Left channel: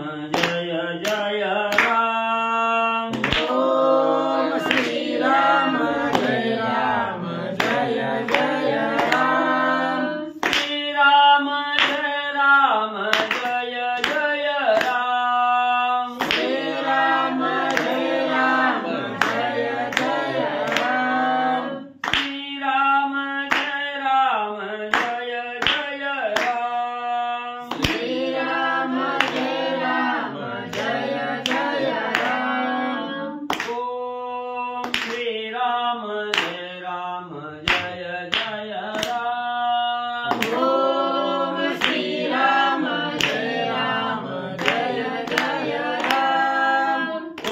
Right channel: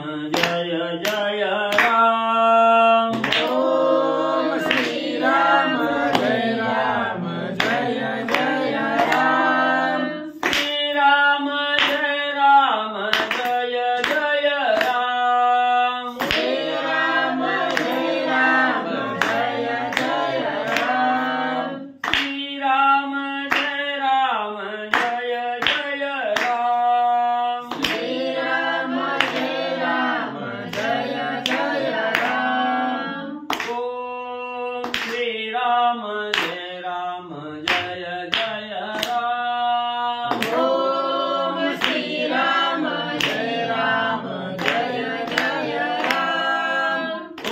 जय जय राम। ओम श्री राम जय राम जय जय राम। श्री राम जय राम जय जय राम। श्री राम जय राम जय जय राम। श्री राम जय राम जय जय राम। श्री राम जय राम जय जय राम। ओम श्री राम जय राम जय जय राम। ओम श्री राम जय राम जय जय राम।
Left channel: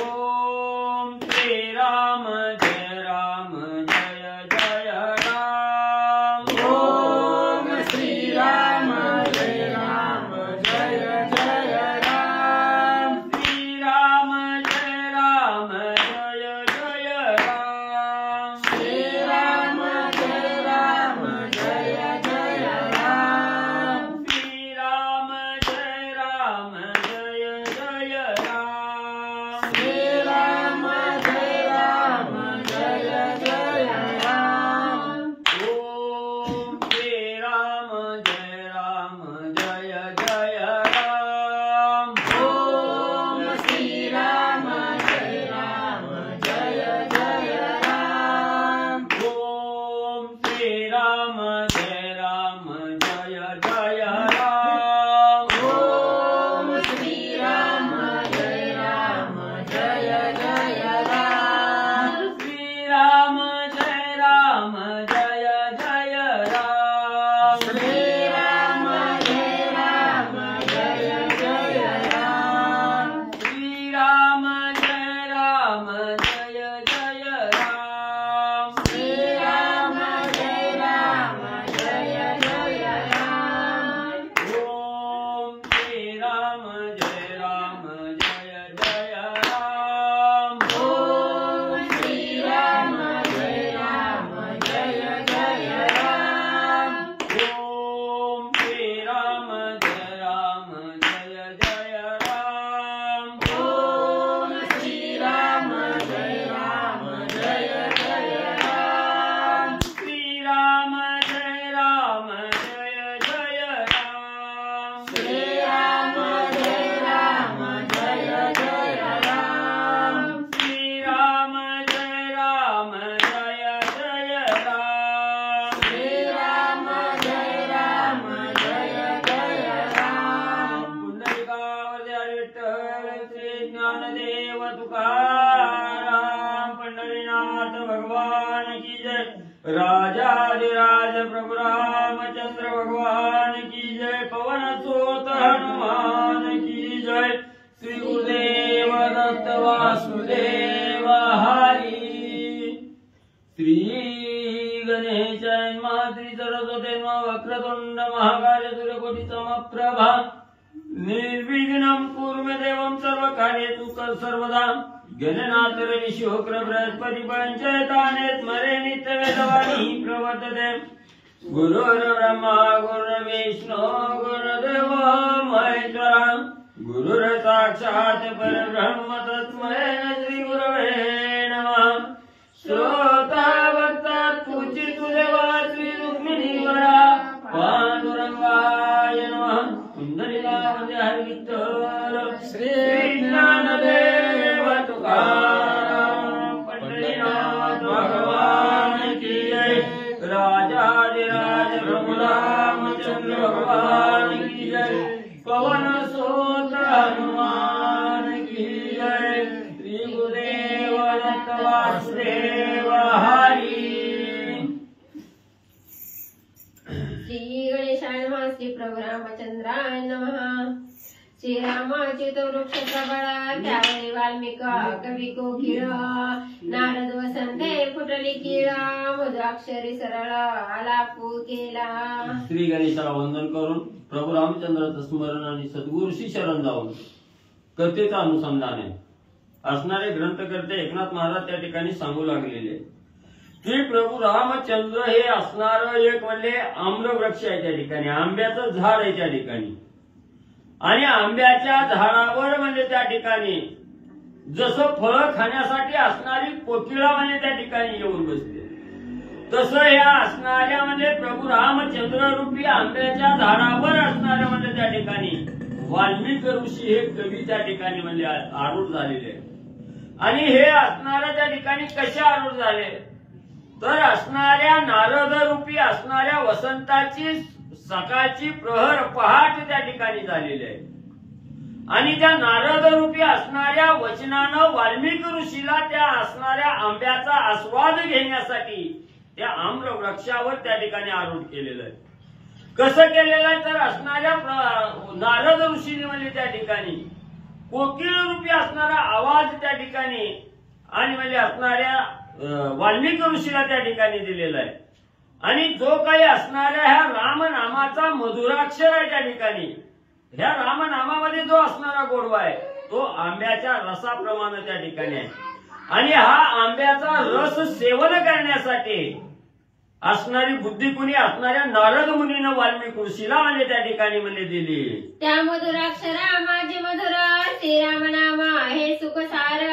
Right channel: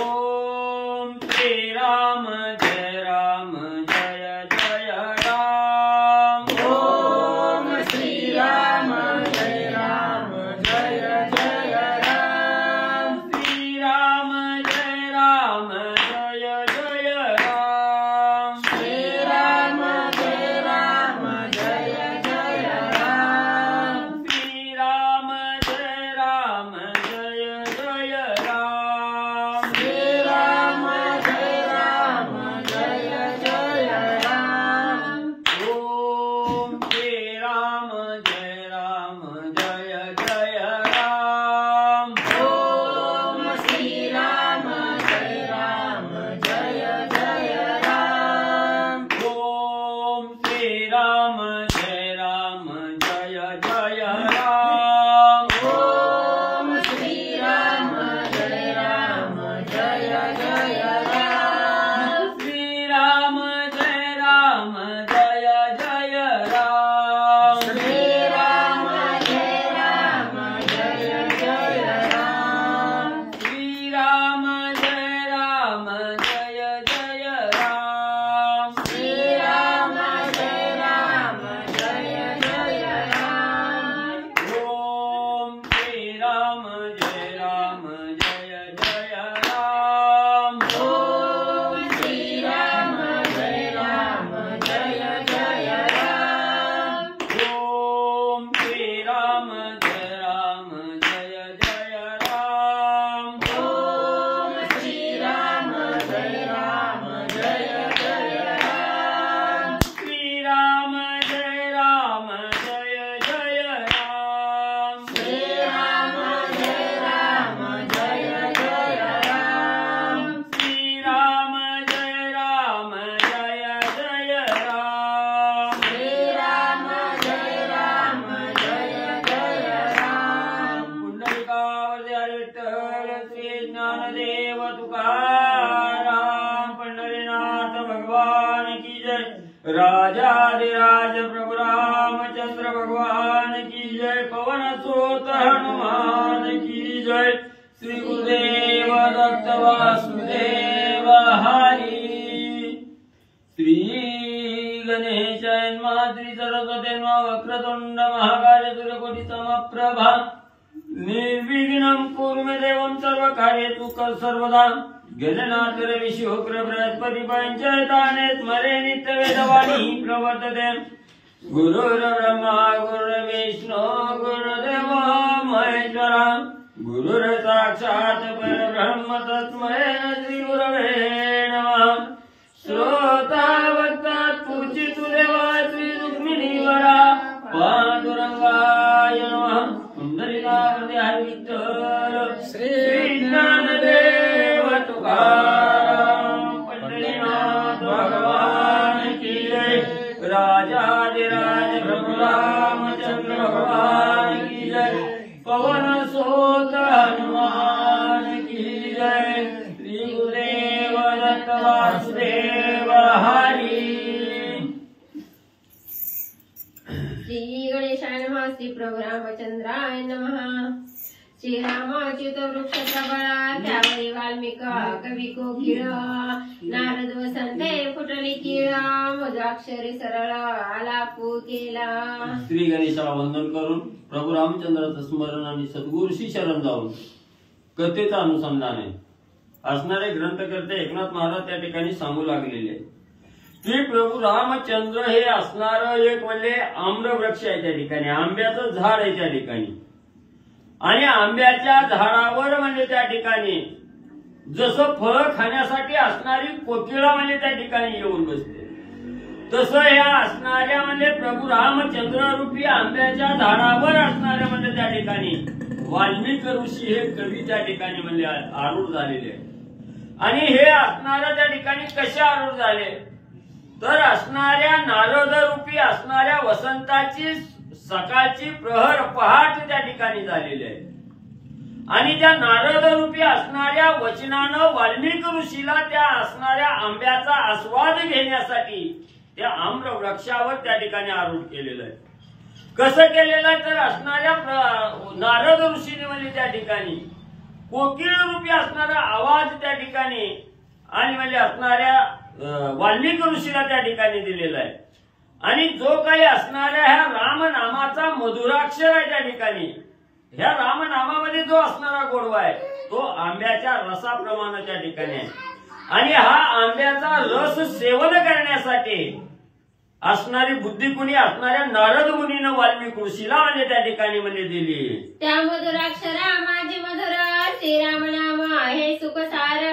ओम श्री राम जय राम जय जय राम। ओम श्री राम जय राम जय जय राम। श्री राम जय राम जय जय राम। श्री राम जय राम जय जय राम। श्री राम जय राम जय जय राम। श्री राम जय राम जय जय राम। ओम श्री राम जय राम जय जय राम। ओम श्री राम जय राम जय जय राम। ओम श्री राम जय राम जय जय राम। ओम श्री राम जय राम जय जय राम। श्री राम जय राम जय जय राम। श्री राम जय राम जय जय राम। श्री राम जय राम जय जय राम। श्री राम जय राम जय जय राम। ओम श्री राम जय राम जय जय राम। ओम श्री राम जय राम जय जय राम। ओम श्री राम जय राम जय जय राम। ओम श्री राम जय राम जय जय राम। श्री राम जय राम जय जय राम। श्री राम जय राम जय जय राम। श्री राम जय राम जय जय राम। श्री राम जय राम जय जय राम। पुंडलिकावरती विठ्ठल श्री ज्ञानदेव तुकाराम पंढरीनाथ भगवान की जय। राजाधिराज प्रभु रामचंद्र भगवान की जय। पवन सुत हनुमान की जय। श्री गुरुदेव दत्त वासुदेव हरी। श्री गणेश श्री सरस्वती वक्रतुंड महाकाय सूर्यकोटि समप्रभा निर्विघ्नं कुरु मे देवं सर्वकार्येषु सर्वदा। गणनाथ रवि शुक्र बृहस्पति पंचैताने स्मरे नित्यवेदवाणी प्रवर्तते। गुरुर्ब्रह्मा गुरुर्विष्णु गुरुदेव महेश्वरा। गुरुर्साक्षात् परब्रह्म तस्मै श्री गुरवे नमः। श्रोता वक्ता पूजितु देवा श्री रुक्मिणीवरा पांडुरंगाय नमः। पुंडलिकावरती हरी विठ्ठल श्री ज्ञानदेव तुकाराम पंढरीनाथ भगवान की जय। राजाधिराज प्रभु रामचंद्र भगवान की जय। पवन सुत हनुमान की जय। श्री गुरुदेव दत्त वासुदेव हरी। श्री गणेशाय नमः। श्री प्रभु रामचंद्राय नमः। श्रीरामाच्युत वृक्ष प्रबळा त्यावरी वाल्मिक कवी कोकिळ। नारद वसंते फुटली कीळ मजाक्षरी सरळ आलापू केला। श्री गणेशाला वंदन करून प्रभू रामचंद्राचं स्मरण आणि सद्गुरूशी शरण जाऊन कथेचं अनुसंधान आहे असणारे ग्रंथकर्ते एकनाथ महाराज त्या ठिकाणी सांगू लागलेले की प्रभू रामचंद्र हे असणार एक म्हणजे आम्रवृक्ष आहे त्या ठिकाणी, आंब्याचं झाड आहे त्या ठिकाणी. आणि आंब्याच्या झाडावर म्हणजे त्या ठिकाणी जसं फळं खाण्यासाठी असणारी कोकिळा म्हणजे त्या ठिकाणी येऊन बसते, तसं या असणाऱ्या म्हणजे प्रभू रामचंद्र रूपी आंब्याच्या झाडावर असणाऱ्या म्हणजे त्या ठिकाणी वाल्मिकी ऋषी हे कवी त्या ठिकाणी म्हणजे आरूढ झालेले आहे. आणि हे असणाऱ्या त्या ठिकाणी कशा आरूढ झाले तर असणाऱ्या नारद रूपी असणाऱ्या वसंताची सकाळची प्रहर पहाट त्या ठिकाणी झालेली आहे. आणि त्या नारद रूपी असणाऱ्या वचनानं वाल्मिकी ऋषीला त्या असणाऱ्या आंब्याचा आस्वाद घेण्यासाठी त्या आम्र वृक्षावर त्या ठिकाणी आरूढ केलेलं आहे. कसं केलेलं आहे तर असणाऱ्या नारद ऋषीने म्हणजे त्या ठिकाणी कोकिळ रूपी असणारा आवाज त्या ठिकाणी आणि म्हणजे असणाऱ्या वाल्मिकी ऋषीला त्या ठिकाणी दिलेला आहे. आणि जो काही असणाऱ्या ह्या रामनामाचा मधुराक्षर आहे त्या ठिकाणी, ह्या रामनामामध्ये जो असणारा गोडवा आहे तो आंब्याच्या रसाप्रमाणे त्या ठिकाणी आहे. आणि हा आंब्याचा रस सेवन करण्यासाठी असणारी बुद्धी कुणी असणाऱ्या नारद मुनीनं वाल्मिकी ऋषीला म्हणजे त्या ठिकाणी म्हणजे दिली. त्या मधुराक्षरा माझे मधुर श्रीराम नाम हे सुख सार,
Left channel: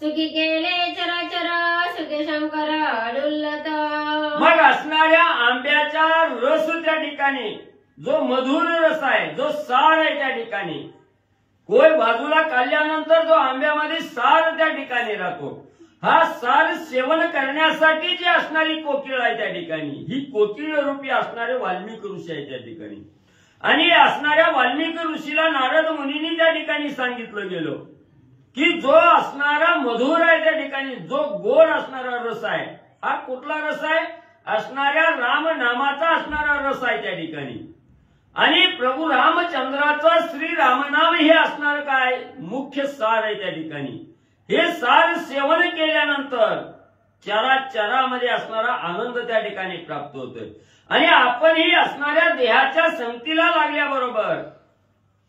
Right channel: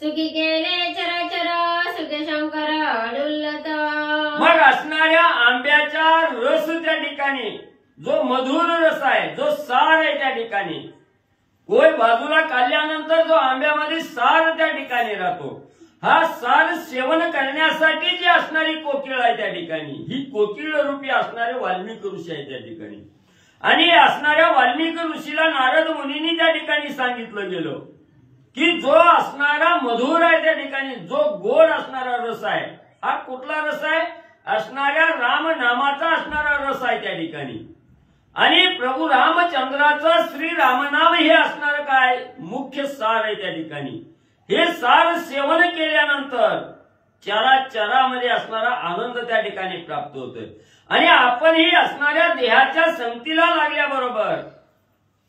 सुखी केले चराचर सुखे शंकर डुल्लत. मग असणाऱ्या आंब्याचा रस त्या ठिकाणी जो मधुर रस आहे, जो सार आहे त्या ठिकाणी, कोय बाजूला काढल्यानंतर जो आंब्यामध्ये सार त्या ठिकाणी राहतो, हा सार सेवन करण्यासाठी जी असणारी कोकिळ आहे त्या ठिकाणी, ही कोकिळ रूपी असणारे वाल्मिकी ऋषी आहे त्या ठिकाणी. आणि असणाऱ्या वाल्मिकी ऋषीला नारद मुनींनी त्या ठिकाणी सांगितलं गेलं की जो असणारा मधुर आहे त्या ठिकाणी, जो गोड असणारा रस आहे, हा कुठला रस आहे असणाऱ्या रामनामाचा असणारा रस आहे त्या ठिकाणी. आणि प्रभू रामचंद्राचं श्रीरामनाम हे असणारं काय मुख्य सार आहे त्या ठिकाणी. हे सार सेवन केल्यानंतर चराचरामध्ये असणारा आनंद त्या ठिकाणी प्राप्त होतोय. आणि आपणही असणाऱ्या देहाच्या संगतीला लागल्याबरोबर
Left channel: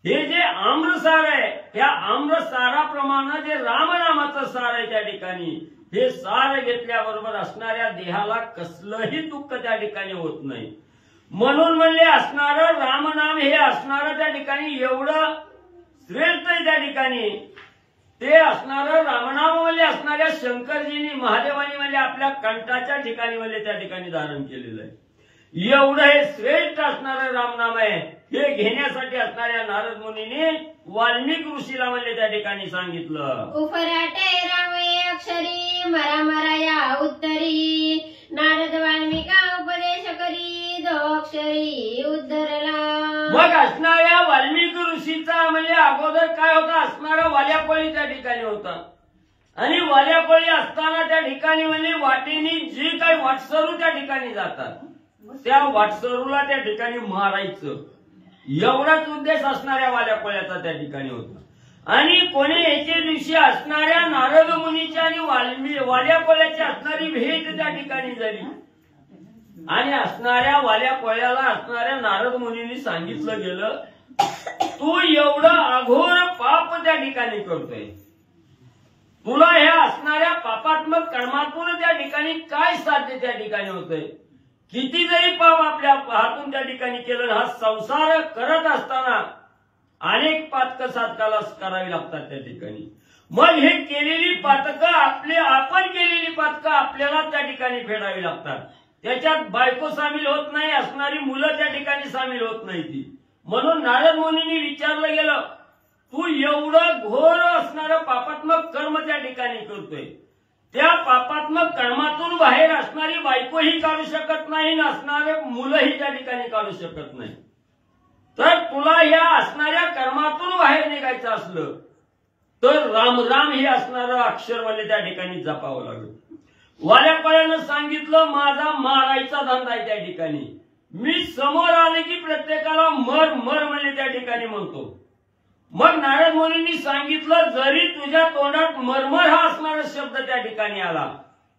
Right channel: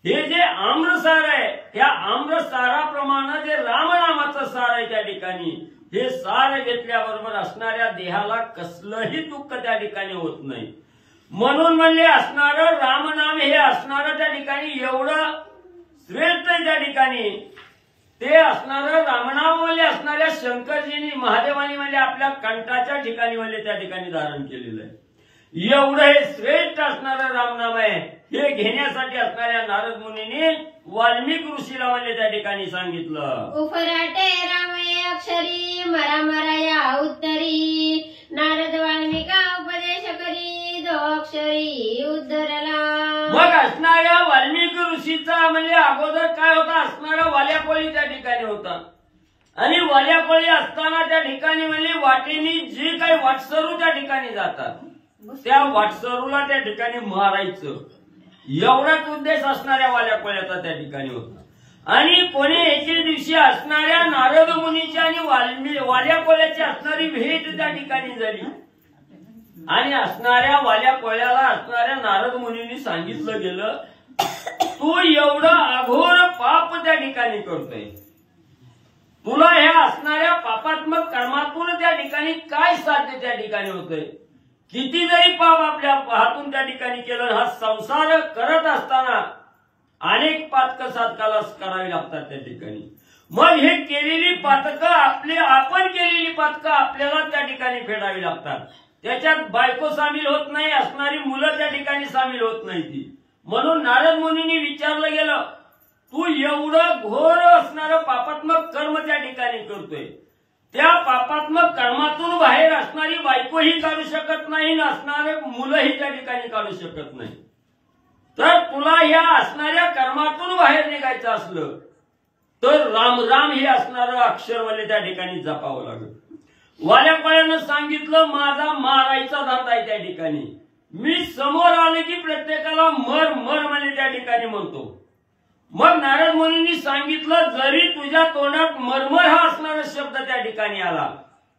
हे जे आम्रसार आहे, या आम्रसाराप्रमाणे जे रामनामाचं सार आहे त्या ठिकाणी, हे सार घेतल्याबरोबर असणाऱ्या देहाला कसलंही दुःख त्या ठिकाणी होत नाही. म्हणून म्हणजे असणारं रामनाम हे असणारं त्या ठिकाणी एवढं श्रेष्ठ आहे त्या ठिकाणी. ते असणारं रामनाम म्हणजे असणाऱ्या शंकरजींनी महादेवानी म्हणजे आपल्या कंठाच्या ठिकाणी म्हणजे त्या ठिकाणी धारण केलेलं आहे. एवढं हे श्रेष्ठ असणारं रामनाम आहे, हे घेण्यासाठी असणाऱ्या नारद मुनीने वाल्मिकी ऋषीला म्हणजे त्या ठिकाणी सांगितलं. उफराटे रामये अक्षरी मरा मरा या उत्तरी, नारद वाल्मिका उपदेश करी दो अक्षरी उद्धरला. मग असणाऱ्या वाल्मिकी ऋषीचा म्हणजे अगोदर काय होता असणारा वाल्याकोळी त्या ठिकाणी होता. आणि वाल्याकोळी असताना त्या ठिकाणी म्हणजे वाटेनी जी काही वाटसरू त्या ठिकाणी जातात त्या वाटसरूला त्या ठिकाणी मारायचं, एवढाच उद्देश असणाऱ्या वाल्याकोळ्याचा त्या ठिकाणी होता. आणि कोणी एके दिवशी असणाऱ्या नारद मुनीची आणि वाल्याकोळ्याची असणारी भेट त्या ठिकाणी झाली. आणि असणाऱ्या वाल्याकोळ्याला असणाऱ्या नारद मुनींनी सांगितलं गेलं, तू एवढं अघोर पाप त्या ठिकाणी करतोय, तुला ह्या असणाऱ्या पापात्मक कर्मातून त्या ठिकाणी काय साध्य त्या ठिकाणी होतंय. किती जरी पाप आपल्या हातून त्या ठिकाणी केलं, हा संसार करत असताना अनेक पातकं साधकाला करावी लागतात त्या ठिकाणी. मग हे केलेली पातकं आपण केलेली पातकं आपल्याला त्या ठिकाणी फेडावी लागतात. त्याच्यात बायको सामील होत नाही, असणारी मुलं त्या ठिकाणी सामील होत नाही ती. म्हणून नारद मुनींनी विचारलं गेलं, तू एवढं घोर असणारं पापात्मक कर्म त्या ठिकाणी करतोय, त्या पापात्मक कर्मातून बाहेर असणारी बायकोही काढू शकत नाही, असणारे मुलंही त्या ठिकाणी काढू शकत नाही. तर तुला या असणाऱ्या कर्मातून बाहेर निघायचं असलं तर राम राम हे असणारं अक्षर म्हणजे त्या ठिकाणी जपावं लागेल. वाल्याकोळ्यानं सांगितलं, माझा मारायचा धंदा आहे त्या ठिकाणी, मी समोर आले की प्रत्येकाला मर मर म्हणजे त्या ठिकाणी म्हणतो. मग नारद मुनींनी सांगितलं, जरी तुझ्या तोंडात मरमर हा असणारा शब्द त्या ठिकाणी आला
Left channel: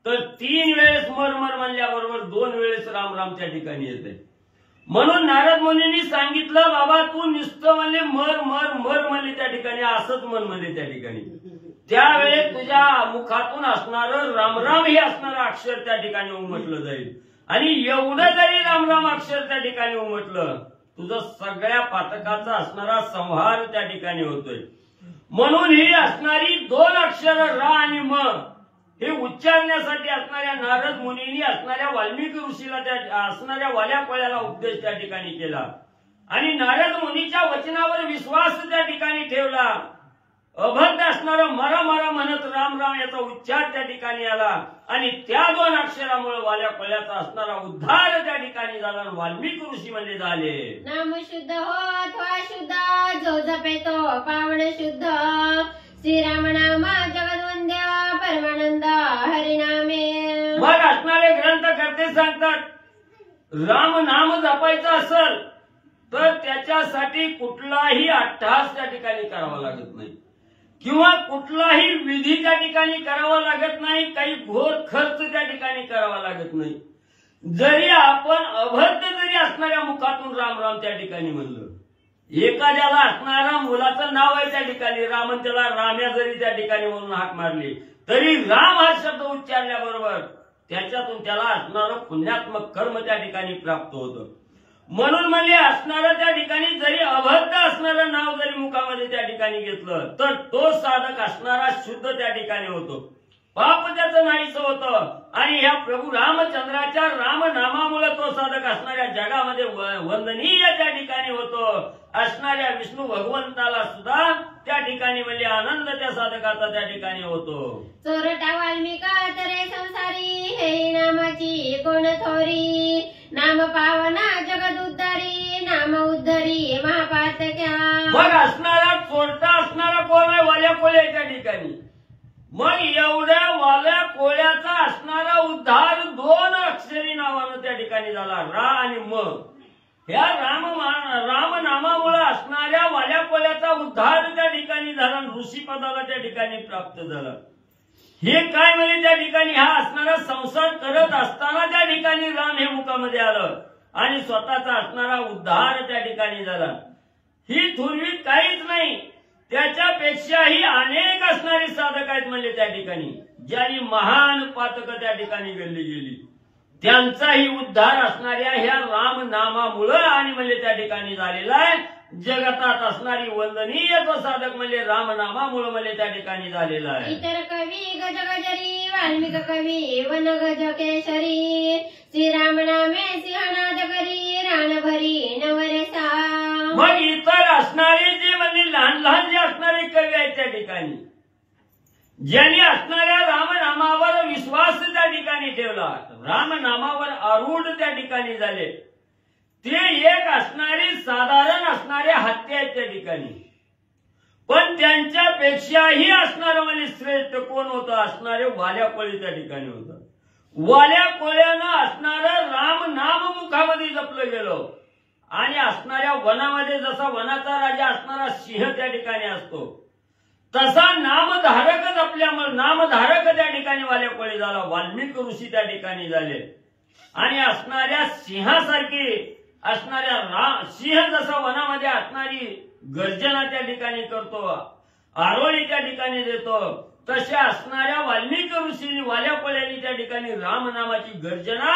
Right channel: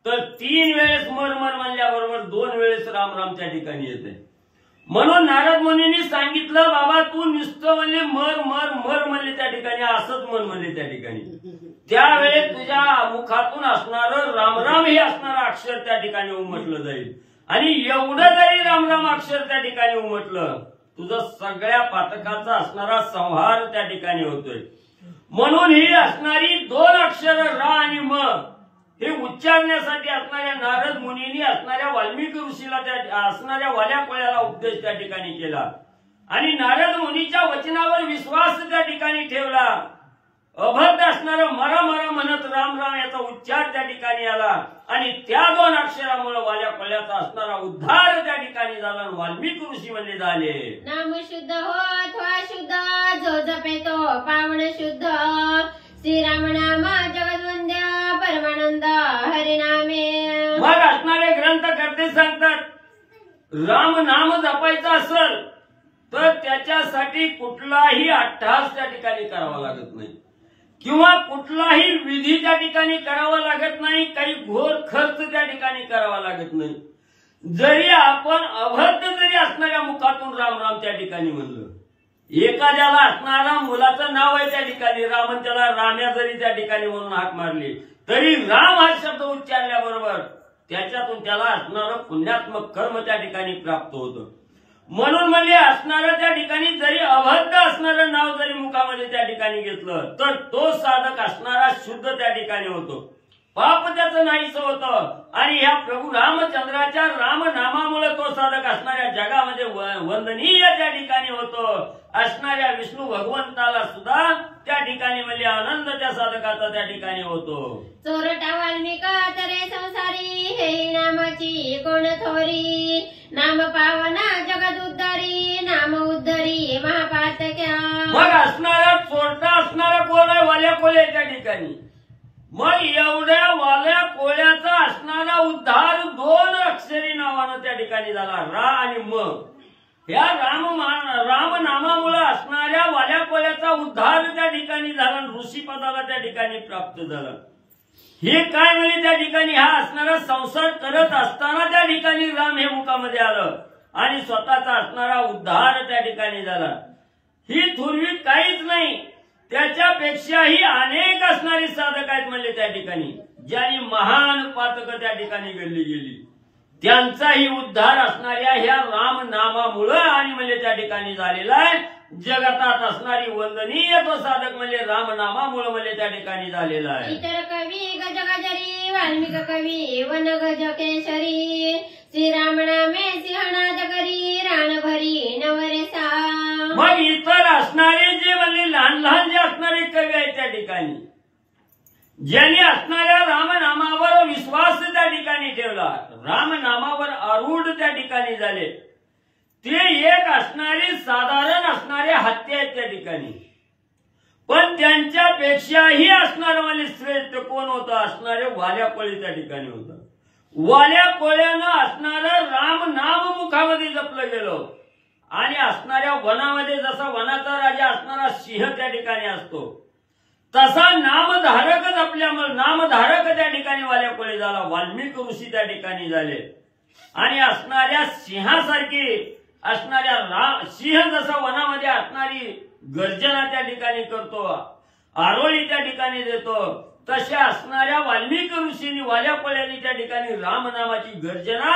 तर 3 वेळेस मरमर म्हणल्याबरोबर 2 वेळेस राम राम त्या ठिकाणी येते. म्हणून नारद मुनींनी सांगितलं, बाबा तू नुसतं म्हणजे मर मर मर म्हणले त्या ठिकाणी, असंच मन म्हणले त्या ठिकाणी, त्यावेळेस तुझ्या मुखातून असणारं रामराम हे असणारं अक्षर त्या ठिकाणी उमटलं जाईल. आणि एवढं जरी रामराम अक्षर त्या ठिकाणी उमटलं तुझा सगळ्या पातकाचा असणारा संहार त्या ठिकाणी होतोय. म्हणून ही असणारी 2 अक्षर रा आणि म हे उच्चारण्यासाठी असणाऱ्या नारद मुनींनी असणाऱ्या वाल्मिकी ऋषीला त्या असणाऱ्या वाल्या कोळ्याला उपदेश त्या ठिकाणी केला आणि नारद मुनीच्या वचनावर विश्वास त्या ठिकाणी ठेवला. अभद्र असणारं मरा मरा म्हणत राम राम याचा उच्चार त्या ठिकाणी आला आणि त्या 2 अक्षरामुळे वाल्या कोळ्याचा असणारा उद्धार त्या ठिकाणी झाला. वाल्मिकी ऋषी म्हणले झाले. नाम शुद्ध होत वा शुद्ध जो जपे तो पावन शुद्ध. श्रीराम नाम जगद्वंद्य परमानंद हरिनामे. मग असणारे ग्रंथकर्ते सांगतात राम नाम जपायचं असेल तर त्याच्यासाठी कुठलाही अट्टहास त्या ठिकाणी करावा लागत नाही किंवा कुठलाही विधी त्या ठिकाणी करावा लागत नाही. काही घोर खर्च त्या ठिकाणी करावा लागत नाही. जरी आपण अभद्र जरी असणाऱ्या मुखातून राम राम त्या ठिकाणी म्हणलं, एखाद्याला असणारा मुलाचं नाव आहे त्या ठिकाणी रामन, त्याला राम्या जरी त्या ठिकाणी म्हणून हाक मारली तरी राम हा शब्द उच्चारल्याबरोबर त्याच्यातून त्याला असणारं पुण्यात्मक कर्म त्या ठिकाणी प्राप्त होतं. म्हणून म्हणजे असणारं त्या ठिकाणी जरी अभद्र असणारं नाव जरी मुखामध्ये त्या ठिकाणी घेतलं तर तो साधक असणारा शुद्ध त्या ठिकाणी होतो. पाप त्याचं नाहीच होतं आणि ह्या प्रभू रामचंद्राच्या रामनामामुळे तो साधक असणाऱ्या जगामध्ये वंदनीय त्या ठिकाणी होतो. असणाऱ्या विष्णू भगवंताला सुद्धा त्या ठिकाणी म्हणजे आनंद त्या साधकाचा त्या ठिकाणी होतो. चोरटा वाल्मिका तरे संसारी हे नामाची कोण थोरी. नाम पावना जगद उद्धारी नाम उद्धरी महापातक्या. मग असणारा चोरटा असणारा कोण आहे? वाल्या कोळ्या त्या ठिकाणी. मग एवढ्या वाल्या कोळ्याचा असणारा उद्धार 2 अक्षरी नावानं त्या ठिकाणी झाला, रा आणि म. या रामनामामुळे असणाऱ्या वाल्या कोळ्याचा उद्धार त्या ठिकाणी झाला, ऋषीपदाला त्या ठिकाणी प्राप्त झाला. हे काय म्हणजे त्या ठिकाणी हा असणारा संसार करत असताना त्या ठिकाणी राम हे मुखामध्ये आलं आणि स्वतःचा असणारा उद्धार त्या ठिकाणी झाला. ही थोरवी काहीच नाही, त्याच्यापेक्षाही अनेक असणारी साधक आहेत म्हणजे त्या ठिकाणी ज्यांनी महान पातक त्या ठिकाणी घडली गेली. त्यांचाही उद्धार असणाऱ्या ह्या रामनामामुळे आणि म्हणजे त्या ठिकाणी झालेला आहे. जगतात असणारी वंदनीय तो साधक म्हणजे रामनामामुळे म्हणजे त्या ठिकाणी झालेला आहे. इतर कवी गज गजरी वाल्मिक कवी वन गज केशरी. श्रीराम नामे सिंहनाद करी रान भरी नवरेसा. मग इतर असणारे जे म्हणजे लहान लहान जे असणारे कवी आहेत त्या ठिकाणी ज्यांनी असणाऱ्या रामनामावर विश्वास त्या ठिकाणी ठेवला, रामनामावर आरूढ त्या ठिकाणी झाले, ते एक असणारे साधारण असणारे हत्ती आहेत त्या ठिकाणी. पण त्यांच्यापेक्षाही असणारं म्हणजे श्रेष्ठ कोण होतं? असणारे वाल्या कोळी त्या ठिकाणी होतं. वाल्या कोळ्यानं असणारं राम नाम मुखामध्ये जपलं गेलं आणि असणाऱ्या वनामध्ये जसा वनाचा राजा असणारा सिंह त्या ठिकाणी असतो तसा नामधारकच आपल्यामुळे नामधारक त्या ठिकाणी वाल्या कोळी झाला. वाल्मिकी ऋषी त्या ठिकाणी झाले आणि असणाऱ्या सिंहासारखी असणाऱ्या सिंह जसा वनामध्ये असणारी गर्जना त्या ठिकाणी करतो, आरोळी त्या ठिकाणी देतो, तशा असणाऱ्या वाल्मिकी ऋषींनी वाल्या कोळ्यांनी त्या ठिकाणी रामनामाची गर्जना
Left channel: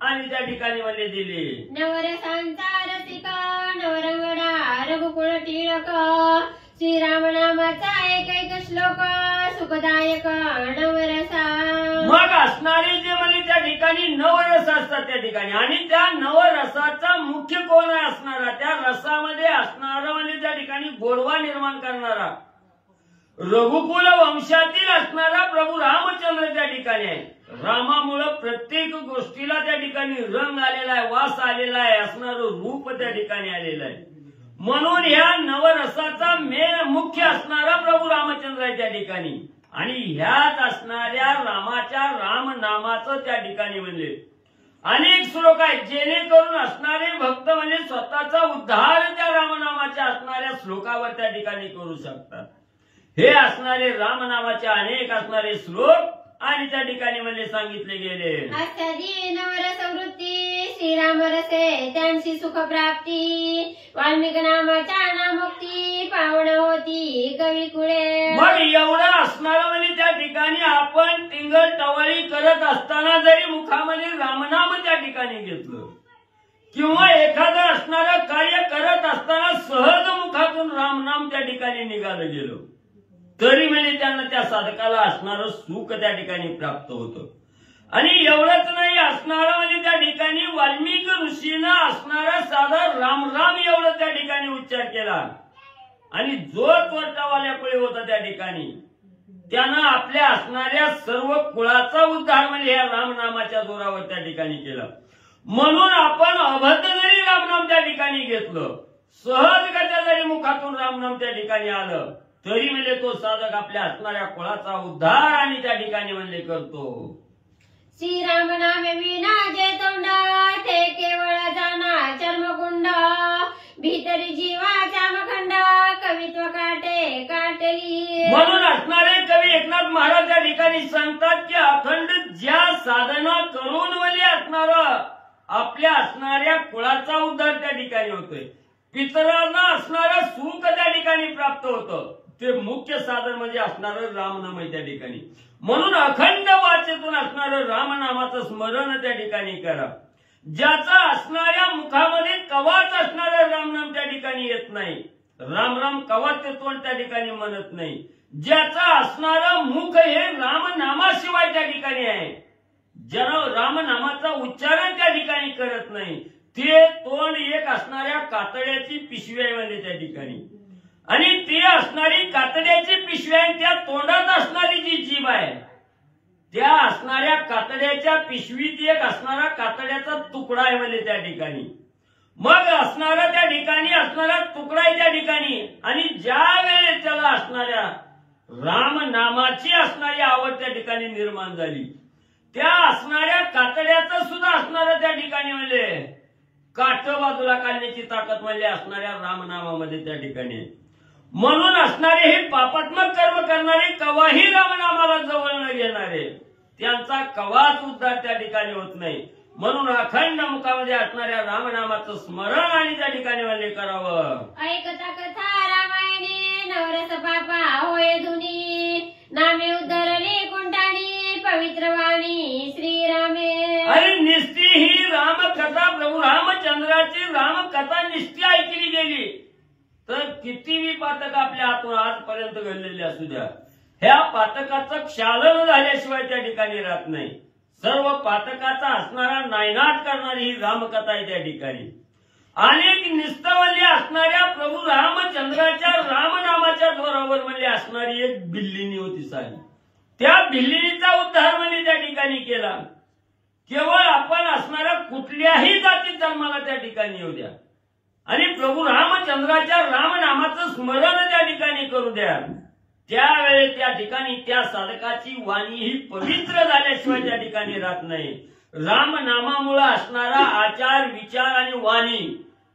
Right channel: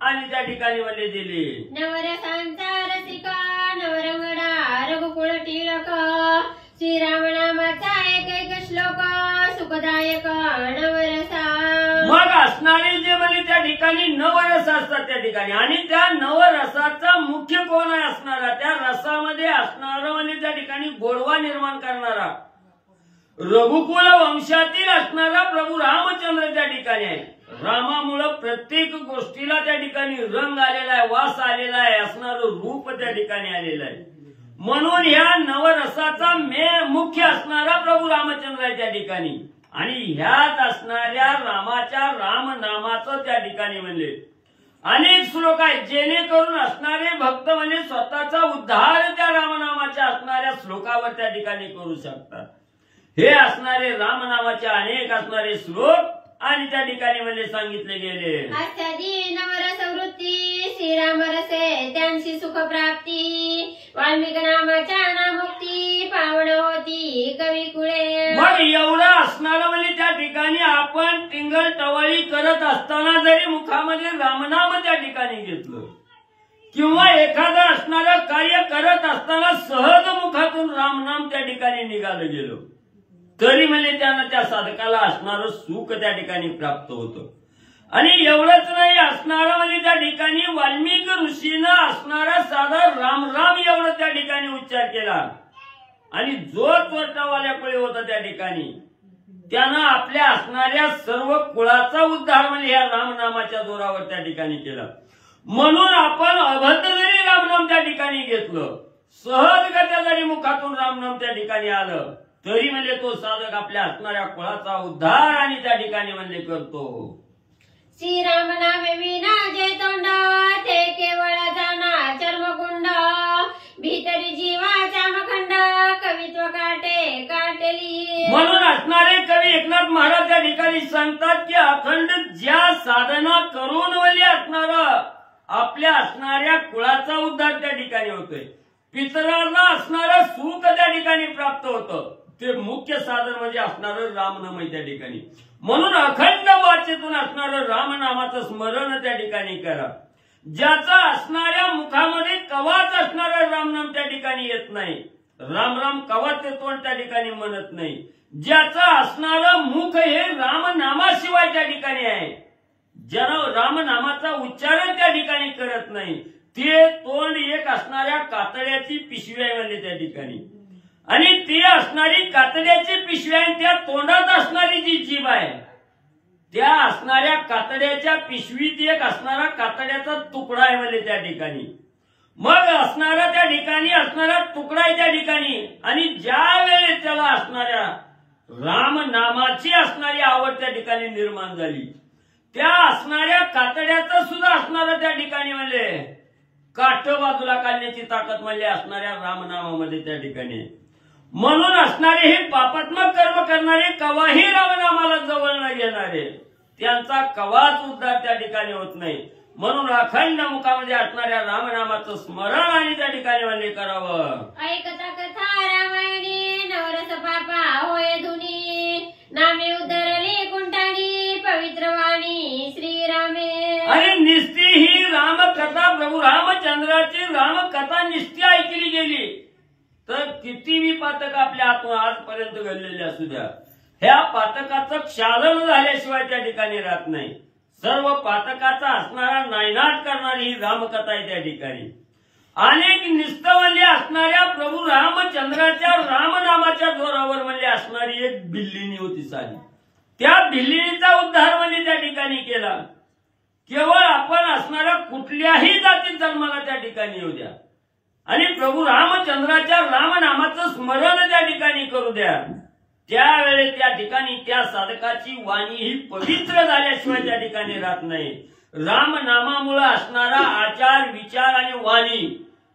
आणि त्या ठिकाणी म्हणजे दिली. नवरसांचा रसिका नवरंगडा रघुकुळ टिळक. श्रीराम नामाचा एक श्लोक सुखदायक नवरसा. मग असणारे जे म्हणजे त्या ठिकाणी नवरस असतात त्या ठिकाणी आणि त्या नवरसाचा मुख्य कोण आहे असणारा? त्या रसामध्ये असणारा म्हणजे त्या ठिकाणी गोडवा निर्माण करणारा रघुकुल वंशातील असणारा प्रभू रामचंद्र त्या ठिकाणी आहे. रामामुळे प्रत्येक गोष्टीला त्या ठिकाणी रंग आलेला आहे, वास आलेला आहे, असणारं रूप त्या ठिकाणी आलेलं आहे. म्हणून या नवरसाचा मुख्य असणारा प्रभू रामचंद्र आहे त्या ठिकाणी आणि ह्यात असणाऱ्या रामाच्या रामनामाचं त्या ठिकाणी म्हणजे अनेक श्लोक आहेत जेणेकरून असणारे भक्त म्हणजे स्वतःचा उद्धार त्या रामनामाच्या असणाऱ्या श्लोकावर त्या ठिकाणी करू शकतात. हे असणारे रामनामाचे अनेक असणारे श्लोक आणि त्या ठिकाणी म्हणजे सांगितले गेले. आचार्य नवरस वृत्ती श्रीराम रसे त्यांची सुख प्राप्ती. वाल्मिकी नामाच्या नामुक्ती पावन होती कवी कुळे. मग एवढं असणारं म्हणजे त्या ठिकाणी आपण टिंगल टवाळी करत असताना जरी मुखामध्ये रामनाम त्या ठिकाणी घेतलं किंवा एखादं असणारं कार्य करत असताना सहज मुखातून रामनाम त्या ठिकाणी निघालं गेलं तरी म्हणजे त्यांना त्या साधकाला असणारं सुख त्या ठिकाणी प्राप्त होतं. आणि एवढंच नाही, असणारं म्हणजे त्या ठिकाणी वाल्मिक ऋषीनं असणारा साधा राम राम एवढं त्या ठिकाणी उच्चार केला आणि जो चोरटावाल्याकडे होता त्या ठिकाणी त्यानं आपल्या असणाऱ्या सर्व कुळाचा उद्धार म्हणजे या रामनामाच्या जोरावर त्या ठिकाणी केला. म्हणून आपण अभद्र जरी रामनाम त्या ठिकाणी घेतलं, सहजगत्या जरी मुखातून रामनाम त्या ठिकाणी आलं तरी म्हणजे तो साधक आपल्या असणाऱ्या कुळाचा उद्धार आणि त्या ठिकाणी म्हणजे करतो. श्रीराम नामे विना जय तोंड ते केवळ जाना चर्मकुंड भीतरी जीवाचा मखंड कवित्व काटे काटली. म्हणून असणारे कवी एकनाथ महाराज त्या ठिकाणी सांगतात की अखंड ज्या साधना करून म्हणजे असणारा आपल्या असणाऱ्या कुळाचा उद्धार त्या ठिकाणी होतोय, पितरांना असणारं सुख त्या ठिकाणी प्राप्त होतं, ते मुख्य साधन म्हणजे असणारं रामनाम त्या ठिकाणी. म्हणून अखंड वाचेतून असणारं रामनामाचं स्मरण त्या ठिकाणी करा. ज्याचा असणाऱ्या मुखामध्ये कवाच असणारं रामनाम त्या ठिकाणी येत नाही, राम राम कवाच तोंड त्या ठिकाणी म्हणत नाही, ज्याचं असणारं मुख हे रामनामाशिवाय त्या ठिकाणी आहे, ज्यानं रामनामाचा उच्चारण त्या ठिकाणी करत नाही, ते तोंड एक असणाऱ्या कातड्याची पिशवी आहे म्हणजे त्या ठिकाणी. आणि ती असणारी कातड्याची पिशवी आहे, त्या तोंडात असणारी जी जीभ आहे त्या असणाऱ्या कातड्याच्या पिशवीत एक असणारा कातड्याचा तुकडा आहे म्हणजे त्या ठिकाणी. मग असणारा त्या ठिकाणी असणारा तुकडा आहे त्या ठिकाणी. आणि ज्या वेळेस त्याला असणाऱ्या रामनामाची असणारी आवड त्या ठिकाणी निर्माण झाली, त्या असणाऱ्या कातड्याचं सुद्धा असणारं त्या ठिकाणी म्हणजे काठ बाजूला काढण्याची ताकद म्हणजे असणाऱ्या रामनामामध्ये त्या ठिकाणी. म्हणून असणारे हे पापात्मक कर्म करणारे कवाही रामनामाला जवळ न घेणारे त्यांचा कवाच उद्धार त्या ठिकाणी होत नाही. म्हणून अखंड मुखामध्ये असणाऱ्या रामनामाचं स्मरण आणि त्या ठिकाणी म्हणजे करावं. ऐकता कथा रामायणी नवरस पापा होय धुनी नामे उद्धरले कुंठाणी पवित्र वाणी श्रीरामे. आणि निस्ती ही रामकथा प्रभू रामचंद्राची रामकथा निस्ती ऐकली गेली तर कितीही पातक आपल्या हातून आजपर्यंत घडलेले असू द्या, ह्या पातकाचं क्षालन झाल्याशिवाय त्या ठिकाणी राहत नाही. सर्व पातकाचा असणारा नायनाट करणारी ही रामकथा आहे त्या ठिकाणी. अनेक निस्तवल्य असणाऱ्या प्रभू रामचंद्राच्या रामनामाच्या जोरावर म्हणजे असणारी एक बिल्लिणी होती साधी, त्या बिल्लिणीचा उद्धार म्हणजे त्या ठिकाणी केला. केवळ आपण असणाऱ्या कुठल्याही जातीत जन्माला त्या ठिकाणी येऊ द्या आणि प्रभू रामचंद्राच्या रामनामाचं स्मरण त्या ठिकाणी करू द्या, त्यावेळेस त्या ठिकाणी त्या साधकाची वाणी ही पवित्र झाल्याशिवाय त्या ठिकाणी राहत नाही. रामनामामुळे असणारा आचार विचार आणि वाणी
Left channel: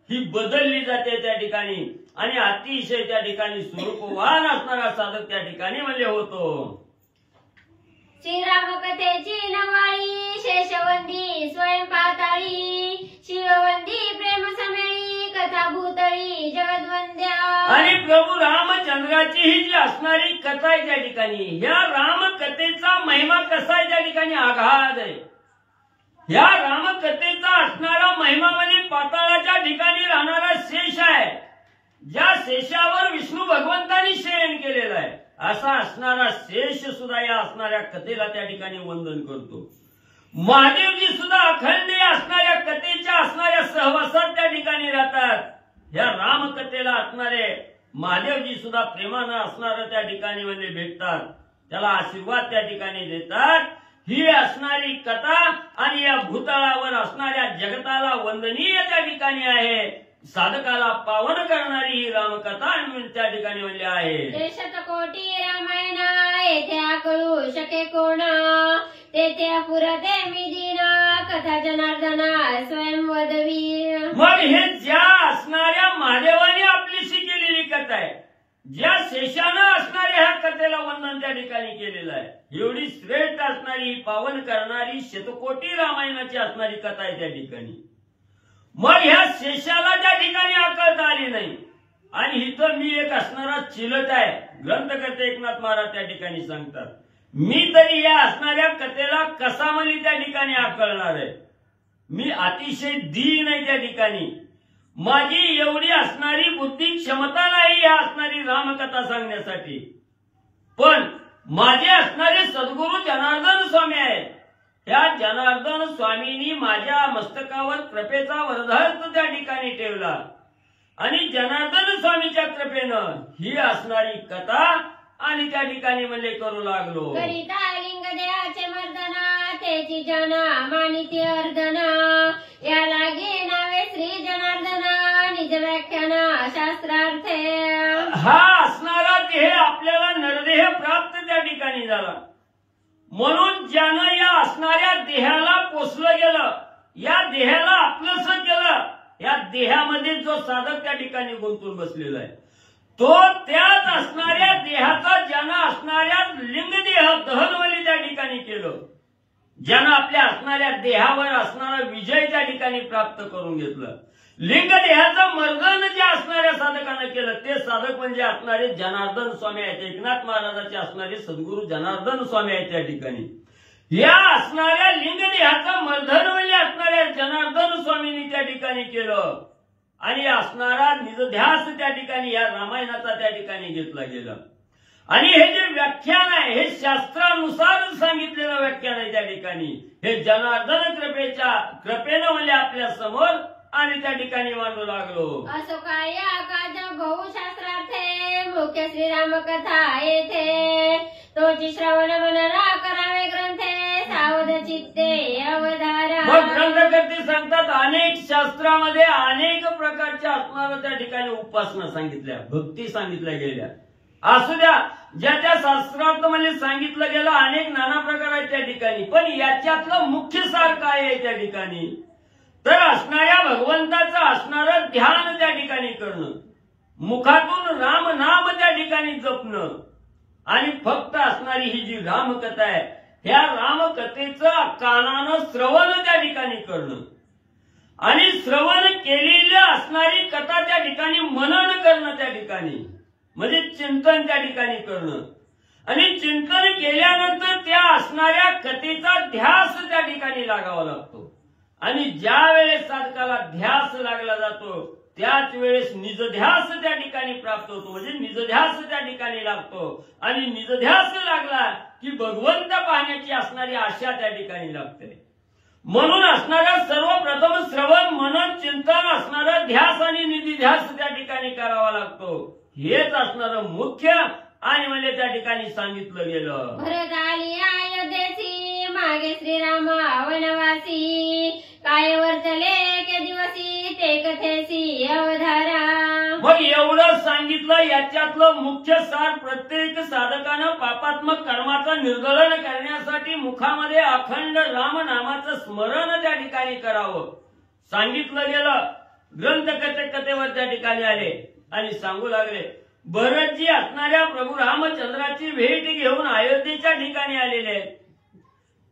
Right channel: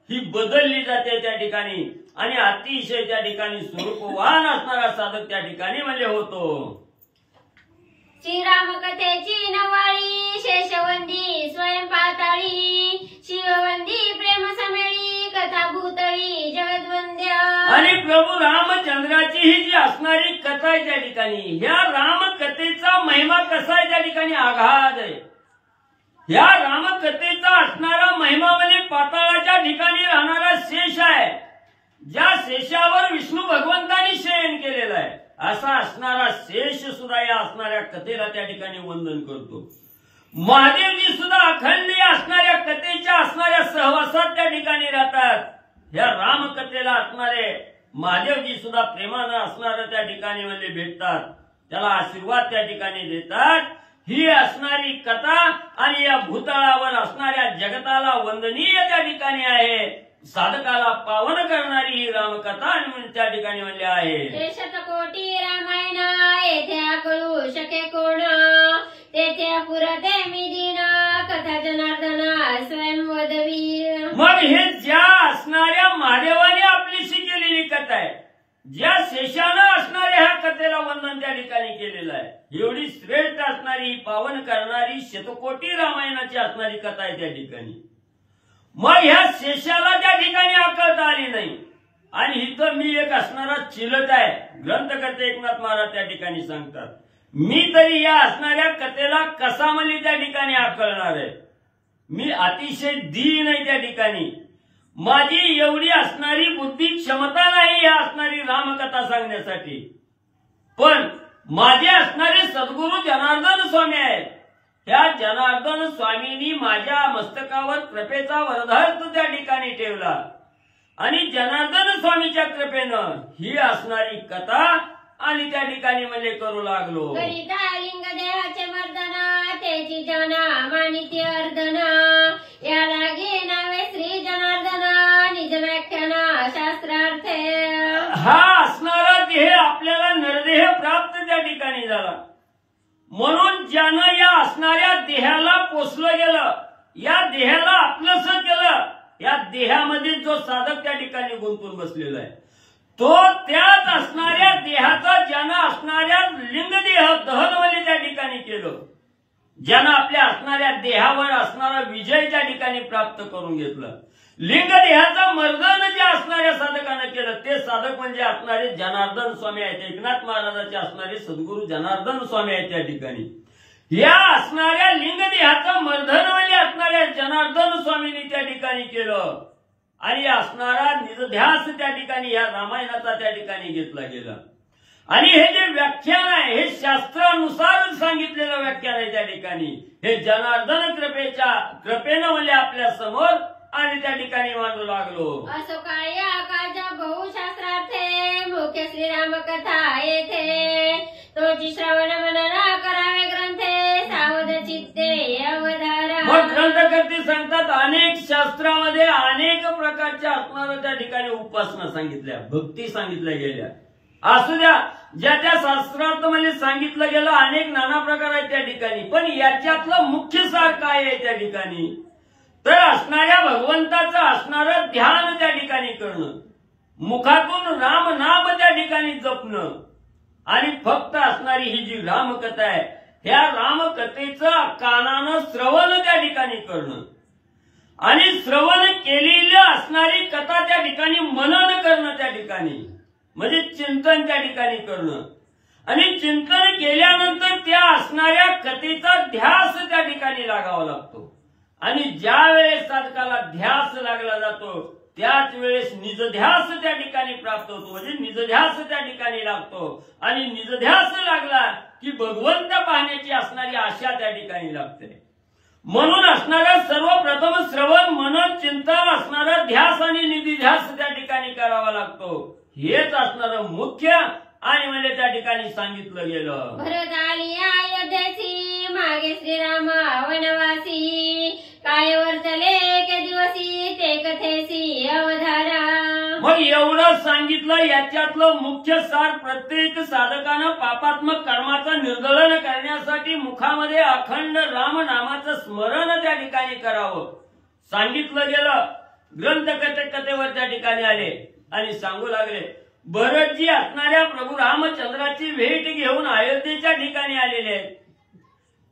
ही बदलली जाते त्या ठिकाणी आणि अतिशय त्या ठिकाणी स्वरूपवान असणारा साधक त्या ठिकाणी म्हणजे होतो. श्रीराम कथेची नवाळी शेषवंदी स्वयं पाताळी शिववंदी प्रेम समेळी कथा भूतळी जगद्वंद्या. आणि प्रभू रामचंद्राची ही जी असणारी कथा आहे त्या ठिकाणी, ह्या रामकथेचा महिमा कसा आहे त्या ठिकाणी आघात आहे. ह्या रामकथेचा असणारा महिमा म्हणजे पाताळाच्या ठिकाणी राहणारा शेष आहे, ज्या शेषावर विष्णू भगवंतांनी शयन केलेला आहे, असा असणारा शेष सुद्धा या असणाऱ्या कथेला त्या ठिकाणी वंदन करतो. महादेवजी सुद्धा अखंड असणाऱ्या कथेच्या असणाऱ्या सहवासात त्या ठिकाणी राहतात. या रामकथेला असणारे महादेवजी सुद्धा प्रेमानं असणारं त्या ठिकाणी म्हणजे भेटतात, त्याला आशीर्वाद त्या ठिकाणी देतात. ही असणारी कथा आणि या भूतळावर असणाऱ्या जगताला वंदनीय त्या ठिकाणी आहे, साधकाला पावन करणारी ही रामकथा आणि त्या ठिकाणी म्हणजे आहे. शतकोटी रामायणा येथे कळू शके कोण तेथे पुरते मी दिन कथा जनार्दना स्वयं वदवी. मग हे ज्या असणाऱ्या महादेवाने आपलीशी केलेली कथा आहे, ज्या शेषानं असणाऱ्या ह्या कथेला वंदन त्या ठिकाणी केलेलं आहे, एवढी श्रेष्ठ असणारी पावन करणारी शतकोटी रामायणाची असणारी कथा आहे त्या ठिकाणी. मग ह्या शेषाला त्या ठिकाणी आकळता आली नाही आणि इथं मी एक असणारा चिलट आहे. ग्रंथकर्ते एकनाथ महाराज त्या ठिकाणी सांगतात, मी तरी या असणाऱ्या कथेला कसा म्हणजे त्या ठिकाणी आकळणार आहे. मी अतिशय दीन आहे त्या ठिकाणी, माझी एवढी असणारी बुद्धी क्षमता नाही या असणारी रामकथा सांगण्यासाठी, पण माझे असणारे सद्गुरू जनार्दन स्वामी आहेत. त्या जनार्दन स्वामींनी माझ्या मस्तकावर कृपेचा वरदहस्त त्या ठिकाणी ठेवला आणि जनार्दन स्वामीच्या कृपेनं ही असणारी कथा आणि त्या ठिकाणी मला करू लागलो. करिता लिंग देहाचे मर्दना त्याची जना मानिती अर्दना याला घे नावे श्री जनार्दना निज व्याख्यान शास्त्रार्थ. हा असणारा देह आपल्याला नरदेह प्राप्त त्या ठिकाणी झाला, म्हणून ज्यानं या असणाऱ्या देहाला पोसलं गेलं, या देहाला आपलंसं केलं, या देहामध्ये जो साधक त्या ठिकाणी गुंतून बसलेला आहे तो त्याच असणाऱ्या देहाचा ज्यानं असणाऱ्या लिंगदेह दहनवली त्या ठिकाणी केलं, ज्यानं आपल्या असणाऱ्या देहावर असणारा विजय त्या ठिकाणी प्राप्त करून घेतलं, लिंगदेहाचं मर्दन जे असणाऱ्या साधकानं केलं ते साधक म्हणजे असणारे जनार्दन स्वामी आहेत. एकनाथ महाराजांचे असणारे सद्गुरू जनार्दन स्वामी आहेत त्या ठिकाणी. या असणाऱ्या लिंगदेहाचं मर्दन म्हणजे असणाऱ्या जनार्दन स्वामींनी त्या ठिकाणी केलं आणि असणारा निजध्यास त्या ठिकाणी या रामायणाचा त्या ठिकाणी घेतला गेला. आणि हे जे व्याख्यान आहे हे शास्त्रानुसार सांगितलेलं व्याख्यान आहे त्या ठिकाणी. हे जनार्दन कृपेनं म्हणजे आपल्या समोर आणि त्या ठिकाणी मांडू लागलो. असो काय काज बहुशास्त्रार्थे मुख्य श्रीराम कथा येथे तोची श्रवण मनना करावे ग्रंथे सावध चित्ते अवधारा. मग ग्रंथकर्ते सांगतात अनेक शास्त्रामध्ये अनेक प्रकारच्या असणाऱ्या त्या ठिकाणी उपासना सांगितल्या, भक्ती सांगितल्या गेल्या. असू द्या, ज्या त्या शास्त्रात म्हणजे सांगितलं गेलं अनेक नाना प्रकार आहेत त्या ठिकाणी, पण याच्यातलं मुख्य सार काय आहे त्या ठिकाणी तर असणाऱ्या भगवंताचं असणारं ध्यान त्या ठिकाणी करणं, मुखातून राम नाम त्या ठिकाणी जपणं आणि फक्त असणारी ही जी रामकथा आहे ह्या रामकथेचं कानानं श्रवण त्या ठिकाणी करणं आणि श्रवण केलेली असणारी कथा त्या ठिकाणी मनन करणं त्या ठिकाणी म्हणजे चिंतन त्या ठिकाणी करणं आणि चिंतन केल्यानंतर त्या असणाऱ्या कथेचा ध्यास त्या ठिकाणी लागावा लागतो आणि ज्या वेळेस साधकाला ध्यास लागला जातो त्याच वेळेस निजध्यास त्या ठिकाणी प्राप्त होतो म्हणजे निजध्यास त्या ठिकाणी लागतो आणि निजध्यास लागला की भगवंत पाहण्याची असणारी आशा त्या ठिकाणी लागते. म्हणून असणारा सर्वप्रथम श्रवण मनन चिंतन असणारा ध्यास आणि निधिध्यास त्या ठिकाणी करावा लागतो. हेच असणारं मुख्य आणि म्हणजे त्या ठिकाणी सांगितलं गेलं. भरत आली अयोध्येची मागे श्रीराम वनवासी काय वर्तले के दिवसी ते कथेसी अवधारा. मग एवढं सांगितलं याच्यातलं मुख्य सार प्रत्येक साधकानं पापात्मक कर्माचं निर्दलन करण्यासाठी मुखामध्ये अखंड राम नामाचं स्मरण त्या ठिकाणी करावं सांगितलं गेलं. कथेवर त्या ठिकाणी आले आणि सांगू लागले भरतजी असणाऱ्या प्रभू रामचंद्राची भेट घेऊन अयोध्येच्या ठिकाणी आलेले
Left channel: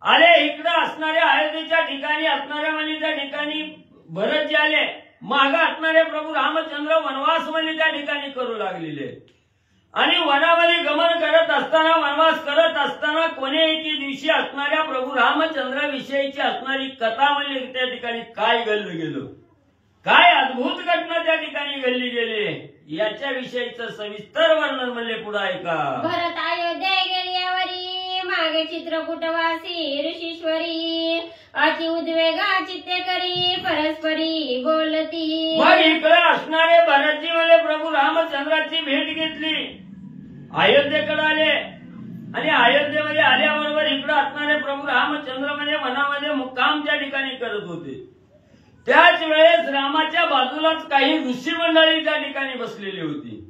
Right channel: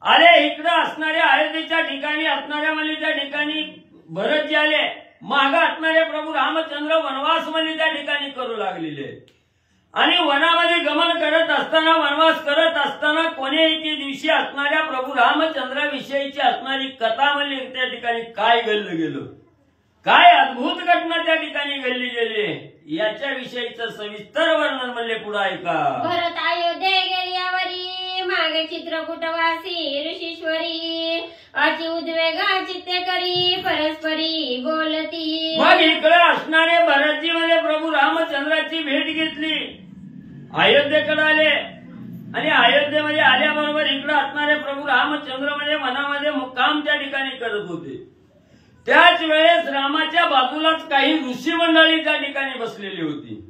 आले. इकडं असणाऱ्या अयोध्येच्या ठिकाणी असणाऱ्या म्हणजे त्या ठिकाणी भरतजी आले. माग असणारे प्रभू रामचंद्र वनवास म्हणजे त्या ठिकाणी करू लागलेले आणि वनामध्ये गमन करत असताना वनवास करत असताना कोणे एके दिवशी असणाऱ्या प्रभू रामचंद्राविषयीची असणारी कथा म्हणजे त्या ठिकाणी काय घडलं गेलं, काय अद्भुत घटना त्या ठिकाणी घडली गेली याच्याविषयीचं सविस्तर वर्णन म्हणले पुढे ऐका. भरत अयोध्ये गेल्यावरी मागे चित्रकूटवासी ऋषीश्वरी अति उद्वेग चित्ते करी परस्परी बोलती. मग इकडे असणारे भरतजी मध्ये प्रभू रामचंद्राची भेट घेतली, अयोध्येकडे आले आणि अयोध्येमध्ये आल्याबरोबर इकडे असणारे प्रभू रामचंद्र मध्ये वनामध्ये मुक्काम त्या ठिकाणी करत होते. त्याच वेळेस रामाच्या बाजूलाच काही ऋषी मंडळी त्या ठिकाणी बसलेली होती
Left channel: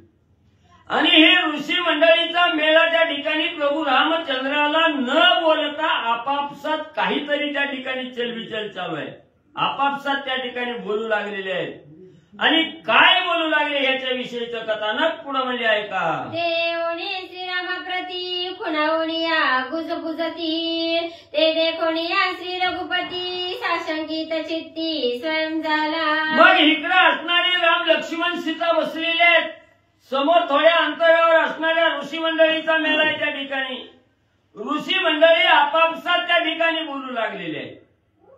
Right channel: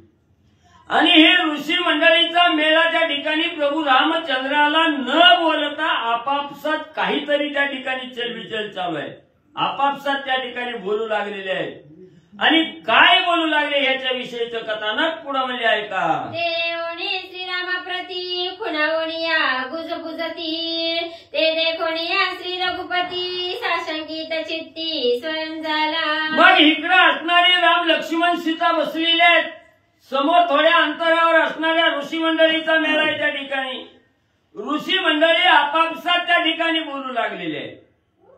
आणि हे ऋषी मंडळीचा मेळा त्या ठिकाणी प्रभू रामचंद्राला न बोलता आपापसात काहीतरी त्या ठिकाणी चलबिचल चालू आहे. आपापसात त्या ठिकाणी बोलू लागलेले आहेत आणि काय बोलू लागले याच्याविषयीचं कथानक पुढे म्हणजे ऐका. देवणी श्रीरामाप्रती खुणावणिया गुजबुजती ते देखोनिया श्री रघुपती साशंकित चित्ती स्वयं झाला. मग इकडे असणारे राम लक्ष्मण सीता बसलेले आहेत, समोर थोड्या अंतरावर असणाऱ्या ऋषी मंडळीचा मेळा आहे. त्या ठिकाणी ऋषी मंडळी आपापसात त्या ठिकाणी बोलू लागलेले आहेत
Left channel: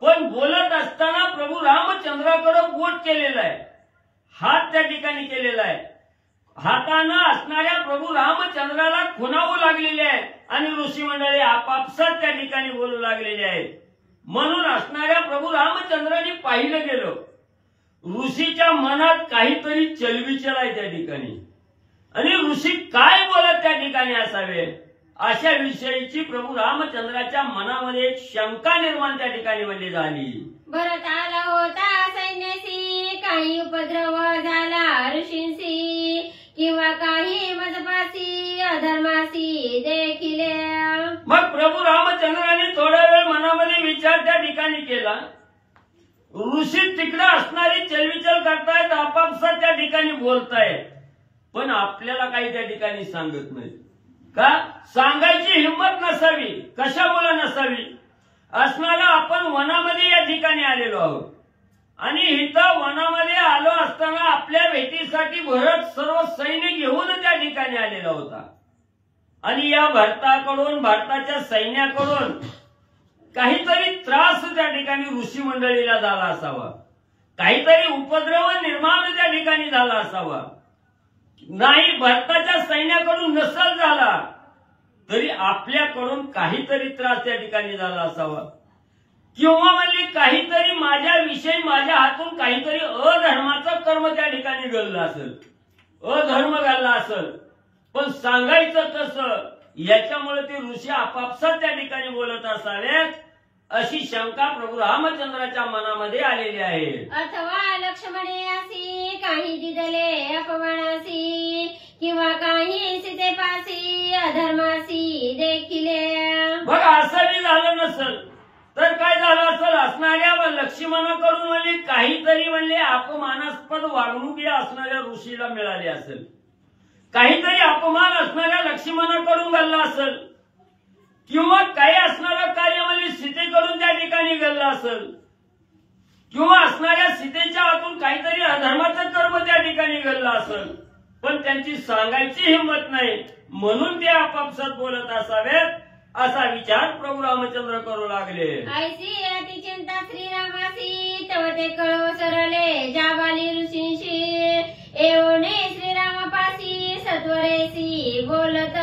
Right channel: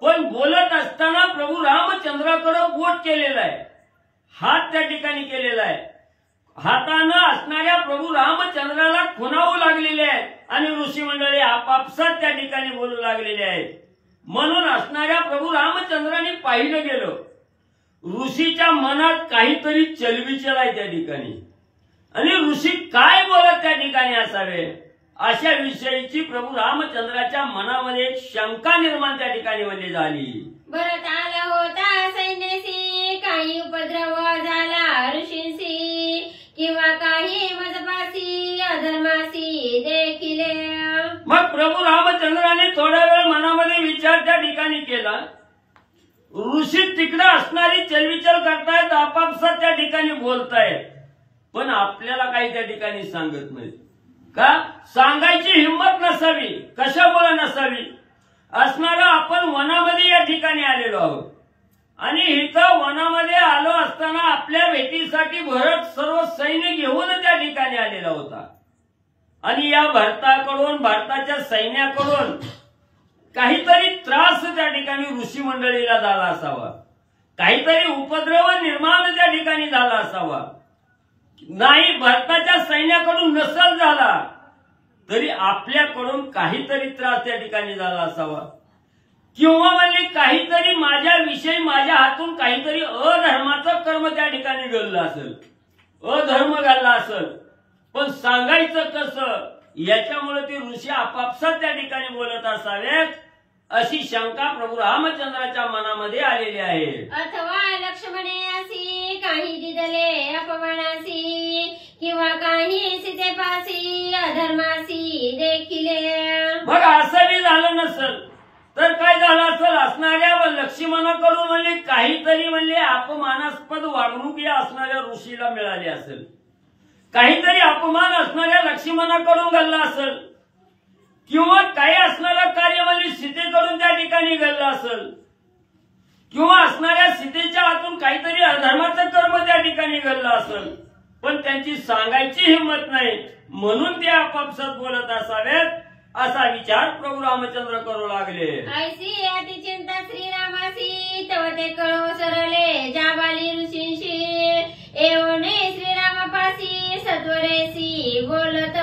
पण बोलत असताना प्रभू रामचंद्राकडे बोट केलेलं आहे, हात त्या ठिकाणी केलेला आहे. हातानं असणाऱ्या प्रभू रामचंद्राला खुणावू लागलेले आहे आणि ऋषी मंडळी आपापसात त्या ठिकाणी बोलू लागलेले आहेत. म्हणून असणाऱ्या प्रभू रामचंद्राने पाहिलं गेलं ऋषीच्या मनात काहीतरी चलबिचल आहे त्या ठिकाणी आणि ऋषी काय बोलत त्या ठिकाणी असावे अशा विषयीची प्रभू रामचंद्राच्या मनामध्ये एक शंका निर्माण त्या ठिकाणी म्हणजे झाली. भरत आला होता सैन्यासी, काही उपद्रव झाला ऋषींशी, किंवा काही मजपासी अधर्मासी देखील. मग प्रभू रामचंद्राने थोडा वेळ मनामध्ये विचार त्या ठिकाणी केला. ऋषी तिकडे असणारी चलविचल करतायत, आपापसात त्या ठिकाणी बोलतायत, पण आपल्याला काही त्या ठिकाणी सांगत नाही. का सांगायची हिंमत नसावी, कशामुळे नसावी? असणारा आपण वनामध्ये या ठिकाणी आलेलो आहोत आणि इथं वनामध्ये आलो असताना आपल्या भेटीसाठी भरत सर्व सैन्य घेऊन त्या ठिकाणी आलेला होता आणि या भारताकडून, भारताच्या सैन्याकडून काहीतरी त्रास त्या ठिकाणी ऋषी मंडळीला झाला असावा, काहीतरी उपद्रव निर्माण त्या ठिकाणी झाला असावा. नाही भारताच्या सैन्याकडून नसल झाला तरी आपल्याकडून काहीतरी त्रास त्या ठिकाणी झाला असावा, किंवा म्हणजे काहीतरी माझ्याविषयी माझ्या हातून काहीतरी अधर्माचं कर्म त्या ठिकाणी घडलं असेल, अधर्म घडला असेल. पण सांगायचं कसं याच्यामुळे ते ऋषी आपापसात त्या ठिकाणी बोलत असावेत अशी शंका प्रभू रामचंद्राच्या मनामध्ये आलेली आहे. अथवा लक्ष्मणे असी, काही दिदले अपमानासी, किंवा काही सीतेपासी अधर्मासी देखील. बरं असंही झालं नसेल तर काय झालं असेल? असणाऱ्या लक्ष्मणाकडून म्हणजे काहीतरी म्हणजे अपमानास्पद वागणूक या असणाऱ्या ऋषीला मिळाली असेल, काहीतरी अपमान असणाऱ्या लक्ष्मणाकडून घडला असेल, किंवा काही असणारं कार्य म्हणजे सीतेकडून त्या ठिकाणी घडलं असेल, किंवा असणाऱ्या सीतेच्या हातून काहीतरी अधर्माचं कर्म त्या ठिकाणी घडलं असेल, पण त्यांची सांगायची हिंमत नाही म्हणून ते आपापसात बोलत असावेत असा विचार प्रभू रामचंद्र करू लागले. ऐसी अति चिंता श्रीरामासी, तव ते कळव सरले जाबाली ऋषींशी, एवढे श्रीरामापासी सत्वरेसी बोलत.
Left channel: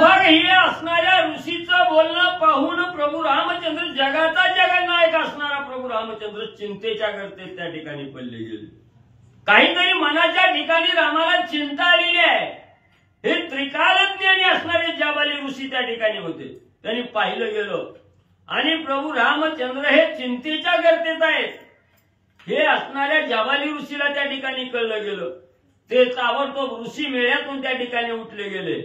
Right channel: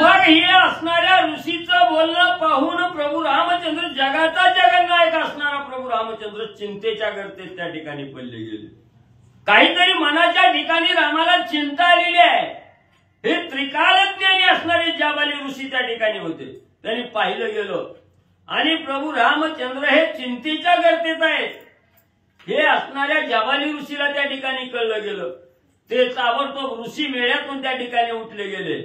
मग हे असणाऱ्या ऋषीचं बोलणं पाहून प्रभू रामचंद्र, जगाचा जगन्नायक असणारा प्रभू रामचंद्र चिंतेच्या गर्तेत त्या ठिकाणी पडले गेले. काहीतरी मनाच्या ठिकाणी रामाला चिंता आलेली आहे. हे त्रिकालज्ञानी असणारे जाबाली ऋषी त्या ठिकाणी होते. त्यांनी पाहिलं गेलं आणि प्रभू रामचंद्र हे चिंतेच्या गर्तेत आहेत हे असणाऱ्या जाबाली ऋषीला त्या ठिकाणी कळलं गेलं. ते ताबडतोब ऋषी मेळ्यातून त्या ठिकाणी उठले गेले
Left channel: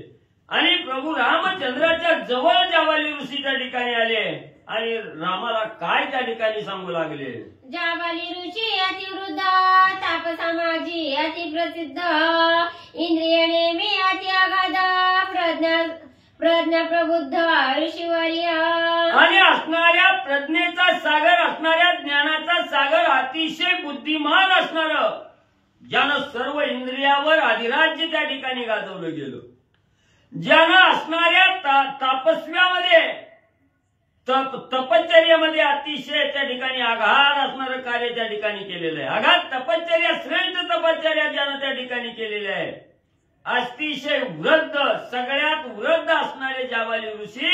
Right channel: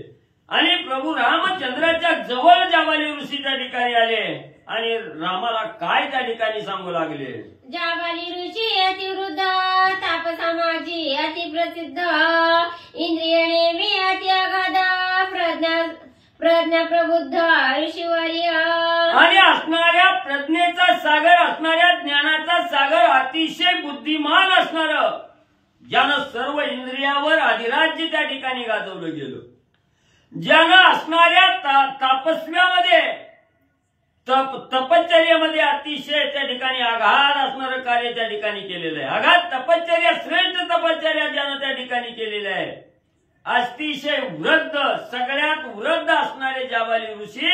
आणि प्रभू रामचंद्राच्या जवळ जाबाली ऋषी त्या ठिकाणी आले आणि रामाला काय त्या ठिकाणी सांगू लागले. जाबाली ऋषी अतिवृद्ध, तापसामाजी अतिप्रसिद्ध, इंद्रिय नेमी अति अगाध, प्रज्ञा प्रबुद्ध ऋषीवर्य. आणि असणाऱ्या प्रज्ञेचा सागर, असणाऱ्या ज्ञानाचा सागर, अतिशय बुद्धिमान असणार, ज्यानं सर्व इंद्रियावर अधिराज्य त्या ठिकाणी गाजवलं गेलं, ज्यानं असणाऱ्या तापस्व्यामध्ये तपश्चर्यामध्ये अतिशय त्या ठिकाणी आघात असणारं कार्य त्या ठिकाणी केलेलं आहे. आघात तपश्चर्या, श्रेष्ठ तपश्चर्या ज्यानं त्या ठिकाणी केलेलं आहे. अतिशय वृद्ध, सगळ्यात वृद्ध असणारे जाबाली ऋषी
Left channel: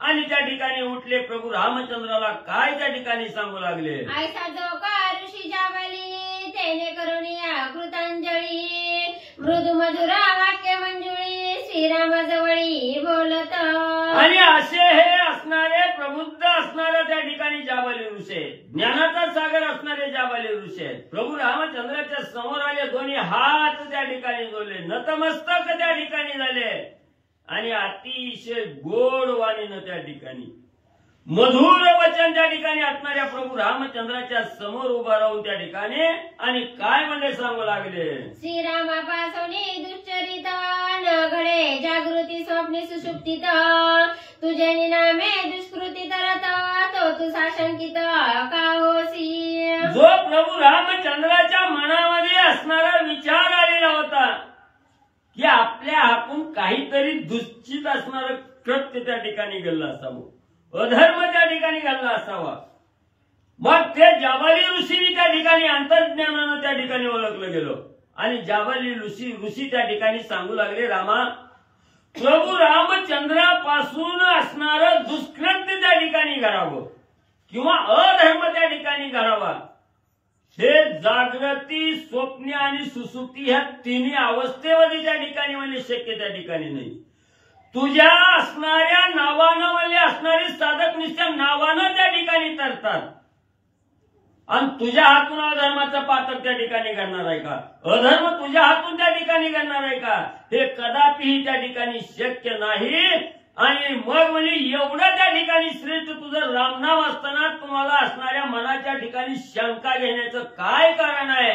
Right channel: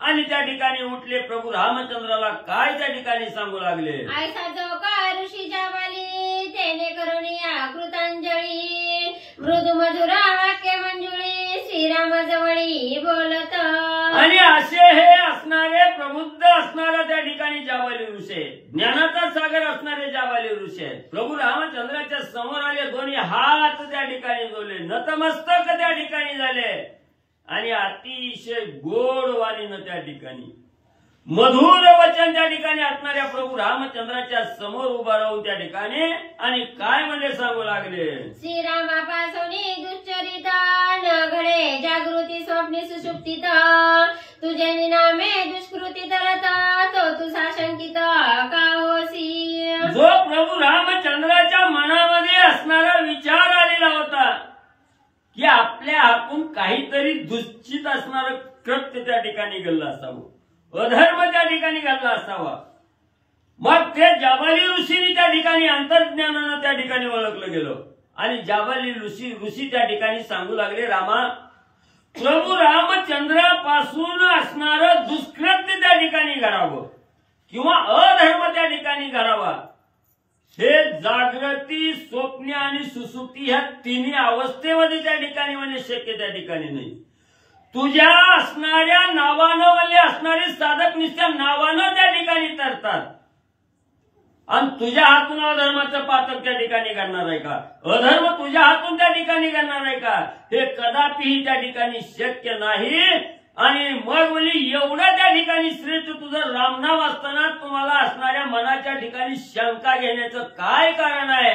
आणि त्या ठिकाणी उठले. प्रभू रामचंद्राला काय त्या ठिकाणी सांगू लागले. ऐसा जो का ऋषी जाबाली, तेने करुणिया कृतांजली, मृदू मधुरा वाक्य मंजुळी, श्रीरामाजवळी बोलत. आणि असे हे असणारे प्रबुद्ध असणारा त्या ठिकाणी जाबाली ऋषी, ज्ञानाचा सागर असणारे जाबाली ऋषी आहेत. प्रभू रामचंद्राच्या समोर आले, दोन्ही हात त्या ठिकाणी जोडले, नतमस्तक त्या ठिकाणी झाले आणि अतिशय गोड वाणीनं त्या ठिकाणी मधुर वचन त्या ठिकाणी असणाऱ्या प्रभू रामचंद्राच्या समोर उभा राहून त्या ठिकाणी आणि काय म्हणजे सांगू लागले. श्रीरामापासून दुश्चरित न घडे जागृती स्वप्ने सुषुप्तीत, तुझे नामे दुष्कृती तरत, तो तुझा शंकित का होसी. जो प्रभू रामचंद्राच्या मनामध्ये असणारा विचार आलेला होता की आपल्या हातून काहीतरी दुश्चित असणारं कृत्य त्या ठिकाणी घडलं असावं, अधर्म त्या ठिकाणी घडला असावा, मग ते जाबाली ऋषीने त्या ठिकाणी अंतर्ज्ञानानं त्या ठिकाणी ओळखलं गेलं आणि जाबाली ऋषी त्या ठिकाणी सांगू लागले, रामा, प्रभू रामचंद्रापासून असणारं दुष्कृत्य त्या ठिकाणी घडावं किंवा अधर्म त्या ठिकाणी घडावा, हे जागृती, स्वप्न आणि सुसुप्ती ह्या तिन्ही अवस्थेमध्ये त्या ठिकाणी म्हणजे शक्य त्या ठिकाणी नाही. तुझ्या असणाऱ्या नावानं म्हणजे असणारे साधक निष्ठा नावानं त्या ठिकाणी तरतात आणि तुझ्या हातून अधर्माचं पातक त्या ठिकाणी घडणार आहे का? अधर्म तुझ्या हातून त्या ठिकाणी घडणार आहे का? हे कदापिही त्या ठिकाणी शक्य नाही. आणि मग म्हणजे एवढं त्या ठिकाणी श्रेष्ठ तुझं रामनाम असताना तुम्हाला असणाऱ्या मनाच्या ठिकाणी शंका घेण्याचं काय कारण आहे?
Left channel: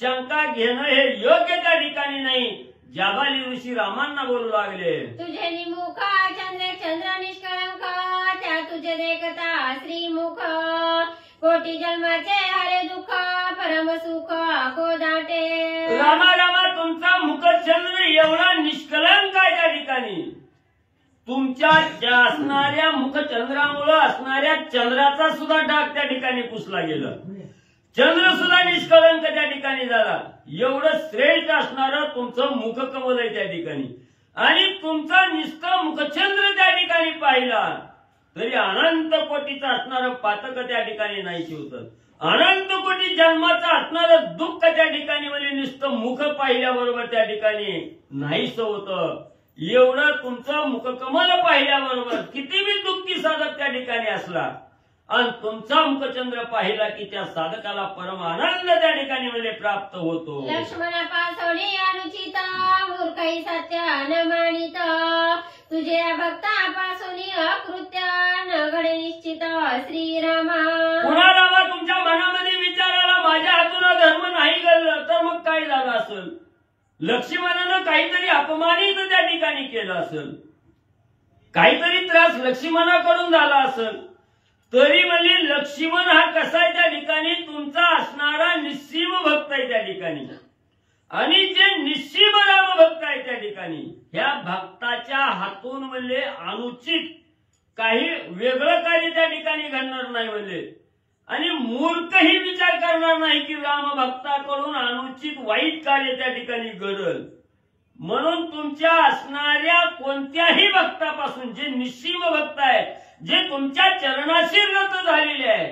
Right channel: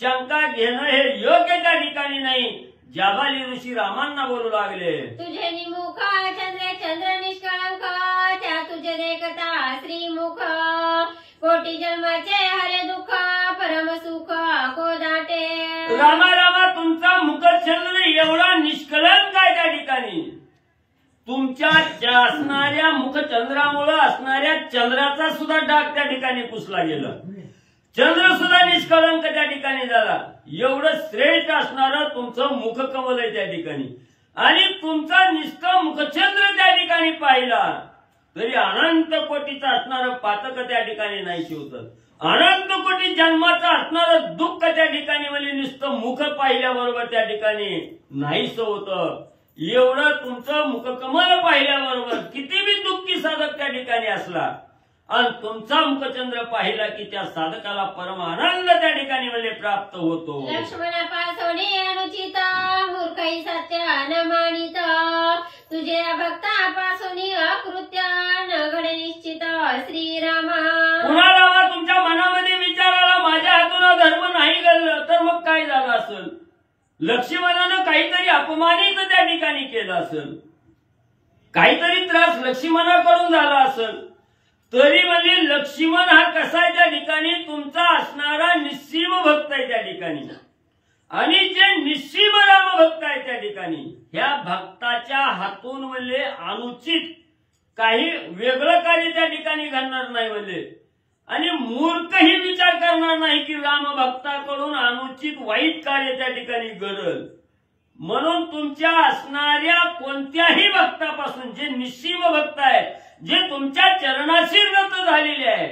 शंका घेणं हे योग्य त्या ठिकाणी नाही. जाबाली ऋषी रामांना बोलू लागले, तुझे निमुख चंद्र निष्कळंक, त्या तुझे देखता श्रीमुख, कोटी जन्माचे हरे दुःख, परम सुख कोदाटे. रामा रामा, तुमचा मुखचंद्र एवढा निष्कलंक आहे त्या ठिकाणी. तुमच्या असणाऱ्या मुखचंद्रामुळे असणाऱ्या चंद्राचा सुद्धा डाग त्या ठिकाणी पुसला गेला. चंद्र सुद्धा निष्कलंक त्या ठिकाणी झाला. एवढं श्रेष्ठ असणारं तुमचं मुखकमल आहे त्या ठिकाणी. आणि तुमचा निष्ठा मुखचंद्र त्या ठिकाणी पाहिला तरी अनंत कोटीचं असणारं पातक त्या ठिकाणी नाही शिवत. अनंत कोटी जन्माचं असणारं दुःख त्या ठिकाणी म्हणजे नुसतं मुख पाहिल्याबरोबर त्या ठिकाणी नाहीस होतं. एवढं तुमचं मुखकमल पाहिल्याबरोबर किती बी दुःखी साधक त्या ठिकाणी असला आणि तुमचा मुखचंद्र पाहिला की त्या साधकाला परम आनंद त्या ठिकाणी म्हणजे प्राप्त होतो. लक्ष्मणापासोनी अनुचित, मूर्खई सत्य न मानित, तुझे भक्तापासोनी अकृत्य न घडे निश्चित. श्रीरामा, कुणाला तुमच्या मनामध्ये विचार आला माझ्या हातून धर्म नाही घडलं तर मग काय झालं असेल? लक्ष्मणानं काहीतरी अपमानित त्या ठिकाणी केलं असेल, काहीतरी त्रास लक्ष्मणाकडून झाला असेल. तरी म्हणजे लक्ष्मण हा कसा आहे त्या ठिकाणी? तुमचा असणारा निस्सीम भक्त आहे त्या ठिकाणी. आणि जे निस्सीम राम भक्त आहे त्या ठिकाणी, ह्या भक्ताच्या हातून म्हणजे अनुचित काही वेगळं कार्य त्या ठिकाणी घडणार नाही म्हणजे. आणि मूर्खही विचार करणार नाही की राम भक्ताकडून अनुचित वाईट कार्य त्या ठिकाणी घडल. म्हणून तुमच्या असणाऱ्या कोणत्याही भक्तापासून जे निस्सीम भक्त आहे, जे तुमच्या चरणाशी रत झालेले आहे,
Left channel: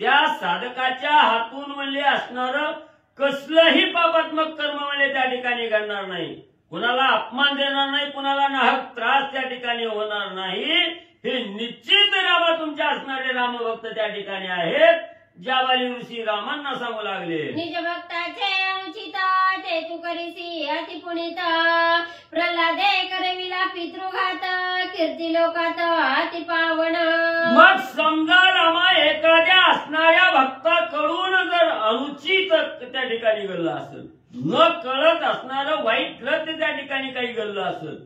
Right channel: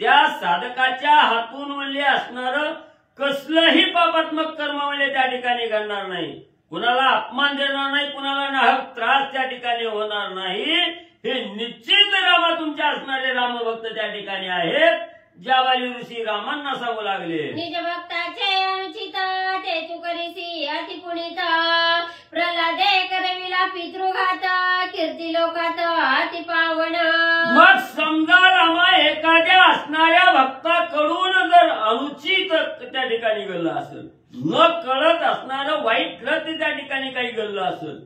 त्या साधकाच्या हातून म्हणजे असणारं कसलंही पापात्मक कर्म म्हणजे त्या ठिकाणी घडणार नाही. कुणाला अपमान देणार नाही, कुणाला नाहक त्रास त्या ठिकाणी होणार नाही. हे निश्चित रामा तुमच्या असणारे रामभक्त त्या ठिकाणी आहेत. जाबाली ऋषी रामांना सांगू लागले, निज भक्ताचे अनुचित, ते तू करीसी अति पुनित, प्रल्हादे करविला पितृघात, कीर्ती लोकात अति पावन. मग समजा रामा एखाद्या असणाऱ्या भक्ताकडून जर अनुचित त्या ठिकाणी घडलं असेल, न कळत असणारं वाईट कृत्य त्या ठिकाणी काही घडलं असेल,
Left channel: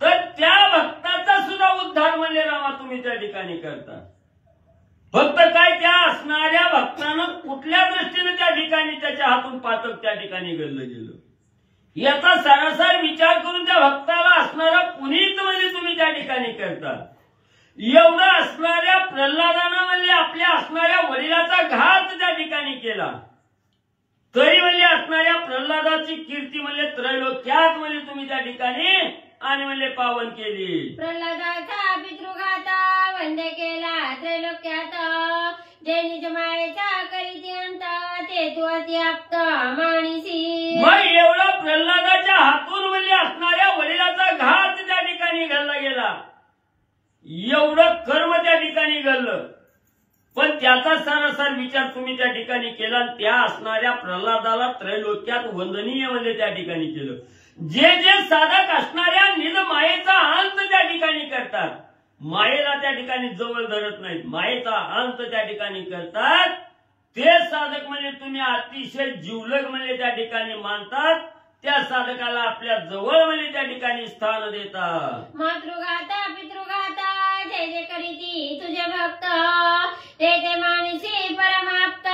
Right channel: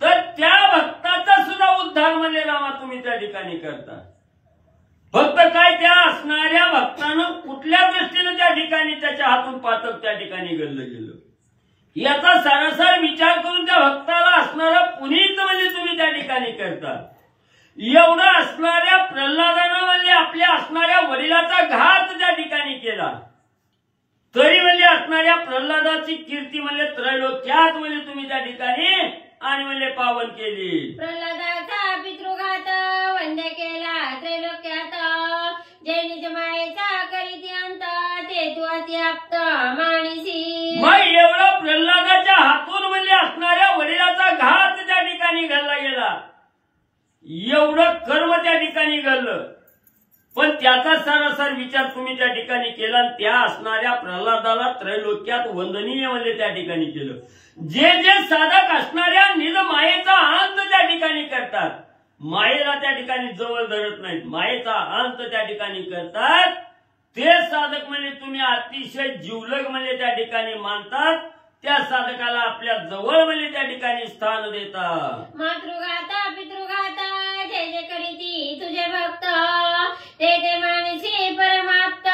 तर त्या भक्ताचा सुद्धा उद्धार म्हणजे रामा तुम्ही त्या ठिकाणी करता. फक्त काय त्या असणाऱ्या भक्तानं कुठल्या दृष्टीने त्या ठिकाणी त्याच्या हातून पातक त्या ठिकाणी घडलं गेलं याचा सारासार विचार करून त्या भक्ताला असणारा पुनीत म्हणजे तुम्ही त्या ठिकाणी करता. एवढं असणाऱ्या प्रल्हादानं म्हणजे आपल्या असणाऱ्या वडिलाचा घात त्या ठिकाणी केला तरी म्हणजे असणाऱ्या प्रल्हादाची कीर्ती म्हणजे त्रैलोक्यात म्हणजे तुम्ही त्या ठिकाणी आणि म्हणजे पावन केली. प्रल्हादाचा पितृघात वंद्य केला त्रैलोक्यात, जे निज मायेचा करीती अंत, ते तू अत्याप्त माणिसी. मग एवढा प्रल्हादाच्या हातून म्हणजे असणाऱ्या वडिलाचा घात त्या ठिकाणी घडला गेला, एवढं कर्म त्या ठिकाणी घडलं, पण त्याचा सारासार विचार तुम्ही त्या ठिकाणी केला. त्या असणाऱ्या प्रल्हादाला त्रैलोक्यात वंदनीय म्हणजे त्या ठिकाणी केलं. जे जे साधक असणाऱ्या निज मायेचा अंत त्या ठिकाणी करतात, मायेला त्या ठिकाणी जवळ धरत नाहीत, मायेचा अंत त्या ठिकाणी करतात, ते साधक म्हणजे तुम्ही अतिशय जिवलग म्हणजे त्या ठिकाणी मानतात. त्या साधकाला आपल्या जवळ म्हणजे त्या ठिकाणी स्थान देतात. मातृघात पितृघात, जे जे करीती तुझे भक्त, ते ते मानसी परमाप्त,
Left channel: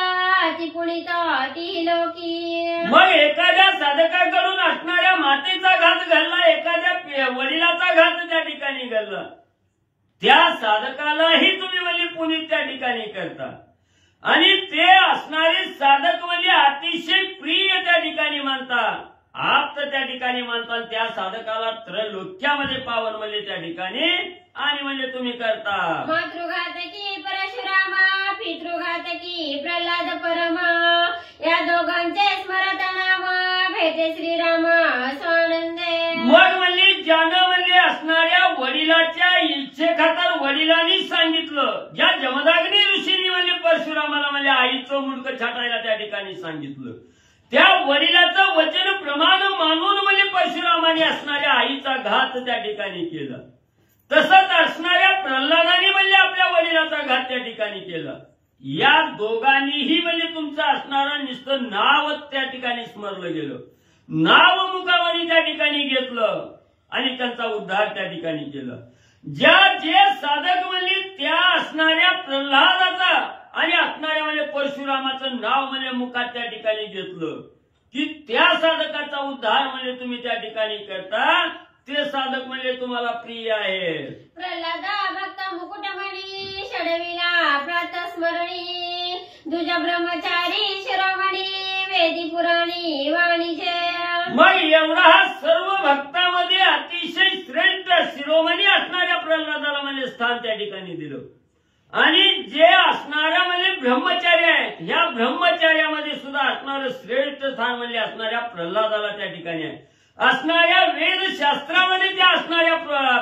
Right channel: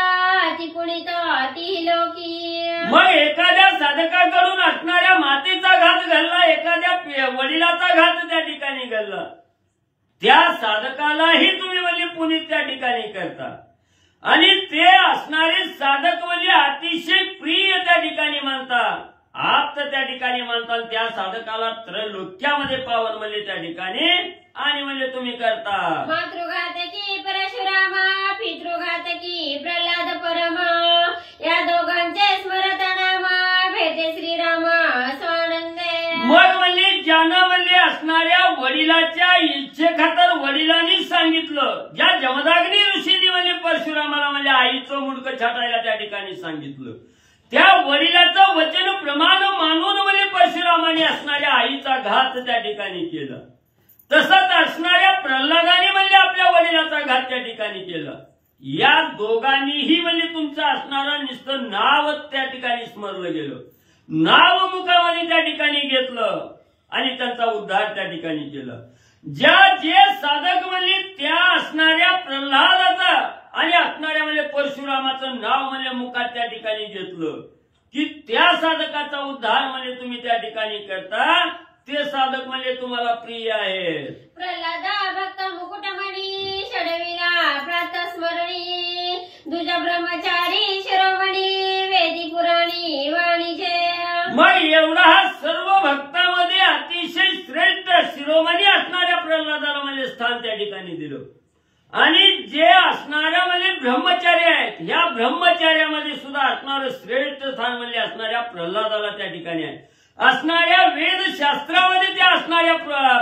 अति पुनित अति लोकी. मग एखाद्या साधकाकडून असणाऱ्या मातेचा घात घडला, एखाद्या वडिलाचा घात त्या ठिकाणी घडला, त्या साधकालाही तुम्ही म्हणजे पुनीत त्या ठिकाणी करता. आणि ते असणारे साधक म्हणजे अतिशय प्रिय त्या ठिकाणी मानतात, आप्त त्या ठिकाणी मानतात. त्या साधकाला त्रैलोक्यामध्ये पावन म्हणजे त्या ठिकाणी आणि म्हणजे तुम्ही करता. मातृघातकी परशुरामा, पितृघातकी प्रल्हाद परमा, या दोघांचे स्मरत नाम, भेटे श्रीरामा स्वानंदे. मग म्हणजे ज्यानं म्हणजे असणाऱ्या वडिलाच्या इच्छेखातर वडिलांनी सांगितलं, ज्या जमदाग्नी ऋषींनी म्हणजे परशुरामाला म्हणजे आईचं मुंडकं छाटायला त्या ठिकाणी सांगितलं, त्या वडिलाचं वचन प्रमाण मानून म्हणजे परशुरामाने असणाऱ्या आईचा घात त्या ठिकाणी केला. तसंच असणाऱ्या प्रल्हादाने म्हणजे आपल्या वडिलाचा घात त्या ठिकाणी केला. या दोघांनीही म्हणजे तुमचं असणारं नुसतं नाव त्या ठिकाणी स्मरलं गेलं, नाव मुखामध्ये त्या ठिकाणी घेतलं आणि त्यांचा उद्धार त्या ठिकाणी केला. जे साधक म्हणजे त्या असणाऱ्या प्रल्हादाचा आणि असणाऱ्या म्हणजे परशुरामाचं नाव म्हणजे मुखात त्या ठिकाणी घेतलं की त्या साधकाचा उद्धार म्हणजे तुम्ही त्या ठिकाणी करता, ते साधक म्हणजे तुम्हाला प्रिय आहेत. प्रल्हादा भक्त मुकुटमणी, षडविला प्रातस्मरणी, दुज ब्रह्मचारी शिरोमणी, वेदी पुराणी वाणीचे. मग एवढा हा सर्व भक्तामध्ये अतिशय श्रेष्ठ शिरोमणी असणाऱ्या प्रल्हादाला म्हणजे स्थान त्या ठिकाणी दिलं. आणि जे असणाऱ्या म्हणजे ब्रह्मचारी आहेत, ह्या ब्रह्मचार्यामध्ये सुद्धा असणारं श्रेष्ठ स्थान म्हणजे असणाऱ्या प्रल्हादाला त्या ठिकाणी आहे. असणाऱ्या वेदशास्त्रामध्ये त्या असणाऱ्या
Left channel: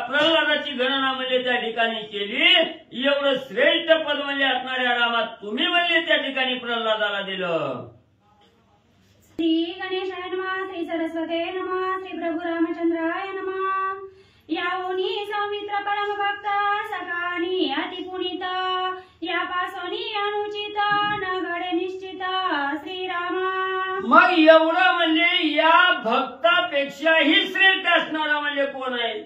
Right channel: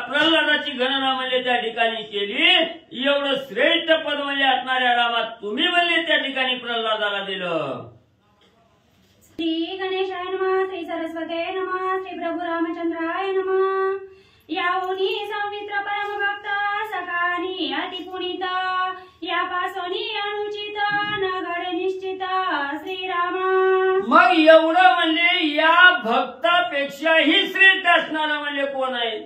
प्रल्हादाची गणना म्हणजे त्या ठिकाणी केली. एवढं श्रेष्ठ पद म्हणजे असणाऱ्या रामात तुम्ही म्हणजे त्या ठिकाणी प्रल्हादाला दिलं. श्री गणेशाय नमः, श्री सरस्वते नमः, श्री प्रभू रामचंद्राय नमः. याऊनी सौमित्र परम भक्त, सकानी अति पुनित, या पासोनी अनुचित, न घडे निश्चित श्रीरामा. मग एवढं म्हणजे या भक्तापेक्षाही श्रेष्ठ असणारा म्हणजे कोण आहे?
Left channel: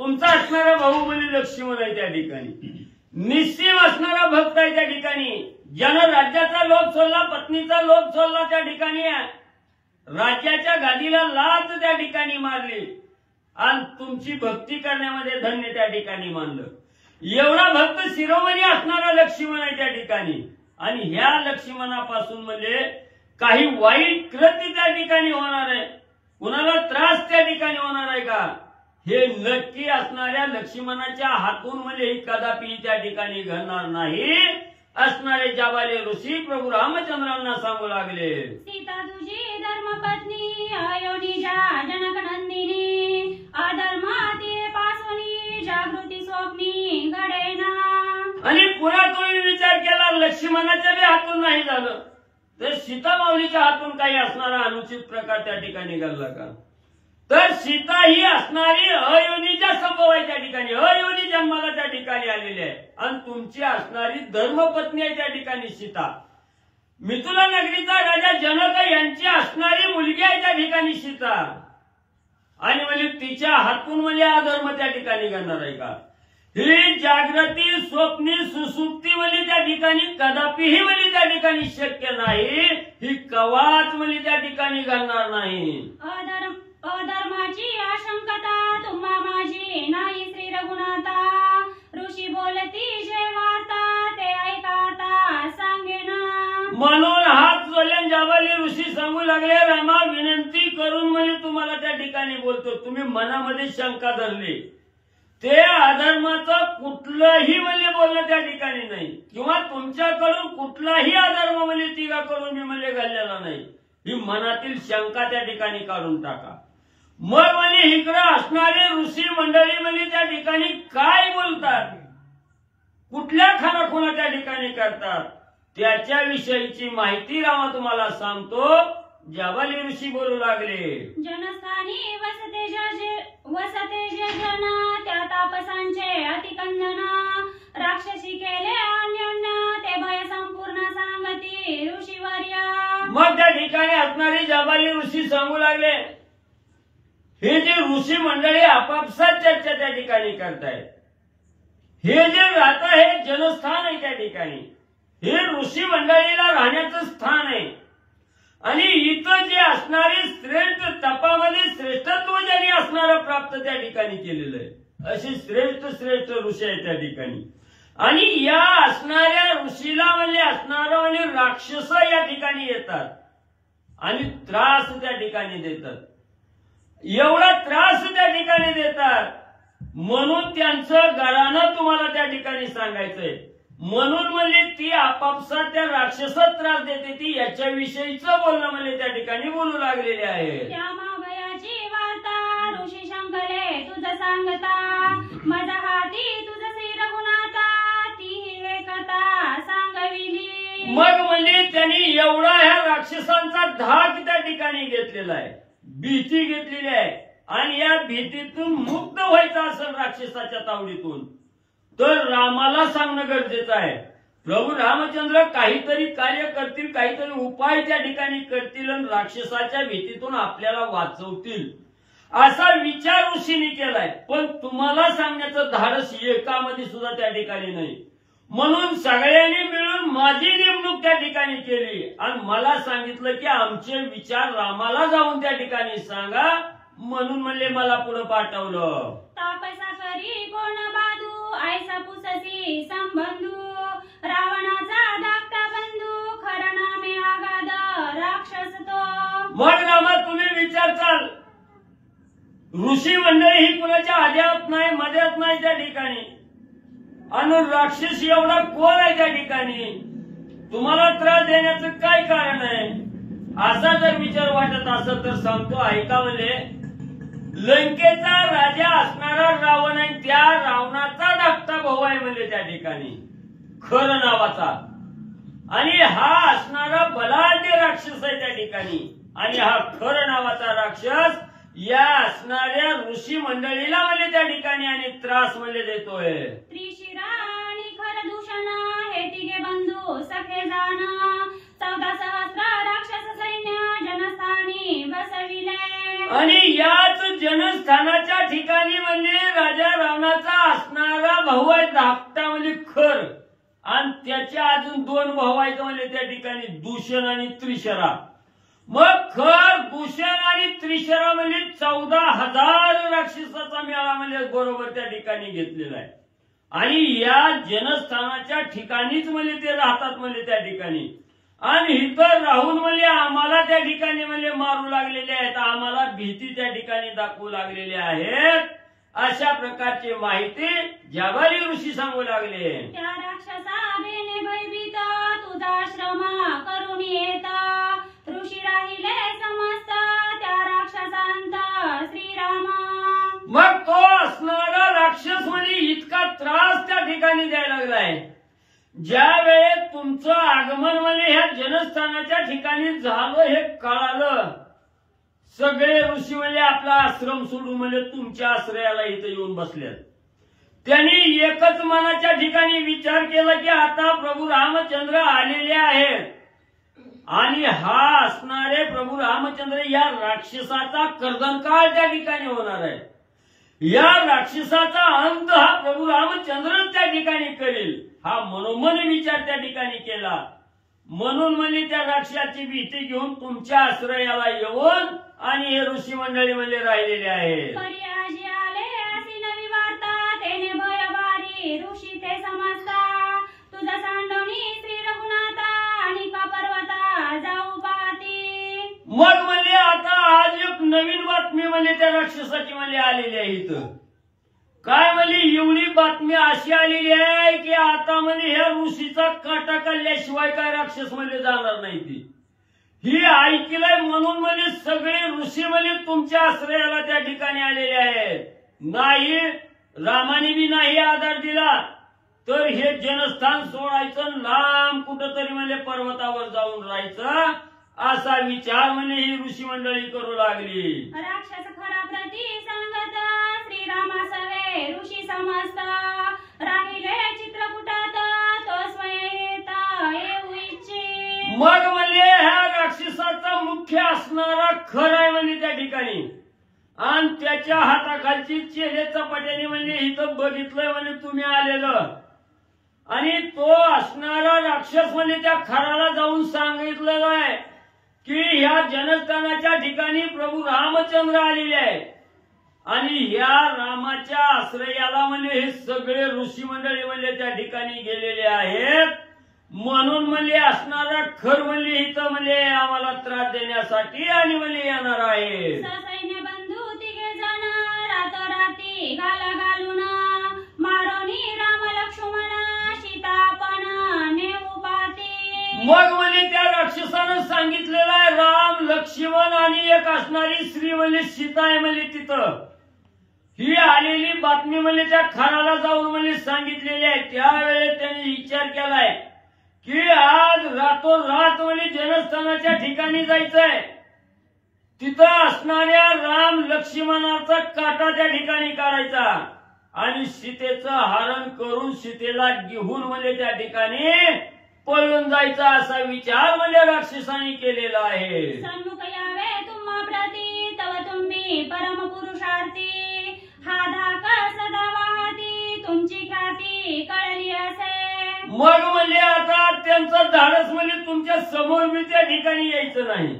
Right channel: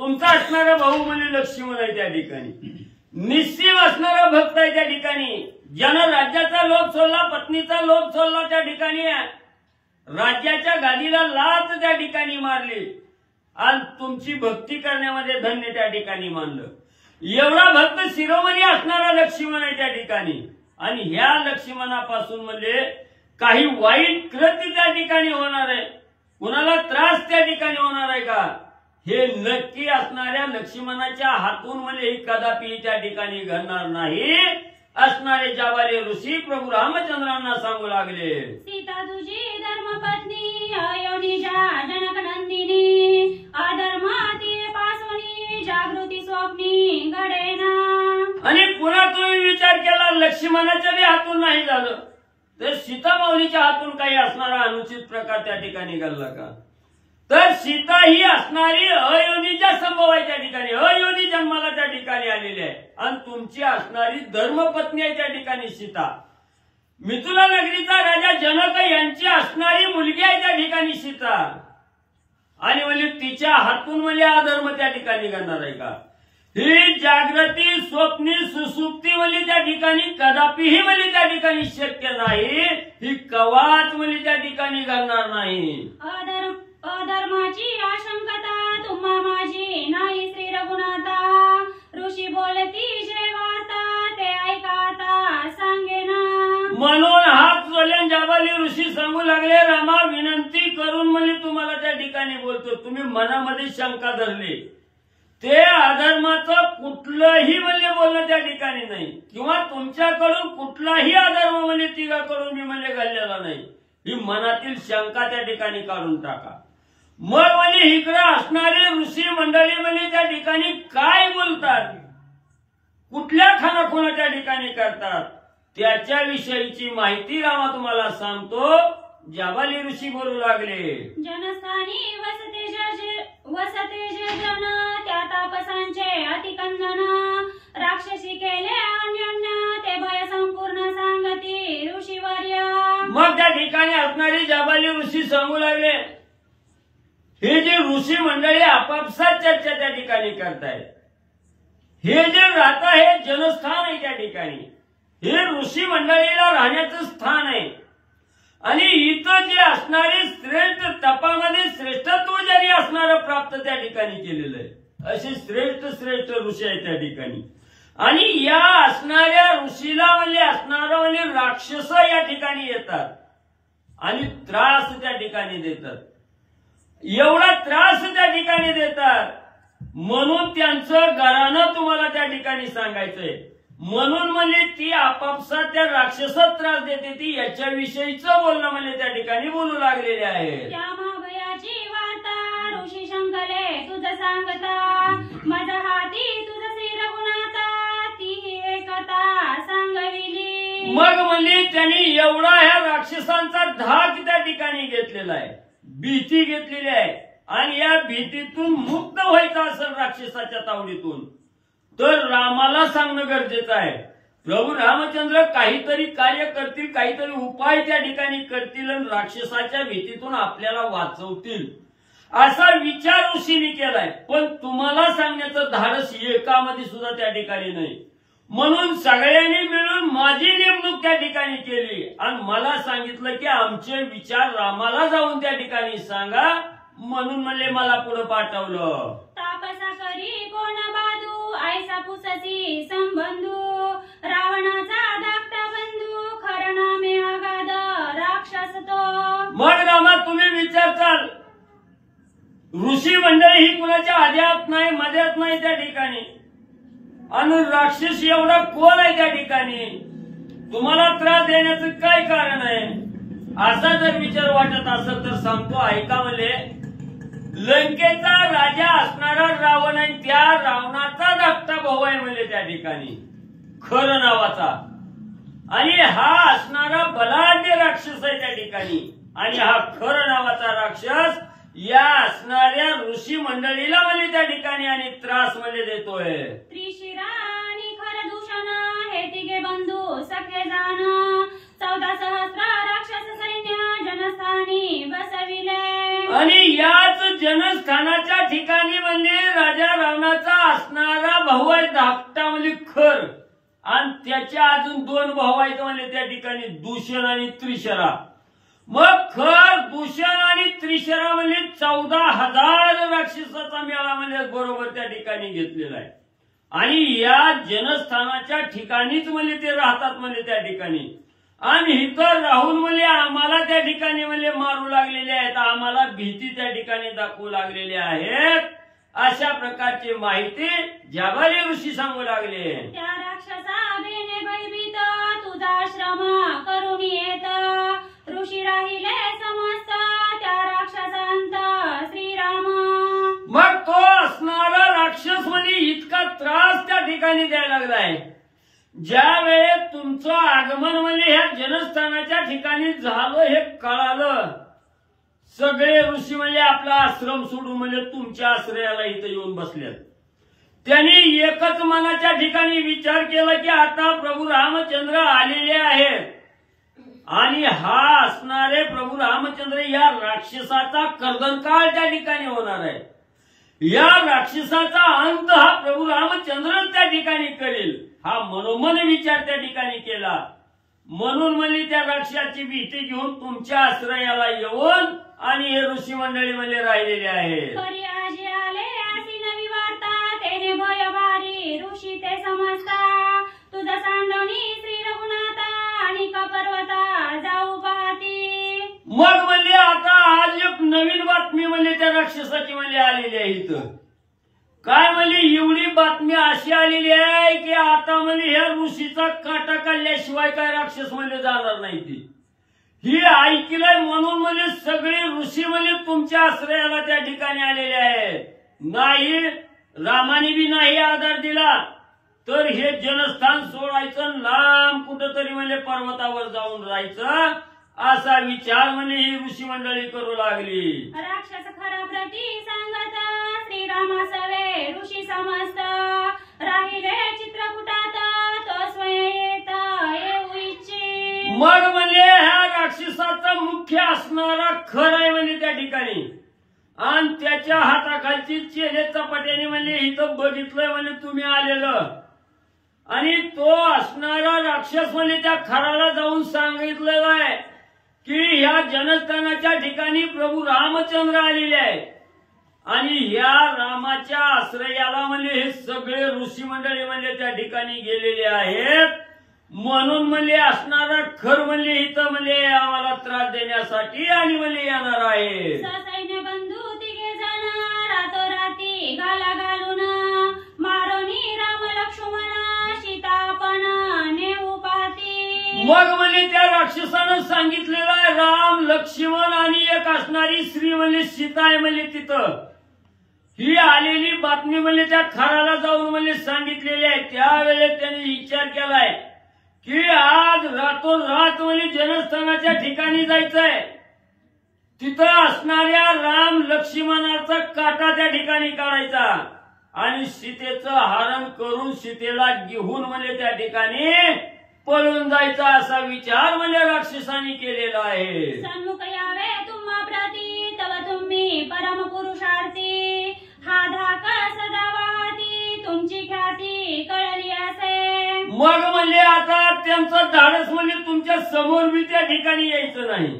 तुमचा असणारा भाऊ म्हणजे लक्ष्मण आहे त्या ठिकाणी. निश्चिम असणारा भक्त आहे त्या ठिकाणी. ज्यानं राज्याचा लोभ सोडला, पत्नीचा लोभ सोडला त्या ठिकाणी, राज्याच्या गादीला लाथ त्या ठिकाणी मारली आणि तुमची भक्ती करण्यामध्ये धन्य त्या ठिकाणी मानलं. एवढा भक्त शिरोमणी असणारा लक्ष्मण आहे त्या ठिकाणी. आणि ह्या लक्ष्मणापासून म्हणजे काही वाईट कृत्य त्या ठिकाणी होणार आहे, कुणाला त्रास त्या ठिकाणी होणार आहे का, हे नक्की असणाऱ्या लक्ष्मणाच्या हातून म्हणजे कदापि त्या ठिकाणी घडणार नाही. असणारे जाबाले ऋषी प्रभू रामचंद्रांना सांगू लागले, सीता तुझी धर्मपत्नी, अयोनिजा जनकनंदिनी, अधर्माती पासवनी, जागृती स्वप्नी घडेना. आणि पुन्हा तुम्ही विचार केला लक्ष्मणाच्या बी हातून नाही झालं तर सीता माऊलीच्या हातून काही असणारा अनुचित प्रकार त्या ठिकाणी घडला का? तर सीता ही असणारी अयोनीच्या संभवाच्या ठिकाणी, अयोनी जन्माला त्या ठिकाणी आलेली आहे. आणि तुमची असणारी धर्मपत्नी आहे त्या ठिकाणी सीता. मिथिला नगरीचा राजा जनक यांची असणारी मुलगी आहे त्या ठिकाणी सीता. आणि म्हणजे तिच्या हातून म्हणजे अधर्म त्या ठिकाणी घडणार आहे का? ही जागृती स्वप्नी सुसुप्ती म्हणजे त्या ठिकाणी कदापिही म्हणजे त्या ठिकाणी शक्य नाही. ही कवाच म्हणजे त्या ठिकाणी घडणार नाही. अधर्माची आशंकता तुम्हा माझी नाही श्री रघुनाथा. ऋषी बोलती जे वार्ता ते ऐकाता सांगेना. म्हणून हात जोडल्यान जाबाली ऋषी सांगू लागले, रामा विनंती करून म्हणजे तुम्हाला त्या ठिकाणी बोलतो. तुम्ही मनामध्ये शंका धरली, ते अधर्माचं कुठलंही म्हणजे बोलणं त्या ठिकाणी नाही, किंवा तुमच्याकडून कुठलाही अधर्म म्हणजे तिघाकडून मी म्हणजे घडलेला नाही. ही मनातील शंका त्या ठिकाणी काढून टाका. मग म्हणजे इकडं असणारे ऋषी मंडळी म्हणजे त्या ठिकाणी काय बोलतात, कुठल्या खानाखुणा त्या ठिकाणी करतात, त्याच्याविषयीची माहिती रामा तुम्हाला सांगतो. जाबाली ऋषी बोलू लागले, जनस्थानी वसते जे जन, त्या तापसांचे अतिकंदन, राक्षसी केले अन्योन्य, ते भय संपूर्ण सांगती ऋषीवर्य. मग त्या ठिकाणी असणारे जाबाली ऋषी सांगू लागले, हे जे ऋषी मंडळी आपापसात चर्चा त्या ठिकाणी करतायत, हे जे राहत आहे जनस्थान आहे त्या ठिकाणी, हे ऋषी मंडळीला राहण्याचं स्थान आहे. आणि इथं जे असणारे श्रेष्ठ तपामध्ये श्रेष्ठत्व ज्यांनी असणारं प्राप्त त्या ठिकाणी केलेलं आहे, असे श्रेष्ठ श्रेष्ठ ऋषी आहेत त्या ठिकाणी. आणि या असणाऱ्या ऋषीला म्हणजे असणारा म्हणजे राक्षस या ठिकाणी येतात आणि त्रास त्या ठिकाणी देतात. एवढा त्रास त्या ठिकाणी देतात म्हणून त्यांचं घरानं तुम्हाला त्या ठिकाणी सांगायचंय. म्हणून म्हणजे ती आपापसात त्या राक्षसात त्रास देते ती याच्याविषयीचं बोलणं म्हणजे त्या ठिकाणी बोलू लागलेले आहे. त्या महाभयाची वार्ता ऋषी शंकरे तुझं सांगता, माझा हाती तुझं श्री रघुनाथा, ती एकता सांगविली. मग म्हणजे त्यांनी एवढा ह्या राक्षसांचा धाक त्या ठिकाणी घेतलेला आहे, भीती घेतलेली आहे. आणि या भीतीतून मुक्त व्हायचं असेल राक्षसाच्या तावडीतून तर रामाला सांगणं गरजेचं आहे. प्रभू रामचंद्र काहीतरी कार्य करतील, काहीतरी उपाय त्या ठिकाणी करतील आणि राक्षसाच्या भीतीतून आपल्याला वाचवतील असा विचार ऋषींनी केलाय. पण तुम्हाला सांगण्याचं धाडस एकामध्ये सुद्धा त्या ठिकाणी नाही. म्हणून सगळ्यांनी मिळून माझी नेमणूक त्या ठिकाणी केली आणि मला सांगितलं की आमचे विचार रामाला जाऊन त्या ठिकाणी सांगा. म्हणून म्हणले मला पुढे पाठवलं. तापसा करी कोण बाजू ऐसा पुससी संबंधू, रावणाचा धाकटा बंधू खरं नामे आगाद राक्षस तो. मग रामा तुम्ही विचारताल ऋषी मंडळी ही कुणाच्या आद्यात नाही मध्यात नाही त्या ठिकाणी आणि राक्षस एवढा कोण आहे त्या ठिकाणी, तुम्हाला त्रास देण्याचं काय कारण आहे असा जर विचार वाटत असेल तर सांगतो ऐका. म्हणजे लंकेचा राजा असणारा रावण आहे, त्या रावणाचा धाकटा भाऊ आहे म्हणजे त्या ठिकाणी खर नावाचा. आणि हा असणारा बलाढ्य राक्षस आहे त्या ठिकाणी. आणि हा खर नावाचा राक्षस या असणाऱ्या ऋषी मंडळीला म्हणजे त्या ठिकाणी आणि त्रास म्हणजे देतोय. त्रिशिरा आणि खर दूषण हे तिघे बंधू सखे जाण, 14 सहस्र राक्षस सैन्य जनस्थानी बसविले. आणि याच जनस्थानाच्या ठिकाणी म्हणजे राजा रावणाचा असणारा भाऊ आहे धाकटा म्हणजे खर आणि त्याच्या अजून 2 भाऊ आहेत म्हणजे त्या ठिकाणी दूषण आणि त्रिशरा. मग खर दूषण आणि त्रिशरा म्हणजे 14,000 राक्षसाचा मेळा म्हणजे बरोबर त्या ठिकाणी घेतलेला आहे. आणि या जनस्थानाच्या ठिकाणीच म्हणजे ते राहतात म्हणजे त्या ठिकाणी. आणि इथं राहून म्हणजे आम्हाला त्या ठिकाणी म्हणजे मारू लागलेले आहेत, आम्हाला भीती त्या ठिकाणी दाखवू लागलेली आहेत अशा प्रकारची माहिती जाबाली ऋषी सांगू लागले. त्या राक्षसा बेने भयभीत तुझा आश्रम करून येत, ऋषी राहिले समस्त त्या राक्षसांत श्रीराम. मग तो असणारा राक्षस म्हणजे इतका त्रास त्या ठिकाणी द्यायला लागलाय. ज्या वेळेस तुमचं आगमन म्हणजे ह्या जनस्थानाच्या ठिकाणी झालं हे कळालं, सगळे ऋषी म्हणजे आपला आश्रम सोडून म्हणजे तुमच्या आश्रयाला इथं येऊन बसल्यात. त्यांनी एकच मनाच्या ठिकाणी विचार केला की आता प्रभू रामचंद्र आलेले आहेत आणि हा असणारे प्रभू रामचंद्र या राक्षसाचा कर्दनकाळ त्या ठिकाणी होणार आहे. या राक्षसाचा अंत हा प्रभू रामचंद्र त्या ठिकाणी करेल हा मनोमन विचार त्या ठिकाणी केला. म्हणून म्हणजे त्या राक्षसाची भीती घेऊन तुमच्या आश्रयाला येऊन आणि हे ऋषी मंडळी म्हणजे राहिलेले आहेत. परी आजी आले अशी नवी वार्ता तेने भय भारी ऋषी ते समजता, तुझा सांडवणी श्री रघुनाथा आणि का पर्वता जाऊ पाहती. मग म्हणजे आता आज एक नवीन बातमी म्हणजे त्या राक्षसाची म्हणजे आलेली आहे इथं. काय म्हणजे एवढी बातमी अशी आलेली आहे की आता म्हणजे ह्या ऋषीचा काटा काढल्याशिवाय काय राक्षस म्हणजे जाणार नाही. ती ही ऐकलंय म्हणून म्हणजे सगळे ऋषी म्हणजे तुमच्या आश्रयाला त्या ठिकाणी आलेले आहेत. नाही रामाने बी नाही आधार दिला तर हे जनस्थान सोडायचं, लांब कुठंतरी म्हणजे पर्वतावर जाऊन राहायचं असा विचार म्हणजे ही ऋषी मंडळी करू लागली. राक्षस खरा प्रती सांगत श्रीरामासवे ऋषी समस्त, राहिले चित्रकूटात तो स्वयं येऊ इच्छे. मग म्हणजे ह्या राक्षसाचा मुख्य असणारा खर आहे म्हणजे त्या ठिकाणी आणि त्याच्या हाताखालची चेले चपाट्याने म्हणजे इथं बघितलंय म्हणजे तुम्ही आलेलं आणि तो असणारा राक्षस म्हणजे त्या खराला जाऊन सांगितलेलं आहे की ह्या जनस्थानाच्या ठिकाणी प्रभू रामचंद्र आलेले आहे आणि या रामाच्या आश्रयाला म्हणजे हे सगळे ऋषी मंडळी म्हणजे त्या ठिकाणी गेलेले आहेत. म्हणून म्हणजे असणारा खर म्हणजे इथं म्हणजे आम्हाला त्रास देण्यासाठी आणि म्हणजे येणार आहे. ससैन्य बंधू तिघे जण रातोराती घाला घालून मारोनी राम लक्ष्मण सीतापण नेऊ पाती. मग म्हणजे त्या राक्षसानं सांगितलेलं आहे राम लक्ष्मण आणि एक असणारी स्त्री म्हणजे सीता आहे म्हणजे तिथं. ही आलेली बातमी म्हणजे त्या खाराला जाऊन म्हणजे सांगितलेली आहे. त्यावेळेस त्यांनी विचार केलाय की आज रातोरात म्हणजे जनस्थानाच्या ठिकाणी जायचंय. तिथं असणाऱ्या राम लक्ष्मणाचा काटा त्या ठिकाणी काढायचा आणि सीतेचं हरण करून सीतेला घेऊन म्हणजे त्या ठिकाणी पळून जायचा असा विचार म्हणजे राक्षसांनी केलेला आहे. सन्मुख यावे तुम्हा प्रती तव तुम्ही परम पुरुषार्थी हा धाका सदावाती तुमची ख्याती कळली असे. मग म्हणजे आता त्यांचं धाडस म्हणजे तुमच्या समोर मी त्या ठिकाणी यायचं नाही.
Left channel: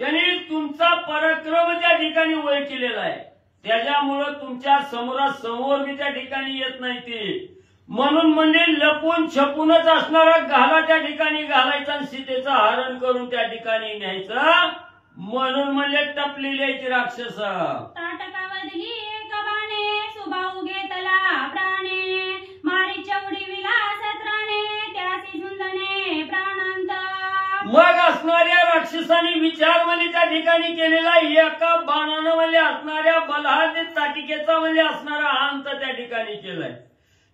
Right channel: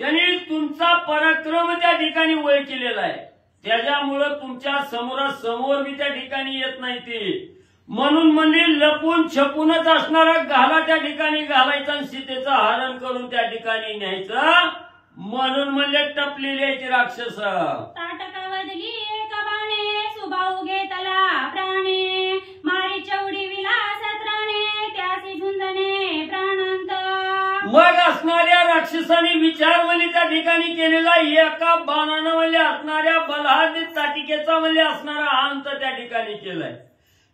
त्यांनी तुमचा पराक्रम त्या ठिकाणी वय केलेला आहे. त्याच्यामुळं तुमच्या समोरासमोर मी त्या ठिकाणी येत नाही ती. म्हणून म्हणजे लपून छपूनच असणारा घाला त्या ठिकाणी घालायचा आणि सीतेचं हरण करून त्या ठिकाणी न्यायचं. म्हणून म्हणजे टपलेली आहे ती राक्षस. ताटका वदली एक बाणे सुभाऊ घेतला प्राणे मारी चौडी विलास त्राणे त्यासी झुंजणे प्राणांत. मग असणाऱ्या राक्षसाने विचार म्हणजे त्या ठिकाणी केलेला एका बाणानं म्हणजे असणाऱ्या बलहादी ताटिकेचा म्हणजे असणारा अंत त्या ठिकाणी केलाय.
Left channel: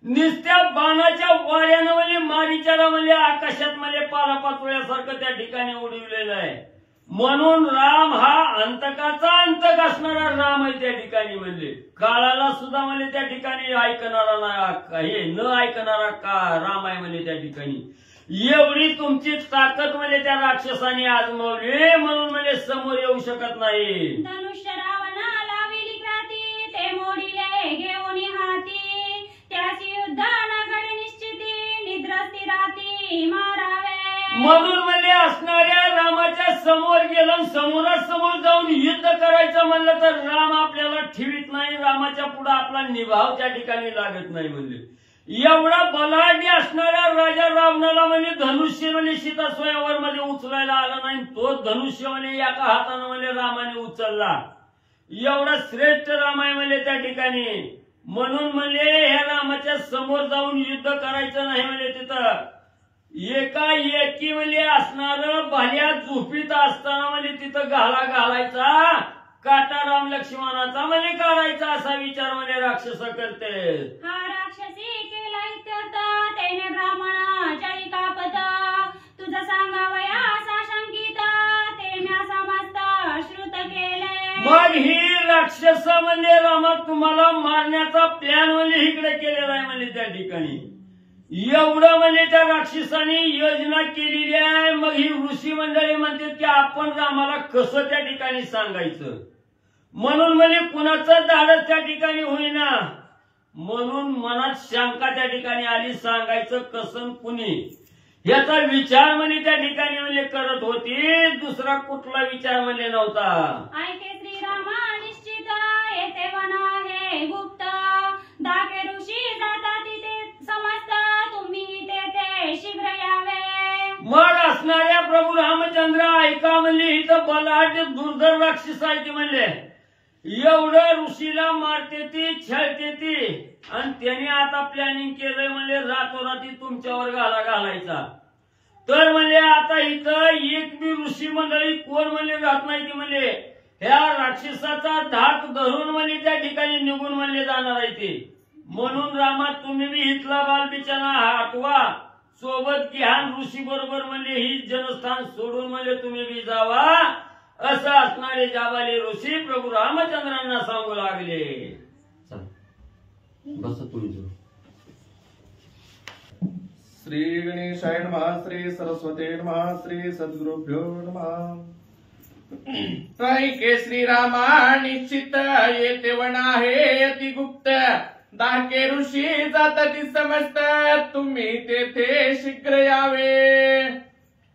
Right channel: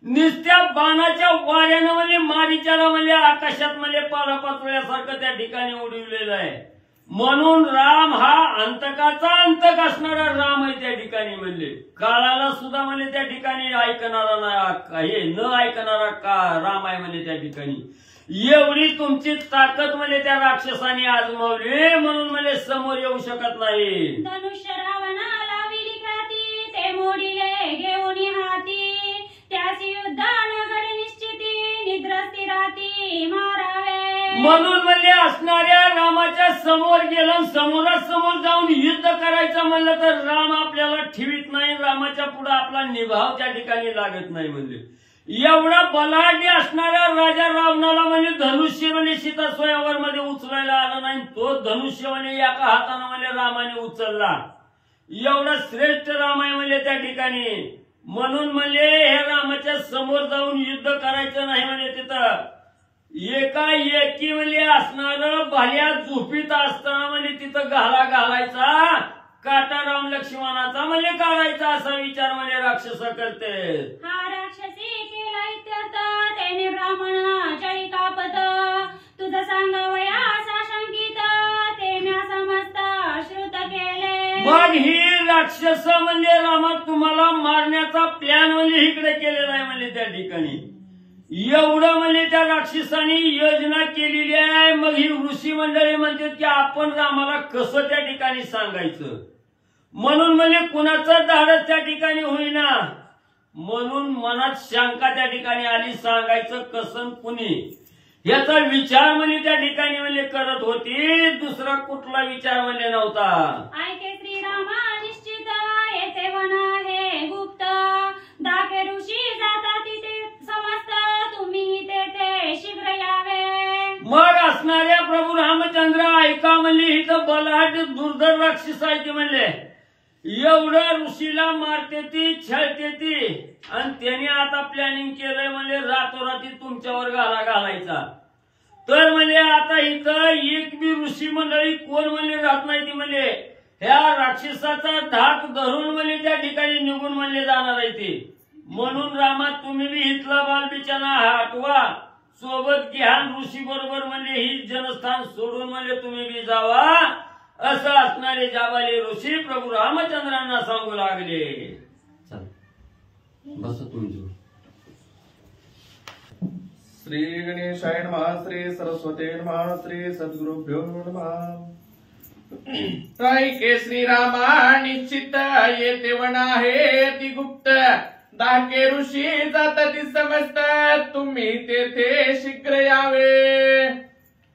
नुसत्या बाणाच्या वाऱ्यानं म्हणजे मारीच्याला म्हणजे आकाशात म्हणजे पालापाचोळ्यासारखं त्या ठिकाणी उडविलेलं आहे. म्हणून राम हा अंतकाचा अंतक असणारा राम आहे त्या ठिकाणी. म्हणजे काळाला सुद्धा म्हणजे त्या ठिकाणी ऐकणारा नाही, हे न ऐकणारा का राम आहे म्हणजे त्या ठिकाणी. एवढी तुमची ताकद म्हणजे त्या राक्षसाने आजमावली म्हणून म्हणजे समोर येऊ शकत नाही. धनुष्य रावणा लाविली ख्याती ते मोडिले घेऊन हाती त्याची युद्धान घडी निश्चिती निद्रस्ती राती मारावे. म्हणून म्हणजे असणाऱ्या रामाच्या समोर गेलं समोरासमोर जाऊन युद्ध करायचं म्हणलं तर राम आपल्याला ठेवीत नाही. रामाच्या पुढे आपला निभाव त्या ठिकाणी लागत नाही. म्हणजे एवढा बलाढ्य असणाऱ्या राजा रावणाला म्हणजे धनुष्य म्हणजे सीता स्वयंवर मध्ये उचलायला आला नाही. तो धनुष्य म्हणजे एका हाताने म्हणजे रामाने उचलला. एवढा श्रेष्ठ राम आहे म्हणजे त्या ठिकाणी. म्हणून म्हणजे ह्या रामाच्या समोर जाऊन युद्ध करायचं नाही म्हणजे तिथं एकाएकी म्हणजे असणारं भाल्या झोपीत असताना म्हणजे तिथं घाला घालायचा काटा राम लक्ष्मणाचा म्हणजे काढायचा असा विचार म्हणजे राक्षस करते. हा राक्षसी केला इत्यर्थ त्याने ब्राह्मण चळी कापत तुझं सांगावया असा शंकित ते म्या समस्त श्रुत केले. मग ही राक्षस म्हणजे रामा तुम्हाला मारण्याचा प्लॅन म्हणजे इकडे केलेला आहे म्हणजे त्या ठिकाणी. एवढं म्हणजे त्या राक्षसाने योजना केलेली आहे. मग ही ऋषी मंडळी म्हणते की आपण रामाला कसं त्या ठिकाणी सांगायचं. म्हणून म्हणजे कुणाचं धाडस त्या ठिकाणी होईना. म्हणून मनात शंका त्या ठिकाणी आली सांगायचं कसं कुणी याचा विचार म्हणजे त्या ठिकाणी म्हणजे करत होती. दुसरा कुठला विचार म्हणजे नव्हता. ऐके श्रीरामा निश्चित येथे म्हणा हे गुप्त दाके ऋषी जाता तिथे समस्त तुम्ही तेथे शीघ्र यावे. मग असणाऱ्या प्रभू रामचंद्र ऐका म्हणजे इथं बलाढ्य दुर्धर राक्षस आहे ती म्हणले एवढं ऋषीला मारते ती छळते ती आणि त्याने आता प्लॅनिंग केलंय म्हणजे रातोराती तुमच्यावर घाला घालायचा. तर म्हणजे आता इथं एक बी ऋषी मंडळी कोण म्हणजे राहत नाही ती म्हणजे ह्या राक्षसाचा धाक धरून म्हणजे त्या ठिकाणी निघून म्हणजे जाणार आहे ते. म्हणून रामा तुम्ही बी इथला बालबिचाना हटवा सोबत घ्या ऋषी बरोबर म्हणजे ही जनस्थान सोडून म्हणजे तुम्ही बी जावा असं असणारे जाबाले ऋषी प्रभू रामचंद्रांना सांगू लागले. बस तुम्ही श्री गणेशाय नमः श्री सरस्वते नमः श्री सद्गुरुभ्यो नमः. ऐके श्रीरामा निश्चित येते वना हे अति गुप्त दाके ऋषी जातती समस्त तुम्ही तेथे शीघ्र यावे.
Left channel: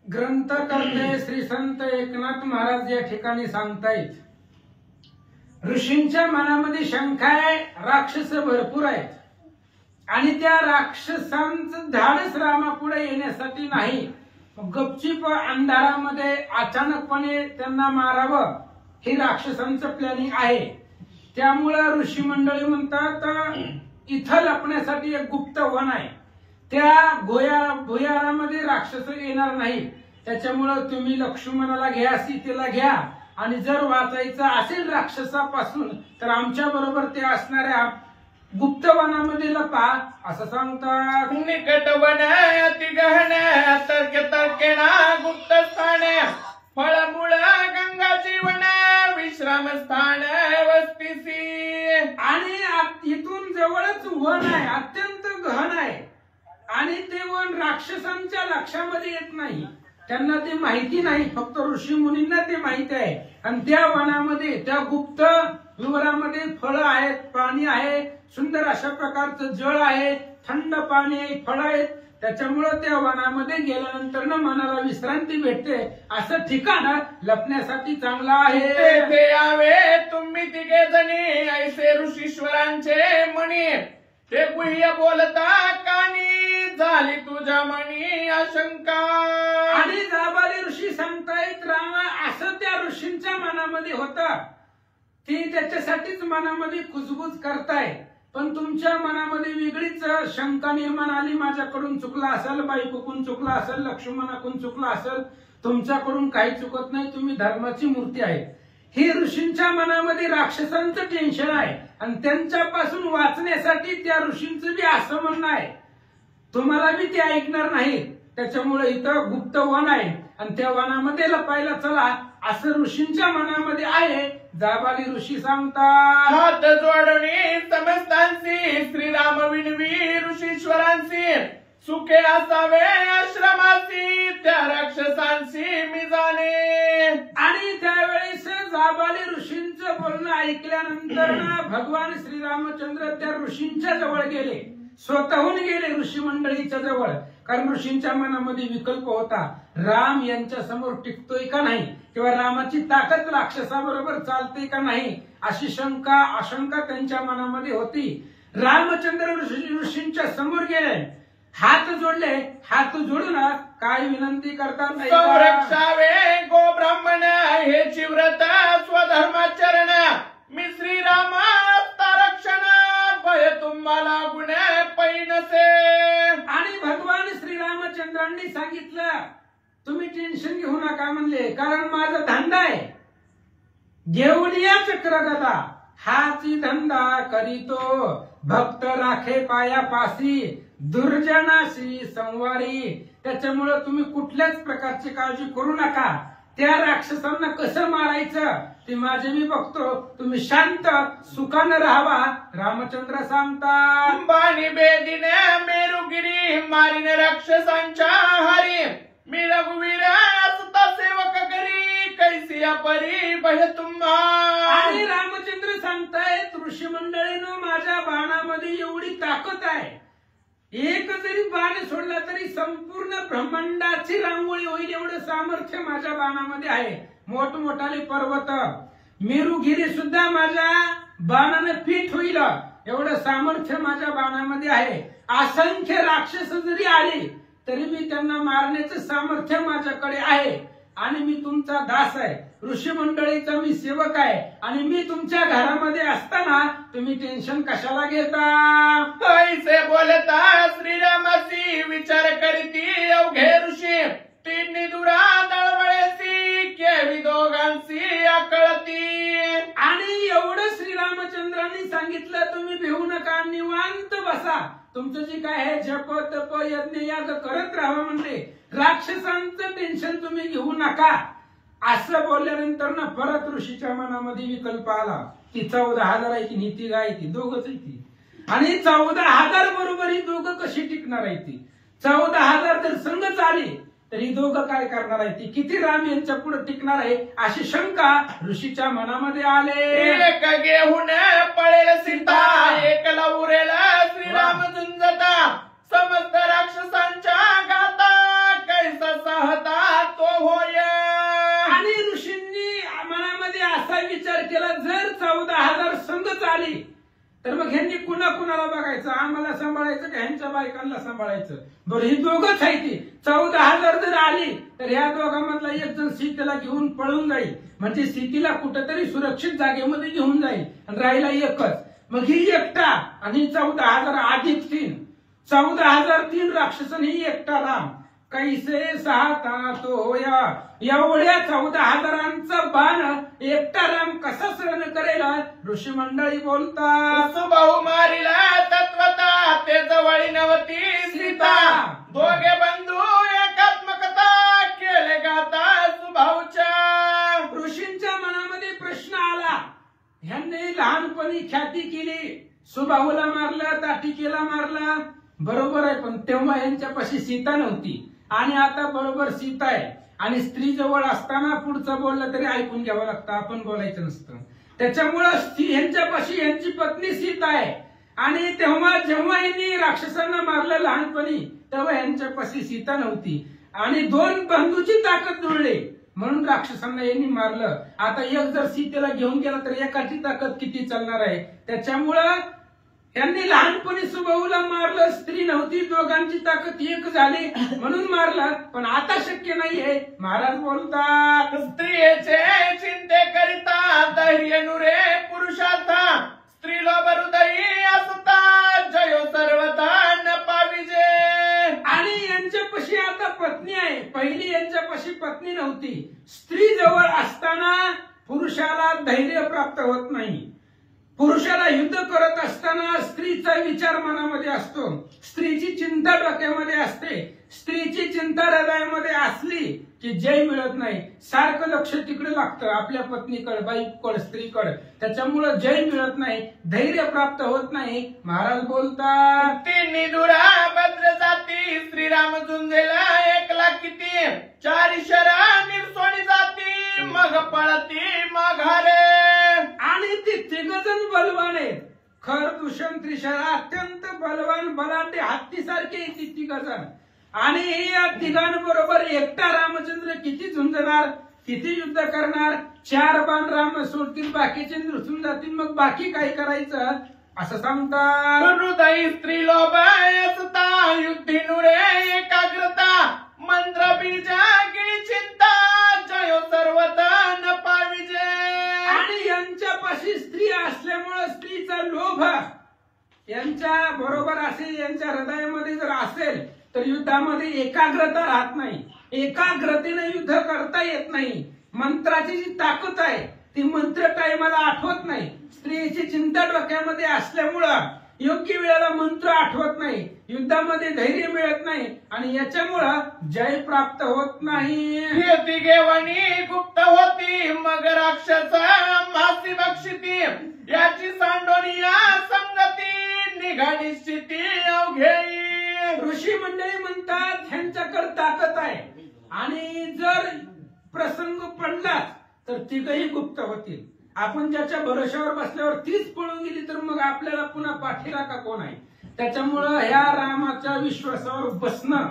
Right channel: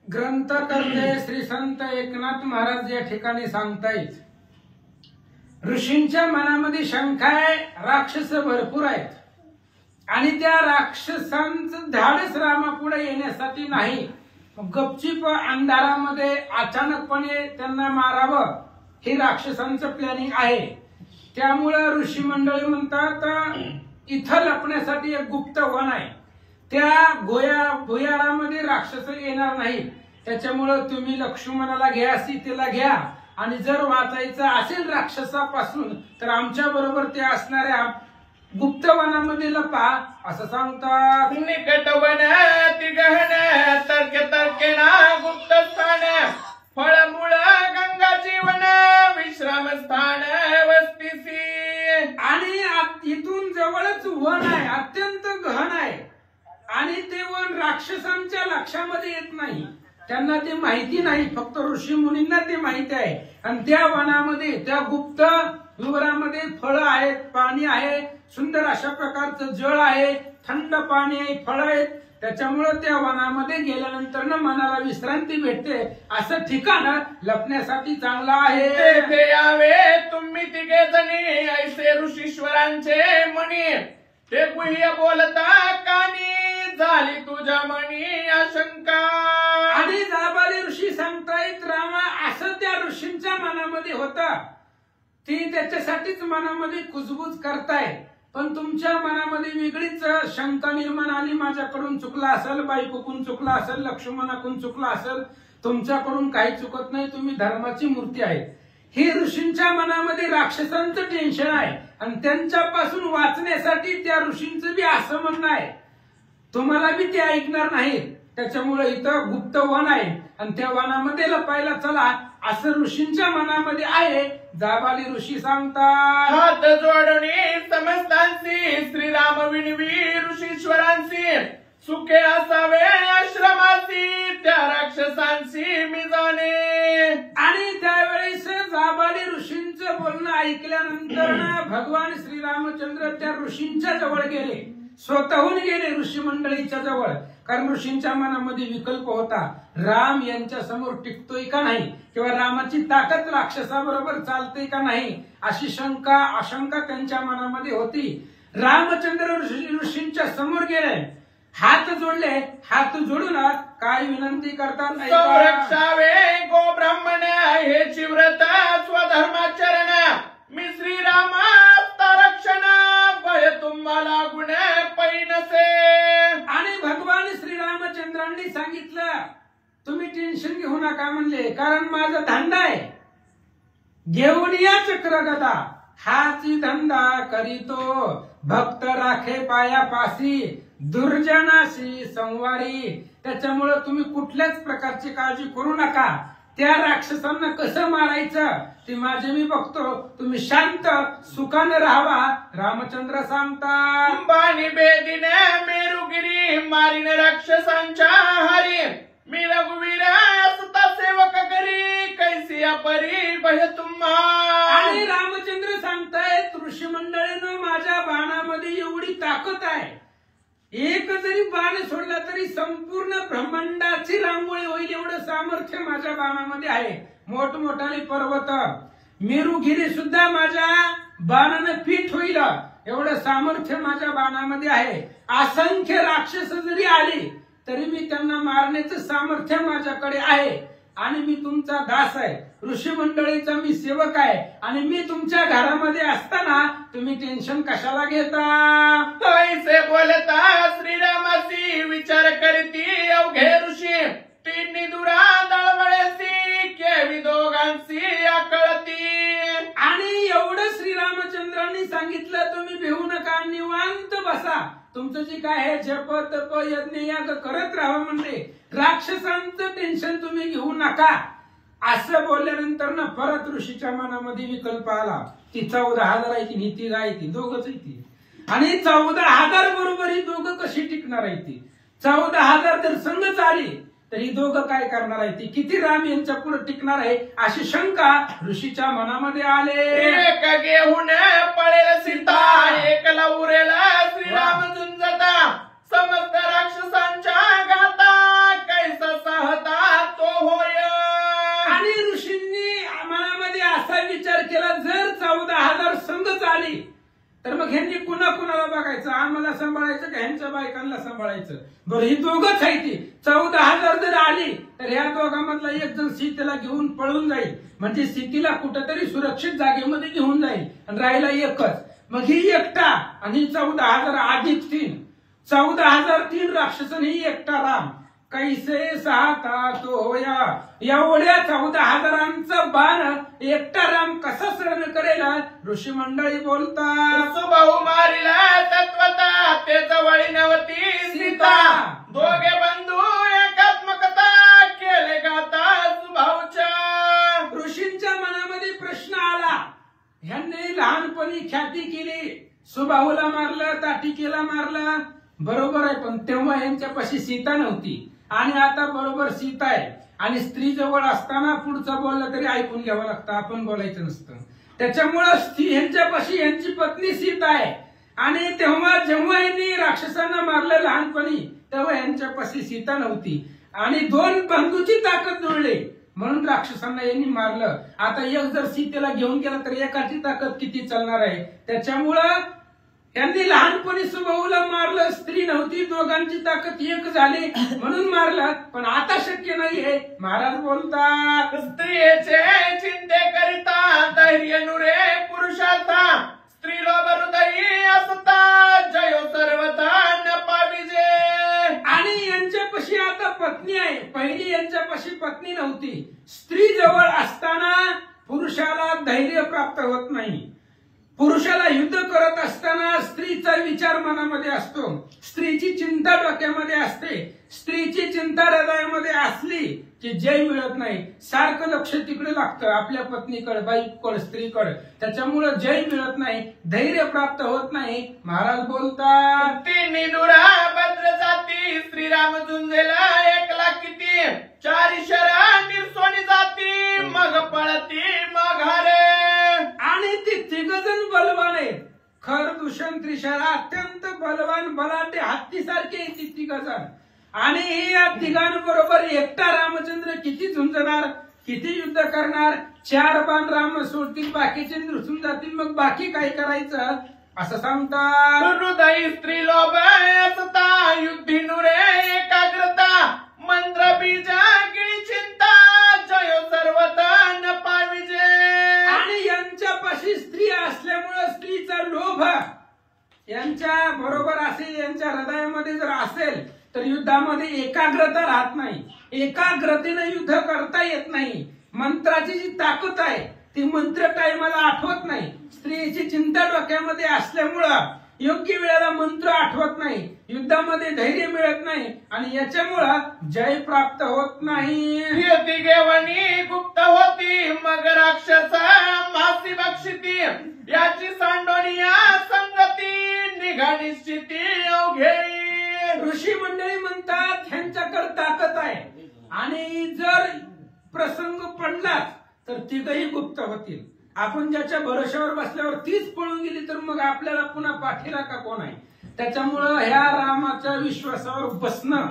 ग्रंथकर्ते श्री संत एकनाथ महाराज या ठिकाणी सांगतायत ऋषींच्या मनामध्ये शंका आहे, राक्षस भरपूर आहेत आणि त्या राक्षसांचं धाडस रामापुढे येण्यासाठी नाही, गपचीप अंधारामध्ये अचानकपणे त्यांना मारावं हे राक्षसांचं प्लॅनिंग आहे. त्यामुळं ऋषी मंडळी म्हणतात इथं लपण्यासाठी एक गुप्त वन आहे, त्या भुयारामध्ये राक्षस येणार नाहीत. त्याच्यामुळं तुम्ही लक्ष्मणाला घ्या, सीतेला घ्या आणि जर वाचायचं असेल राक्षसापासून तर आमच्या बरोबर ते असणाऱ्या गुप्त वनामध्ये लपा असं सांगतात. निकट वन अति गहन तर्क तर्केना गुप्त स्थान फळमूळ गंगा जीवन विश्राम स्थान वस्तीसी. आणि इथून जवळच वन आहे, अत्यंत गहन आहे आणि ते वन राक्षसांच्या लक्षामध्ये येत नाही, त्यांना ते माहिती नाही, फक्त ऋषी मुनींना ते माहिती आहे. आणि त्या वनामध्ये त्या गुप्त विवरामध्ये फळं आहेत, पाणी आहे, सुंदर अशा प्रकारचं जळ आहे, थंड पाणी आहे, फळं आहेत. त्याच्यामुळं त्या वनामध्ये गेल्यानंतर मनाला विश्रांती भेटते. असं ठिकाण लपण्यासाठी चांगलं आहे. तेथे यावे तुम्ही तिघे जणी ऐसे ऋषीश्वरांचे मणी, ते गुह्य बोलता कानी झाली तुझ्या मनी आशंका. आणि जाबाली ऋषी सांगतायत रामा असं त्या ऋषींच्या मनामध्ये होतं, ती त्याच्यासाठीच मनामध्ये कुजबूज करताय. पण तुमच्या मनामध्ये वेगळीच शंका निर्माण आली, माझ्याकडून चुकला असेल, बायकोकडून चुकला असेल, लक्ष्मणाकडून चुकला असेल. तुमच्याकडून काही चुकत नाही, तुम्ही धर्माची मूर्ती आहे. हे ऋषींच्या मनामध्ये राक्षसांचं टेन्शन आहे आणि त्यांच्यापासून वाचण्यासाठी त्या ऋषींचं बी असं म्हणणं आहे, तुम्हाला बी ते ऐकणार नाहीत. त्याच्यामुळे इथं गुप्त वन आहे आणि त्या वनामध्ये लपायला चला असं ऋषींच्या मनामध्ये आहे. जाबाली ऋषी सांगतात हात जोडणे समस्तांची श्रीराम विणवी ऋषीश्वरांची सुखे असावे आश्रमाची त्या राक्षसांची मी जाणे. आणि त्यावेळेस जाबाली ऋषींचं बोलणं ऐकल्यानंतर भगवान श्रीरामचंद्र त्या ऋषींच्या जवळ गेले, स्वतःहून गेले ऋषी मंडळीच्या जवळ. कारण ऋषींच्या मनामध्ये विकल्प होता, राम यांच्या समोर टिकतोय का नाही किंवा रामाची ताकद राक्षसाबरोबर चालते का नाही अशी शंका आशंका त्यांच्या मनामध्ये होती. रामचंद्र ऋषींच्या समोर गेले, हात जोडले, हात जोडून काय विनंती करतात, संरक्षावे गो ब्राह्मण हे व्रत स्वधर्माचरण मी श्रीरामाचा रक्षण भय तुम्हाला गुण पैनसे. आणि भगवान श्रीरामचंद्रांनी सांगितलं तुम्ही टेन्शन घेऊ नका म्हणले, कारण माझा धंदा आहे, घेऊन या चक्रगदा हाची धंदा करीतो, भक्त राखे पायापासी दुर्जनाशी संवारी. त्याच्यामुळे तुम्ही कुठल्याच प्रकारची काळजी करू नका, त्या राक्षसांना कसं मारायचं ते माझे मी बघतो, तुम्ही शांत सुखानं राहावा. रामचंद्र सांगतात बाणी बेदीने मेरुगिरी मारीन राक्षसांच्या हरी मी रघुवीर सुता सेवक करी कैसी परी भय तुम्हा. आणि रामचंद्र सांगतायत ऋषी मंडळीनं माझ्या बाणामध्ये एवढी ताकद आहे, एक जरी बाण सोडला तरी संपूर्ण ब्रह्मांडाची रांगोळी होईल एवढं सामर्थ्य माझ्या बाणामध्ये आहे. मोठमोठाले पर्वत मेरुगिरी सुद्धा माझ्या बाणाने पीठ होईल एवढं सामर्थ्य माझ्या बाणामध्ये आहे. असंख्य राक्षस जरी आले तरी मी त्यांना मारण्याचं सामर्थ्य माझ्याकडे आहे. आणि मी तुमचा दास आहे, ऋषी मंडळीचा मी सेवक आहे आणि मी तुमच्या घरामध्ये असताना तुम्ही टेन्शन कशाला घेता. ऐसे बोलता श्रीरामाची विचार करती अवघे ऋषी तिन्ही दुरा दळवळ्याची केवी दोघांची आकळती. आणि एवढं श्रीरामचंद्रांनी सांगितलं तुम्ही भिवू नका, निवांत बसा, तुमचं जे काय आहे जप तप यज्ञ याग करत राहा म्हणजे राक्षसांचं टेन्शन तुम्ही घेऊ नका. असं बोलल्यानंतर ना परत ऋषीच्या मनामध्ये विकल्प आला की 14,000 आहे ती नीती आहे ती दोघच आहे ती, आणि 14,000 बरोबर ही दोघं कशी टिकणार आहे ती. 14,000 जर संघच आले तरी दोघं काय करणार आहे ती, किती राम यांच्या पुढे टिकणार आहे अशी शंका ऋषीच्या मनामध्ये आले. एक घेऊन पळेल सीता एकला उरेल श्रीराम झुंजता समस्त राक्षसांच्या घाता कैसा सहता तो होय. आणि ऋषींनी मनामध्ये असा विचार केला जर 14,000 तर मग ह्यांनी कुणाला बघायचं, आम्हाला सांभाळायचं का ह्यांच्या बायकांना सांभाळायचं? बरं, ही दोघंच आहे ती. 14,000 जर आली तर ह्या दोघांमधला एक जण सीतेला घेऊन पळून जाईल, म्हणजे सीतेला कुठेतरी सुरक्षित जागेमध्ये घेऊन जाईल आणि राहिला एकच. मग ही एकटा आणि 14,000 अधिक 3, 14,003 राक्षस आणि ही एकटा राम. कैसे साता तो होया. एवढ्या 14,000चा बाण एकटा राम कसा सहन करेल? ऋषी मंडळी बोलतात, सुभाऊ मारिला तत्वता ते जवळी नवती सीता. दोघे बंधू एकात्मकता केले गाता सुभाऊच्या. ऋषींच्या मनामध्ये प्रश्न आला. ह्यांनी लहानपणी ख्याती केली, सुबाहूला मारलं, ताटिकेला मारलं, बरोबर आहे. पण तेव्हा यांच्यापाशी सीता नव्हती आणि आता बरोबर सीता आहे. आणि स्त्री जवळ असताना पुढचं बोललं तरी ऐकून घ्यावं लागतं, आपण बोलायचं नसतं. त्याच्यामुळं यांच्यापाशी यांची पत्नी सीता आहे. आणि तेव्हा जेव्हा यांनी राक्षसांना मारलं लहानपणी, तेव्हा यांच्यापाशी सीता नव्हती आणि 2 बंधूची ताकद जुळली म्हणून राक्षसांना यांनी मारलं. आता एक जर सीतेला घेऊन गेला तर एकाची ताकद किती चालणार आहे? त्याच्यामुळं यांनी लहानपणी सुबाहूला मारलं, स्त्री नव्हती, दोघांची ताकद एक झाली म्हणून मारलं. पण आता शक्य नाहीये. महाराज बोलतात, स्त्रियेचे चिंते करिता धैर्य नुरे पुरुषार्था. स्त्रीला हृदयी असता जयो सर्वथा न पाविजे. आणि यांच्यापाशी आता पत्नी आहे. पहिली यांच्यापाशी पत्नी नव्हती. स्त्री जवळ असताना पुरुषाला धैर्य प्राप्त होत नाही. पुरुषाला युद्ध करत असताना स्त्रीचा विचार मनामध्ये असतो, स्त्रीची चिंता डोक्यामध्ये असते. स्त्रीची चिंता हृदयामध्ये असली की जय मिळत नाही. सारखं लक्ष तिकडे लागतं, आपल्या पत्नीकडे, बाईकडे, स्त्रीकडे. त्याच्यामुळं जय मिळत नाही, धैर्य प्राप्त होत नाही. महाराज बोलतात, तिन्ही दुरा भद्र जाती. श्रीराम झुंजेला 1,00,000 किती. 4 शरा निर्सोनी जाती. मग पळती मघारे. आणि ते 3 जण बलवान आहेत. खर, दूषण, त्रिशरा अत्यंत बलवान, बलाढ्य, हत्तीसारखे 3 जण. आणि या 3घांबरोबर एकटा रामचंद्र किती झुंजणार, किती युद्ध करणार? 4 बाण राम सोडतील, बाकीचे नृसून जातील. मग बाकी काय करायचं असं सांगतात. हृदय स्त्री लोभ असता. युद्धी नुरे एकाग्रता. मंत्र बीजा गिळी चिंता. जयो सर्वथा न पाविजे. आणि यांच्यापाशी स्त्री असल्यामुळे स्त्रीचा लोभ यांच्या बरोबर असेल, यांच्या हृदयामध्ये जर असेल तर युद्धामध्ये एकाग्रता राहत नाही. एकाग्रतेने युद्ध करता येत नाही. मंत्राची जी ताकद आहे ती मंत्र टायमाला आठवत नाही. स्त्रीची चिंता डोक्यामध्ये असल्यामुळं योग्य वेळेला मंत्र आठवत नाही. युद्धामध्ये धैर्य मिळत नाही आणि याच्यामुळं जय प्राप्त होत नाही. ती घेवणी गुप्त होती. मग राक्षस मासी बक्षिती. याची सांडोनिया संगती. निघा निश्चिती अवघे. ऋषी मंडळी म्हणतात ह्यांच्याकडे ताकद आहे आणि जर प्रसंग पडला तर 3घही गुप्त होतील. आपण ज्याच्या भरोश्यावर बसल्यावर तीच पळून गेली तर मग आपल्याला पुन्हा पाठीराखा कोण आहे? त्याच्यामुळं ह्या रामाच्या विश्वासावर बसणं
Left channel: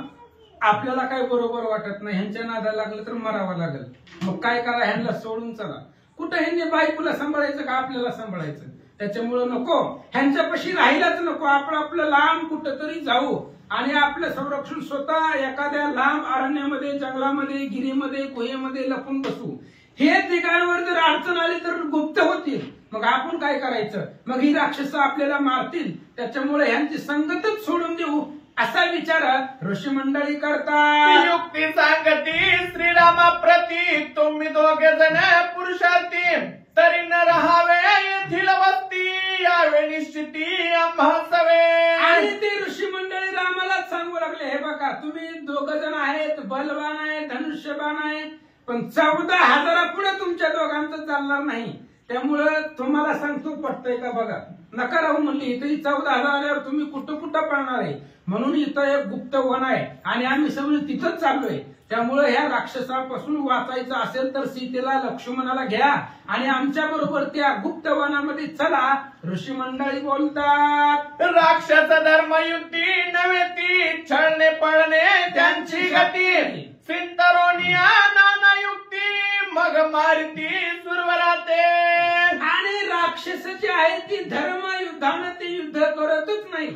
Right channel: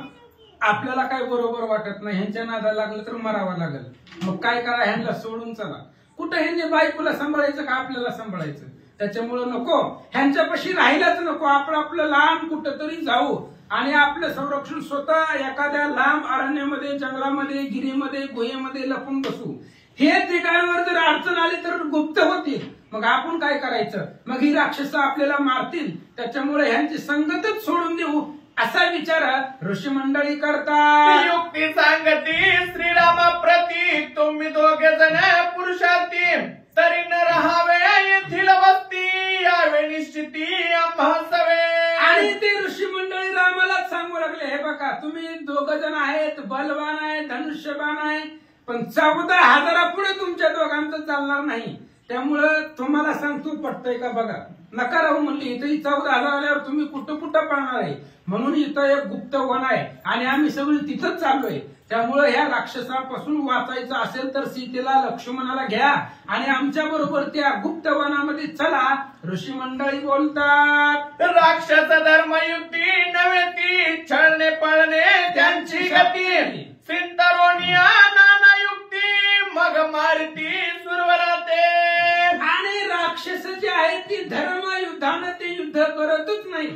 आपल्याला काय बरोबर वाटत नाही. ह्यांच्या नादाला लागलं तर मरावं लागेल. मग काय करा, ह्यांना सोडून चला. कुठं ह्यांनी बायकोला सांभाळायचं का आपल्याला सांभाळायचं? त्याच्यामुळं नको, ह्यांच्यापाशी राहिलाच नको. आपलं लांब कुठंतरी जाऊ आणि आपलं संरक्षण स्वतः एखाद्या लांब अरण्यामध्ये, जंगलामध्ये, गिरीमध्ये, गुहेमध्ये लपून बसू. हे ठिकाणावर जर अडचण आली तर गुप्त होतील. मग आपण काय करायचं? मग ही राक्षस आपल्याला मारतील. त्याच्यामुळे ह्यांची संगतच सोडून देऊ असा विचार ऋषी मंडळी करतात. युक्ती सांगती श्रीरामा प्रती. तुम्ही 2 जण पुरुषार्थी. तरी न राहावे येथील वस्ती. यावे निश्चिती आम्हासवे. आणि ते ऋषी मंडळी रामाला सांगू लागले, हे बघा तुम्ही 2 जण आहेत, बलवान आहे, धनुष्यबाण आहे, पण 14,000 पुढे तुमच्या दोघांचं चालणार नाही. त्यामुळं तुम्हाला सांगतो, पटतंय का बघा. नका राहू म्हणली. इथं 14,000 आल्यावर तुम्ही कुठं पळणार आहे? म्हणून इथं एक गुप्त वन आहे आणि आम्ही सगळी तिथंच चाललोय. त्यामुळे ह्या राक्षसापासून वाचायचं असेल तर सीतेला, लक्ष्मणाला घ्या आणि आमच्या बरोबर त्या गुप्त वनामध्ये चला. ऋषी मंडळी बोलतात, राक्षस धर्मयुक्ती नव्हे ती. छळणे पळणे त्यांची गती. सिंतरोनिया नाना युक्ती. मग मारती सुरवराते. आणि राक्षस जी आहे ती धर्मयुक्त युद्धानं ते युद्ध करतच नाही.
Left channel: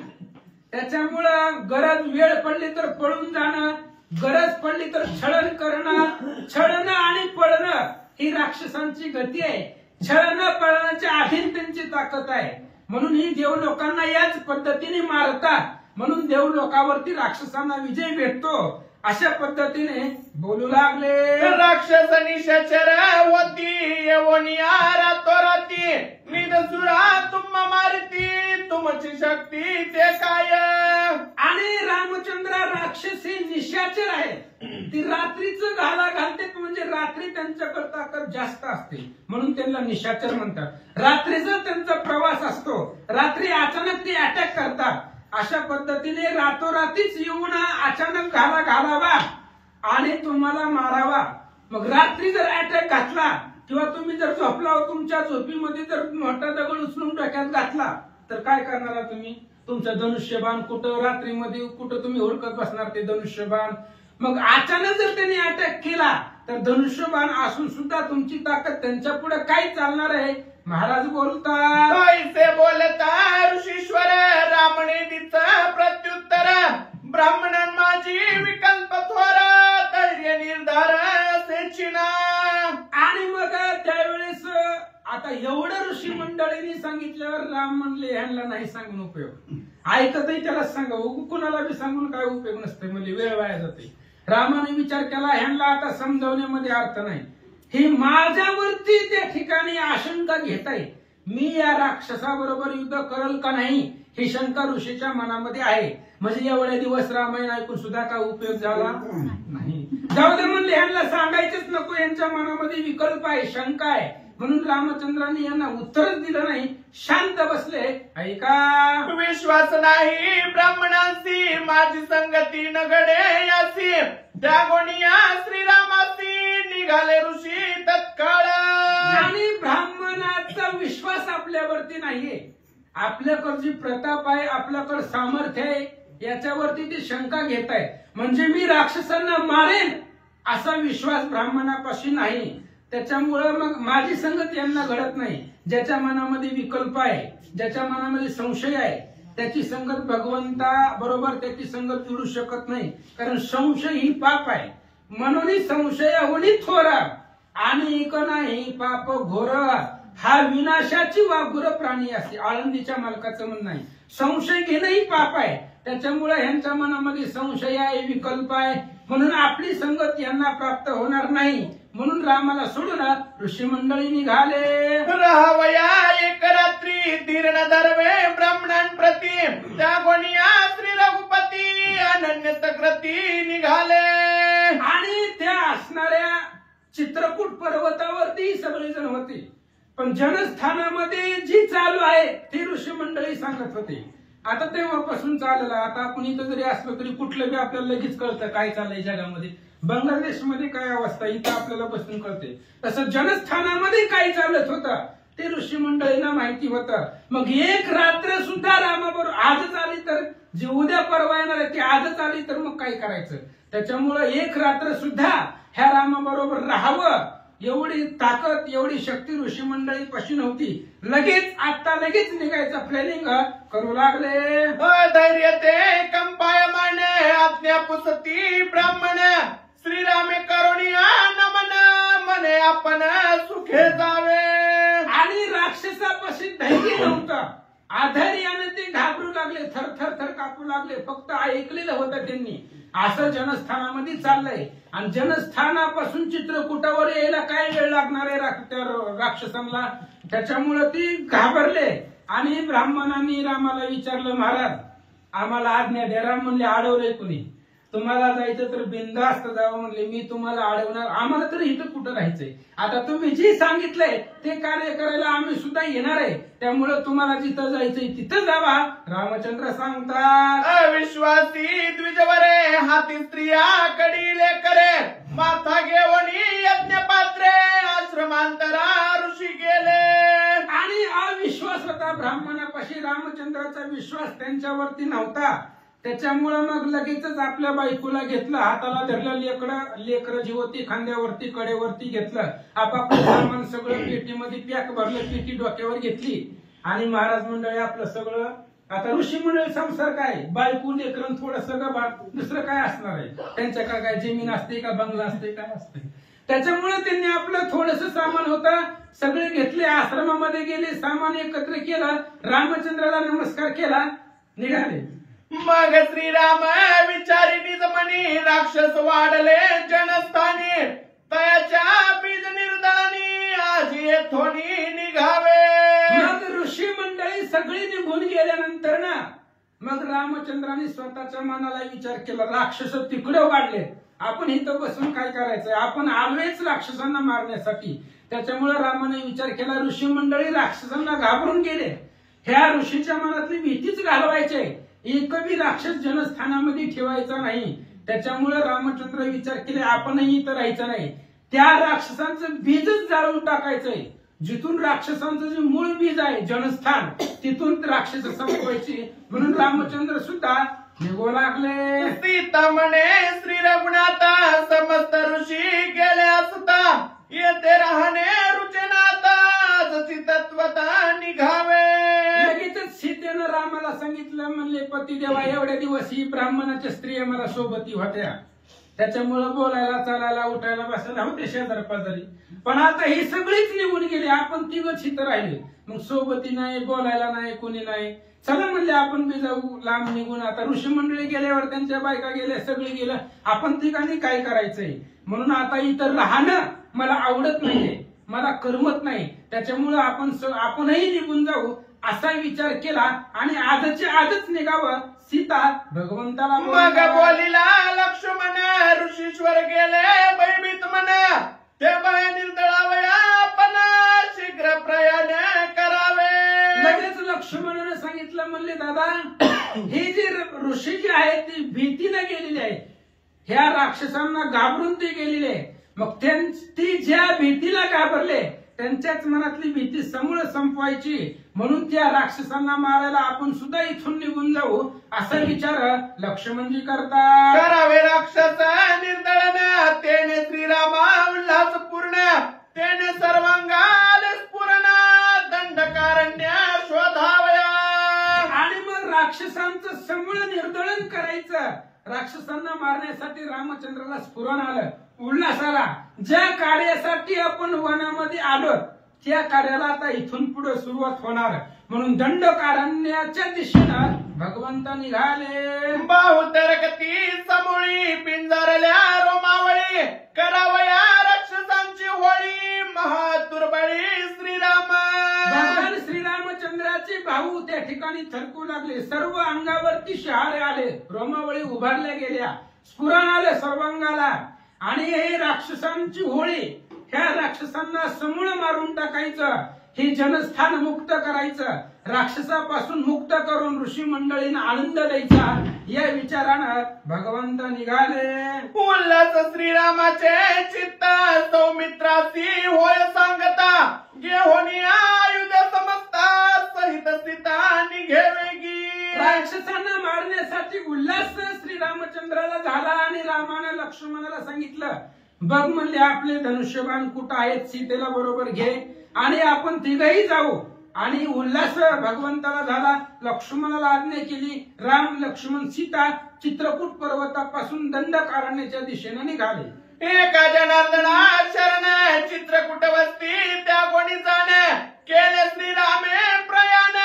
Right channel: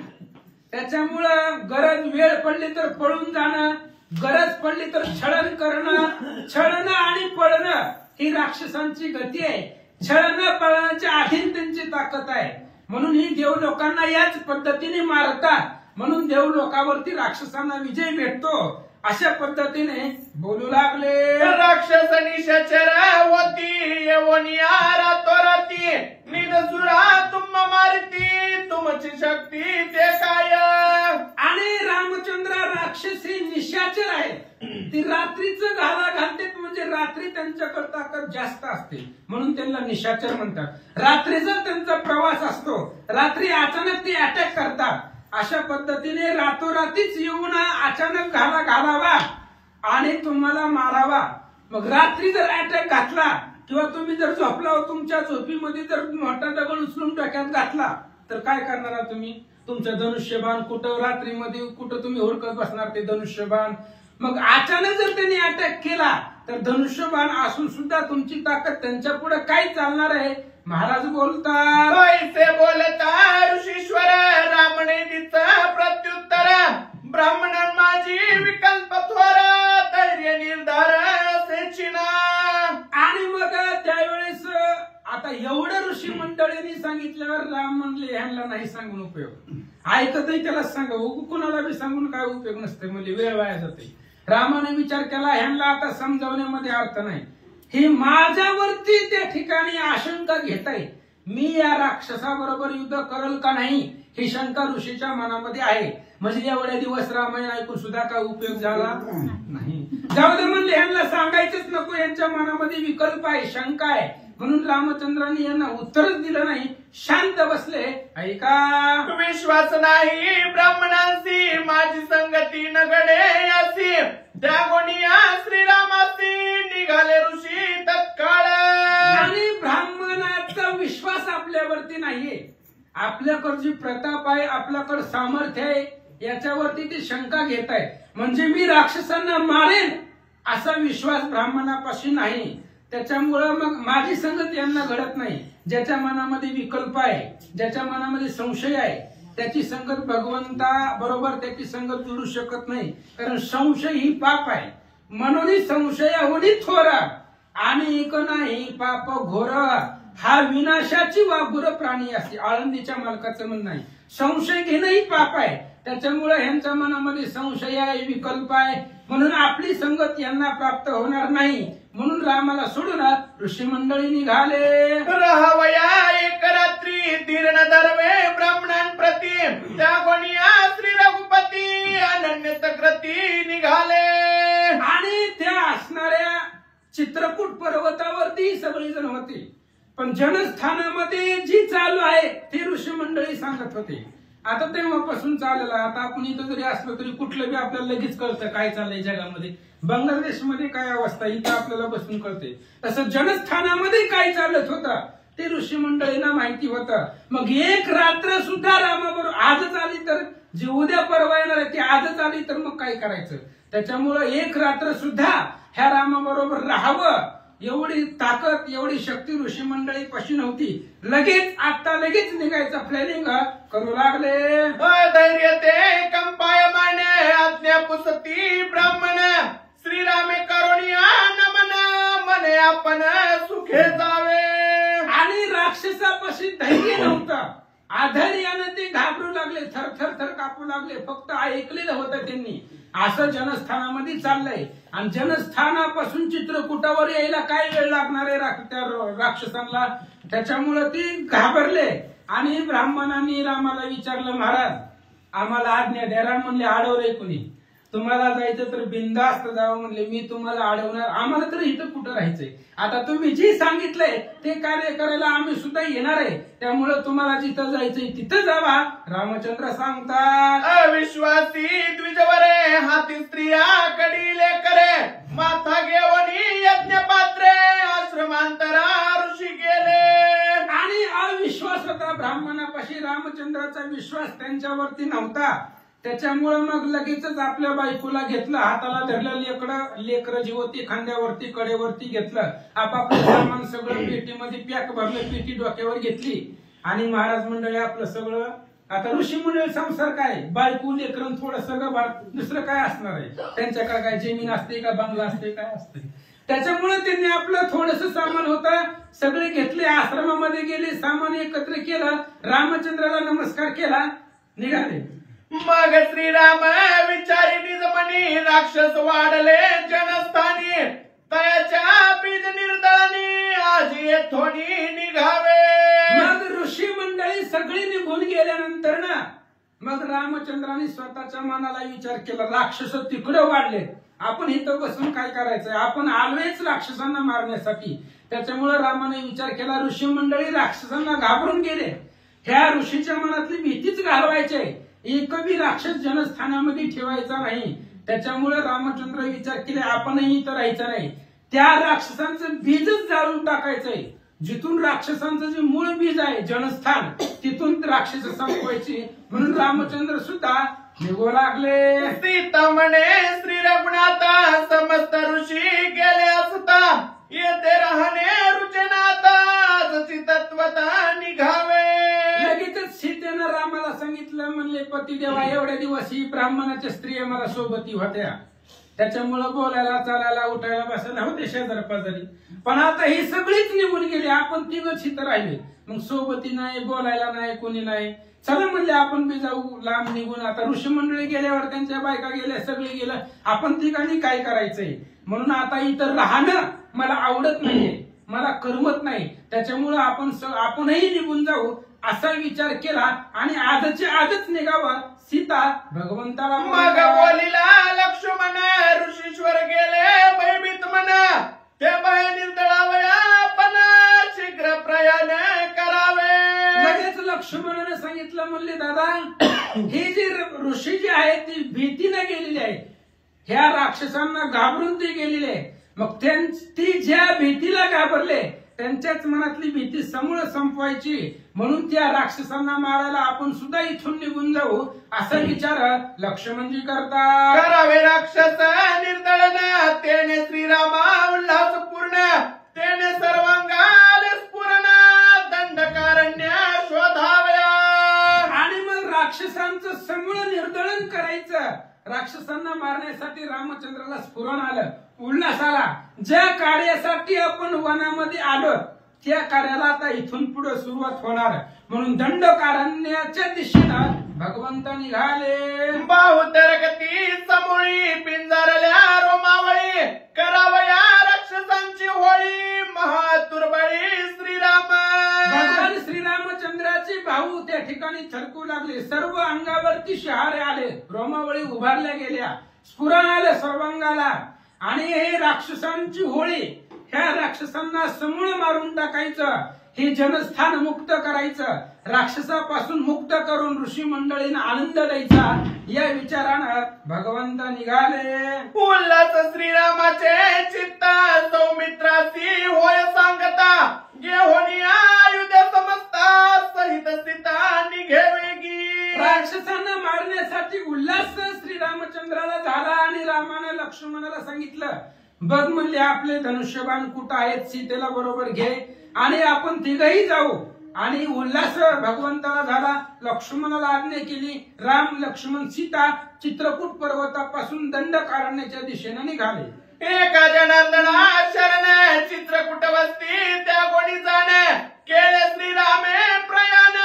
त्याच्यामुळं गरज वेळ पडली तर पळून जाणं, गरज पडली तर छळण करणं, छळणं आणि पळणं ही राक्षसांची गती आहे. छळणं पळण्याच्या अधीन त्यांची ताकद आहे. म्हणून ही देव लोकांना याच पद्धतीने मारतात. म्हणून देव लोकांवरती राक्षसांना विजय भेटतो. अशा पद्धतीने बोलू लागले. राक्षस निशाचर होती येवनिया तोरती निदसुरा तुम मारती तुमची शक्ती ते काय. आणि रामचंद्र राक्षस हे निशाचर आहे. ती रात्रीचं घाला घालतात म्हणजे रात्री त्यांच्याकडे ताकद जास्त असते म्हणून त्यांना निशाचर म्हणतात. रात्रीचा त्यांचा प्रवास असतो. रात्री अचानक ते अटॅक करतात. अशा पद्धतीने रातोरातीच येऊन अचानक घाला घालावा आणि तुम्हाला मारावा. मग रात्री जर अटॅक घातला किंवा तुम्ही जर झोपला तुमच्या झोपीमध्ये जर मोठा दगड उचलून डोक्यात घातला तर काय करणार तुम्ही? तुमचं धनुष्यबाण कुठं रात्रीमध्ये कुठं तुम्ही हुडकत बसणार ते धनुष्यबाण. मग अचानक जर त्यांनी अटॅक केला तर धनुष्यबाण असून सुद्धा तुमची ताकद त्यांच्या पुढे काय चालणार आहे? महाराज बोलतात. कैसे बोलता ऋषीश्वर रामने तिचं प्रत्युत्तर ब्राह्मणां माझी विकल्प थोर धैर्य निर्धार असे चिना. आणि मग त्यावेळेस आता एवढं ऋषी मंडळींनी सांगितल्यावर राम म्हणले ह्यांना नाही सांगून उपयोग. ऐकतही त्याला सांगा कुणाला बी सांगून काय उपयोग नसते म्हणजे वेळ वाया जाते. रामाने विचार केला ह्यांना आता समजवण्यामध्ये अर्थ नाही. ही माझ्यावरती त्या ठिकाणी आशंका घेत आहे. मी या राक्षसाबरोबर युद्ध करल का नाही ही शंका ऋषीच्या मनामध्ये आहे. म्हणजे एवढे दिवस रामायण ऐकून सुद्धा काय उपयोग झाला नाही. जाऊ दे म्हणले ह्यांना सांगायचंच नको. यांच्या मनामध्ये विकल्प आहे, शंका आहे. म्हणून रामचंद्रांनी यांना उत्तरच दिलं नाही. शांत बसले. ऐका. विश्वास नाही ब्राह्मणांशी माझी संगती नगडे असी त्या गोनिया श्रीरामासी निघाले ऋषी तत्काळ. आणि ब्राह्मणाचा विश्वास आपल्यावरती नाहीये. आपल्याकडे जी प्रताप आहे आपल्याकडे सामर्थ्य आहे याच्यावरती ती शंका घेत आहे. म्हणजे मी राक्षसांना मारेन असा विश्वास ब्राह्मणापाशी नाही. त्याच्यामुळं मग माझी संगत यांना घडत नाही. ज्याच्या मनामध्ये विकल्प आहे, ज्याच्या मनामध्ये संशय आहे त्याची संगत भगवंता बरोबर त्याची संगत जुळू शकत नाही. कारण संशय ही पाप आहे. म्हणून संशयाहुनी थोरा आणि एक नाही पाप घोर हा विनाशाची वाघुर प्राणी असते. आळंदीच्या मालकाचं म्हणणं आहे. संशय घेणंही पाप आहे. त्याच्यामुळे ह्यांच्या मनामध्ये संशय आहे, विकल्प आहे. म्हणून आपली संगत यांना प्राप्त होणार नाही. म्हणून रामाला सोडून ऋषी मंडळी निघाले. राहावया एक रात्री दीर्ण दरवे ब्राह्मणांप्रती त्या गोनिया श्री रघुपती अनन्य तक्रती निघाले. आणि त्या असणाऱ्या चित्रकूट पर्वतावरती सगळेजण होते. पण जनस्थानामध्ये जी चालू आहे ते ऋषी मंडळी सांगत होते. आता तेव्हापासून चाललं. आता आपण इथं जरी असलो तरी कुठलं बी आपल्याला लगेच कळतं काय चाललंय जगामध्ये. बांगलादेशमध्ये काय अवस्था इथं आपल्याला बसून कळते. तसं जनस्थानामध्ये काय चालत होतं ते ऋषी मंडळींना माहिती होतं. मग एक रात्र सुद्धा रामाबरोबर आजच आली तर जी उद्या परवा येणार आहे ती आजच आली तर मग काय करायचं. त्याच्यामुळं एक रात्र सुद्धा ह्या रामाबरोबर राहावं एवढी ताकद एवढी शक्ती ऋषी मंडळी पाशी नव्हती. लगेच निघायचं प्लॅनिंग करू लागले. धैर्य ते कंपायमाने आज्ञा पुसती ब्राह्मण श्रीरामे करुणिया नमन मने आपण सुखे जावे. आणि राक्षसापाशी धैर्य नव्हतं. आधैर्यानं ते घाबरू लागले, थर कापू लागले. फक्त ऐकलेलं होतं त्यांनी. असं जनस्थानामध्ये चाललंय. आणि जनस्थानापासून चित्रकूटावर यायला काय वेळ लागणार आहे त्या राक्षसांना. त्याच्यामुळे ती घाबरले. आणि ब्राह्मणांनी रामाला विचारलं महाराज आम्हाला आज्ञा द्या. राम म्हणले अडवलंय कुणी. तुम्हाला जायचं तर बिनधास्त जावं म्हणले. मी तुम्हाला अडवणार. आम्हाला तर इथं कुठं राहायचंय. आता तुम्ही जे सांगितलंय ते कार्य करायला आम्ही सुद्धा येणार आहे. त्यामुळे तुम्हाला जिथं जायचंय तिथं जावा. रामचंद्र सांगतात. अविश्वासी द्विजवरे हाती स्त्रिया कडीले करे माथा घेवणी यज्ञ पात्रे आश्रमांतरा ऋषी गेले. आणि अविश्वास होता ब्राह्मणापाशी. रामचंद्राचा विश्वास त्यांच्यावरती नव्हता. त्याच्यामुळे मग लगेचच आपल्या बायकोला घेतलं. हाताला धरलं. लेकरं जी होती खांद्यावरती कडेवरती घेतलं. आपापलं सामान सगळं पेटीमध्ये पॅक भरलं. पेटी डोक्यावर घेतली आणि महाराज मंडळी आपलं सगळं आता ऋषी मंडळी संसार काय बायको लेकरं थोडं सगळं दुसरं काय असणार आहे त्यांच्याकडे काय जमीन असते का बंगला असते काय असते त्याच्यामुळे त्यांनी आपलं थोडस सामान होतं सगळे घेतले आश्रमामध्ये गेले सामान एकत्र केलं रामचंद्राला नमस्कार केला निघाले मग श्रीराम विचारी निजमनी राक्षस वाढले जनस्थानी तयाच्या बीज निर्दळानी आज येथोनी निघावे मग ऋषी मंडळी सगळी निघून गेल्यानंतर ना मग रामचंद्राने स्वतःच्या मनाला विचार केला राक्षस तिकडे वाढले आपण इथं बसून काय करायचंय आपण आलोयच राक्षसांना मारण्यासाठी त्याच्यामुळे रामाने विचार केला ऋषी मंडळी राक्षसांना घाबरून गेले ह्या ऋषीच्या मनातली भीतीच घालवायचे एकही राक्षस जनस्थानामध्ये ठेवायचा नाही त्याच्यामुळे रामचंद्र विचार केले आपणही इथं राहायचं नाही त्या राक्षसांचं बीजच जाळून टाकायचंय जिथून राक्षसांचं जे मूळ बीज आहे जनस्थान तिथून राक्षस संपवायची म्हणून रामचंद्र सुद्धा निघू लागले सीता म्हणे श्री रघुनाथा समस्त ऋषी गेले असता येथे राहणे रुचनाता जची तत्वता निघावे लगेचच सीतेनं रामाला सांगितलं म्हणले पतिदेवा एवढ्या दिवस ही ब्राह्मणाच्या स्त्रिया मला सोबती होत्या त्याच्यामुळे बोलायला चालायला उठायला बसायला होते शेजार पाजारी पण आता ही सगळीच निघून गेली आपण तिघच इथं राहिले मग सोबती नाही बोलायला नाही कोणी नाही चला म्हणजे आपण बी जाऊ लांब निघून आता ऋषी मंडळी गेल्यावर त्यांच्या बायका गेल्या सगळे गेलं आपण तिघांनी काय करायचंय म्हणून आता इथं राहणं मला आवडत नाहीये मला करमत नाही त्याच्यामुळे आपणही निघून जाऊ असा विचार केला आणि आजच्या आजच निघावं सीता भगवंताला मग बोलिला लक्ष्मण ऋषीश्वर गेले भयभीत म्हणा ते भय निर्दळावया आपण शीघ्र प्रयाण करावे लगेच लक्ष्मणाने सांगितलं म्हणले दादा हे जे ऋषी जे आहेत ती भीतीने गेलेली आहेत ह्या राक्षसांना घाबरून ते गेलेले आहे मग ती ज्या भीतीला घाबरले त्यांच्याच मनातली भीती समूळ संपवायची म्हणून त्या राक्षसांना मारायला आपण सुद्धा इथून निघून जाऊ असा विचार लक्ष्मणजी करतात करावे राक्षस निर्दळन तेने श्रीरामा उल्हास पूर्ण तेने सर्वांगाल स्फुरण दंडकारण्य शोधावया आणि मग राक्षसांचं समूळ निर्दळन करायचं राक्षसांना मारण्यासाठी रामचंद्राला स्फुरण आलं उल्हास आला ज्या कार्यासाठी आपण वनामध्ये आलो त्या कार्याला आता इथून पुढे सुरुवात होणार म्हणून दंडकारण्याच्या दिशेनं भगवंत निघाले बाहुतरकती समोळी पिंजारल्या रोमावळी करावया राक्षसांची होळी महातुरबळी श्रीराम भगवान श्रीरामचंद्राचे भाऊ त्या ठिकाणी थरकू लागले सर्व अंगावरती शहारे आले रोमावळी उभारल्या गेल्या स्फुरण आले सर्वांगाला आणि हे राक्षसांची होळी ह्या राक्षसांना समूळ मारून टाकायचं हे जनस्थान मुक्त करायचं राक्षसापासून मुक्त करून ऋषी मंडळींना आनंद द्यायचा या विचारानं भगवंत निघाले उल्हास श्रीरामाचे चित्ता सौमित्रासी होय सांगता घेऊन आयुध समजता सहित सीता निघेवेगी राक्षसांना मारण्यासाठी उल्हास श्रीरामचंद्राला झाला आणि रामानं लक्ष्मणाला सांगितलं बघ म्हणले आपले धनुष्यबाण कुठं आहेत सीतेला बरोबर घे आणि आपण तिघही जाऊ आणि उल्हास भगवंताला झाला लक्ष्मणाला आज्ञा केली राम लक्ष्मण सीता चित्रकूट पर्वतापासून दंडकारण्याच्या दिशेने निघाले एका जनार्दना शरण चित्रकूट वस्ती त्या कोणी जाण केले श्रीरामे प्रयाण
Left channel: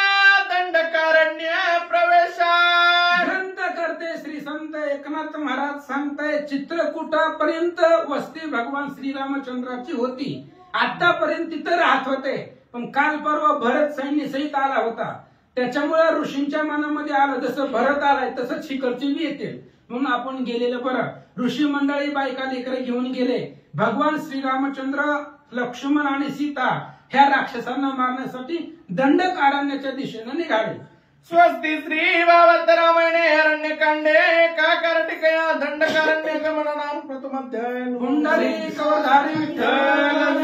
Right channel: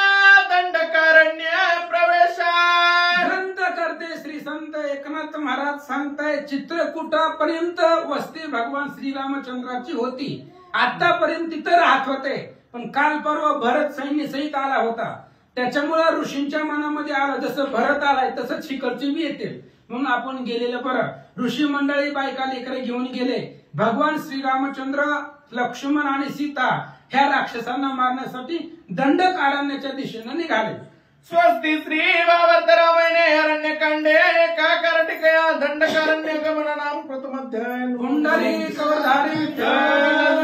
दंडकारण्य प्रवेशा ग्रंथ करते श्री संत एकनाथ महाराज सांगताय चित्रकूटापर्यंत वस्ती भगवान श्रीरामचंद्राची होती आतापर्यंत तिथं राहत होते पण काल परवा भरत सैन्य सहित आला होता त्याच्यामुळे ऋषींच्या मनामध्ये आलं जसं भरत आलाय तसंच शिखरची बी येते म्हणून आपण गेलेलं बरं ऋषी मंडळी बायका लेकरे घेऊन गेले भगवान श्रीरामचंद्र लक्ष्मण आणि सीता ह्या राक्षसांना मारण्यासाठी दंडकारण्याच्या दिशेने निघाले स्वस्ती श्री वावतरामणे अरण्यकांडे एका कर्टिकया दंडकारण्य गमन नाम प्रथम अध्याय कुंडली कवधारी विठ्ठल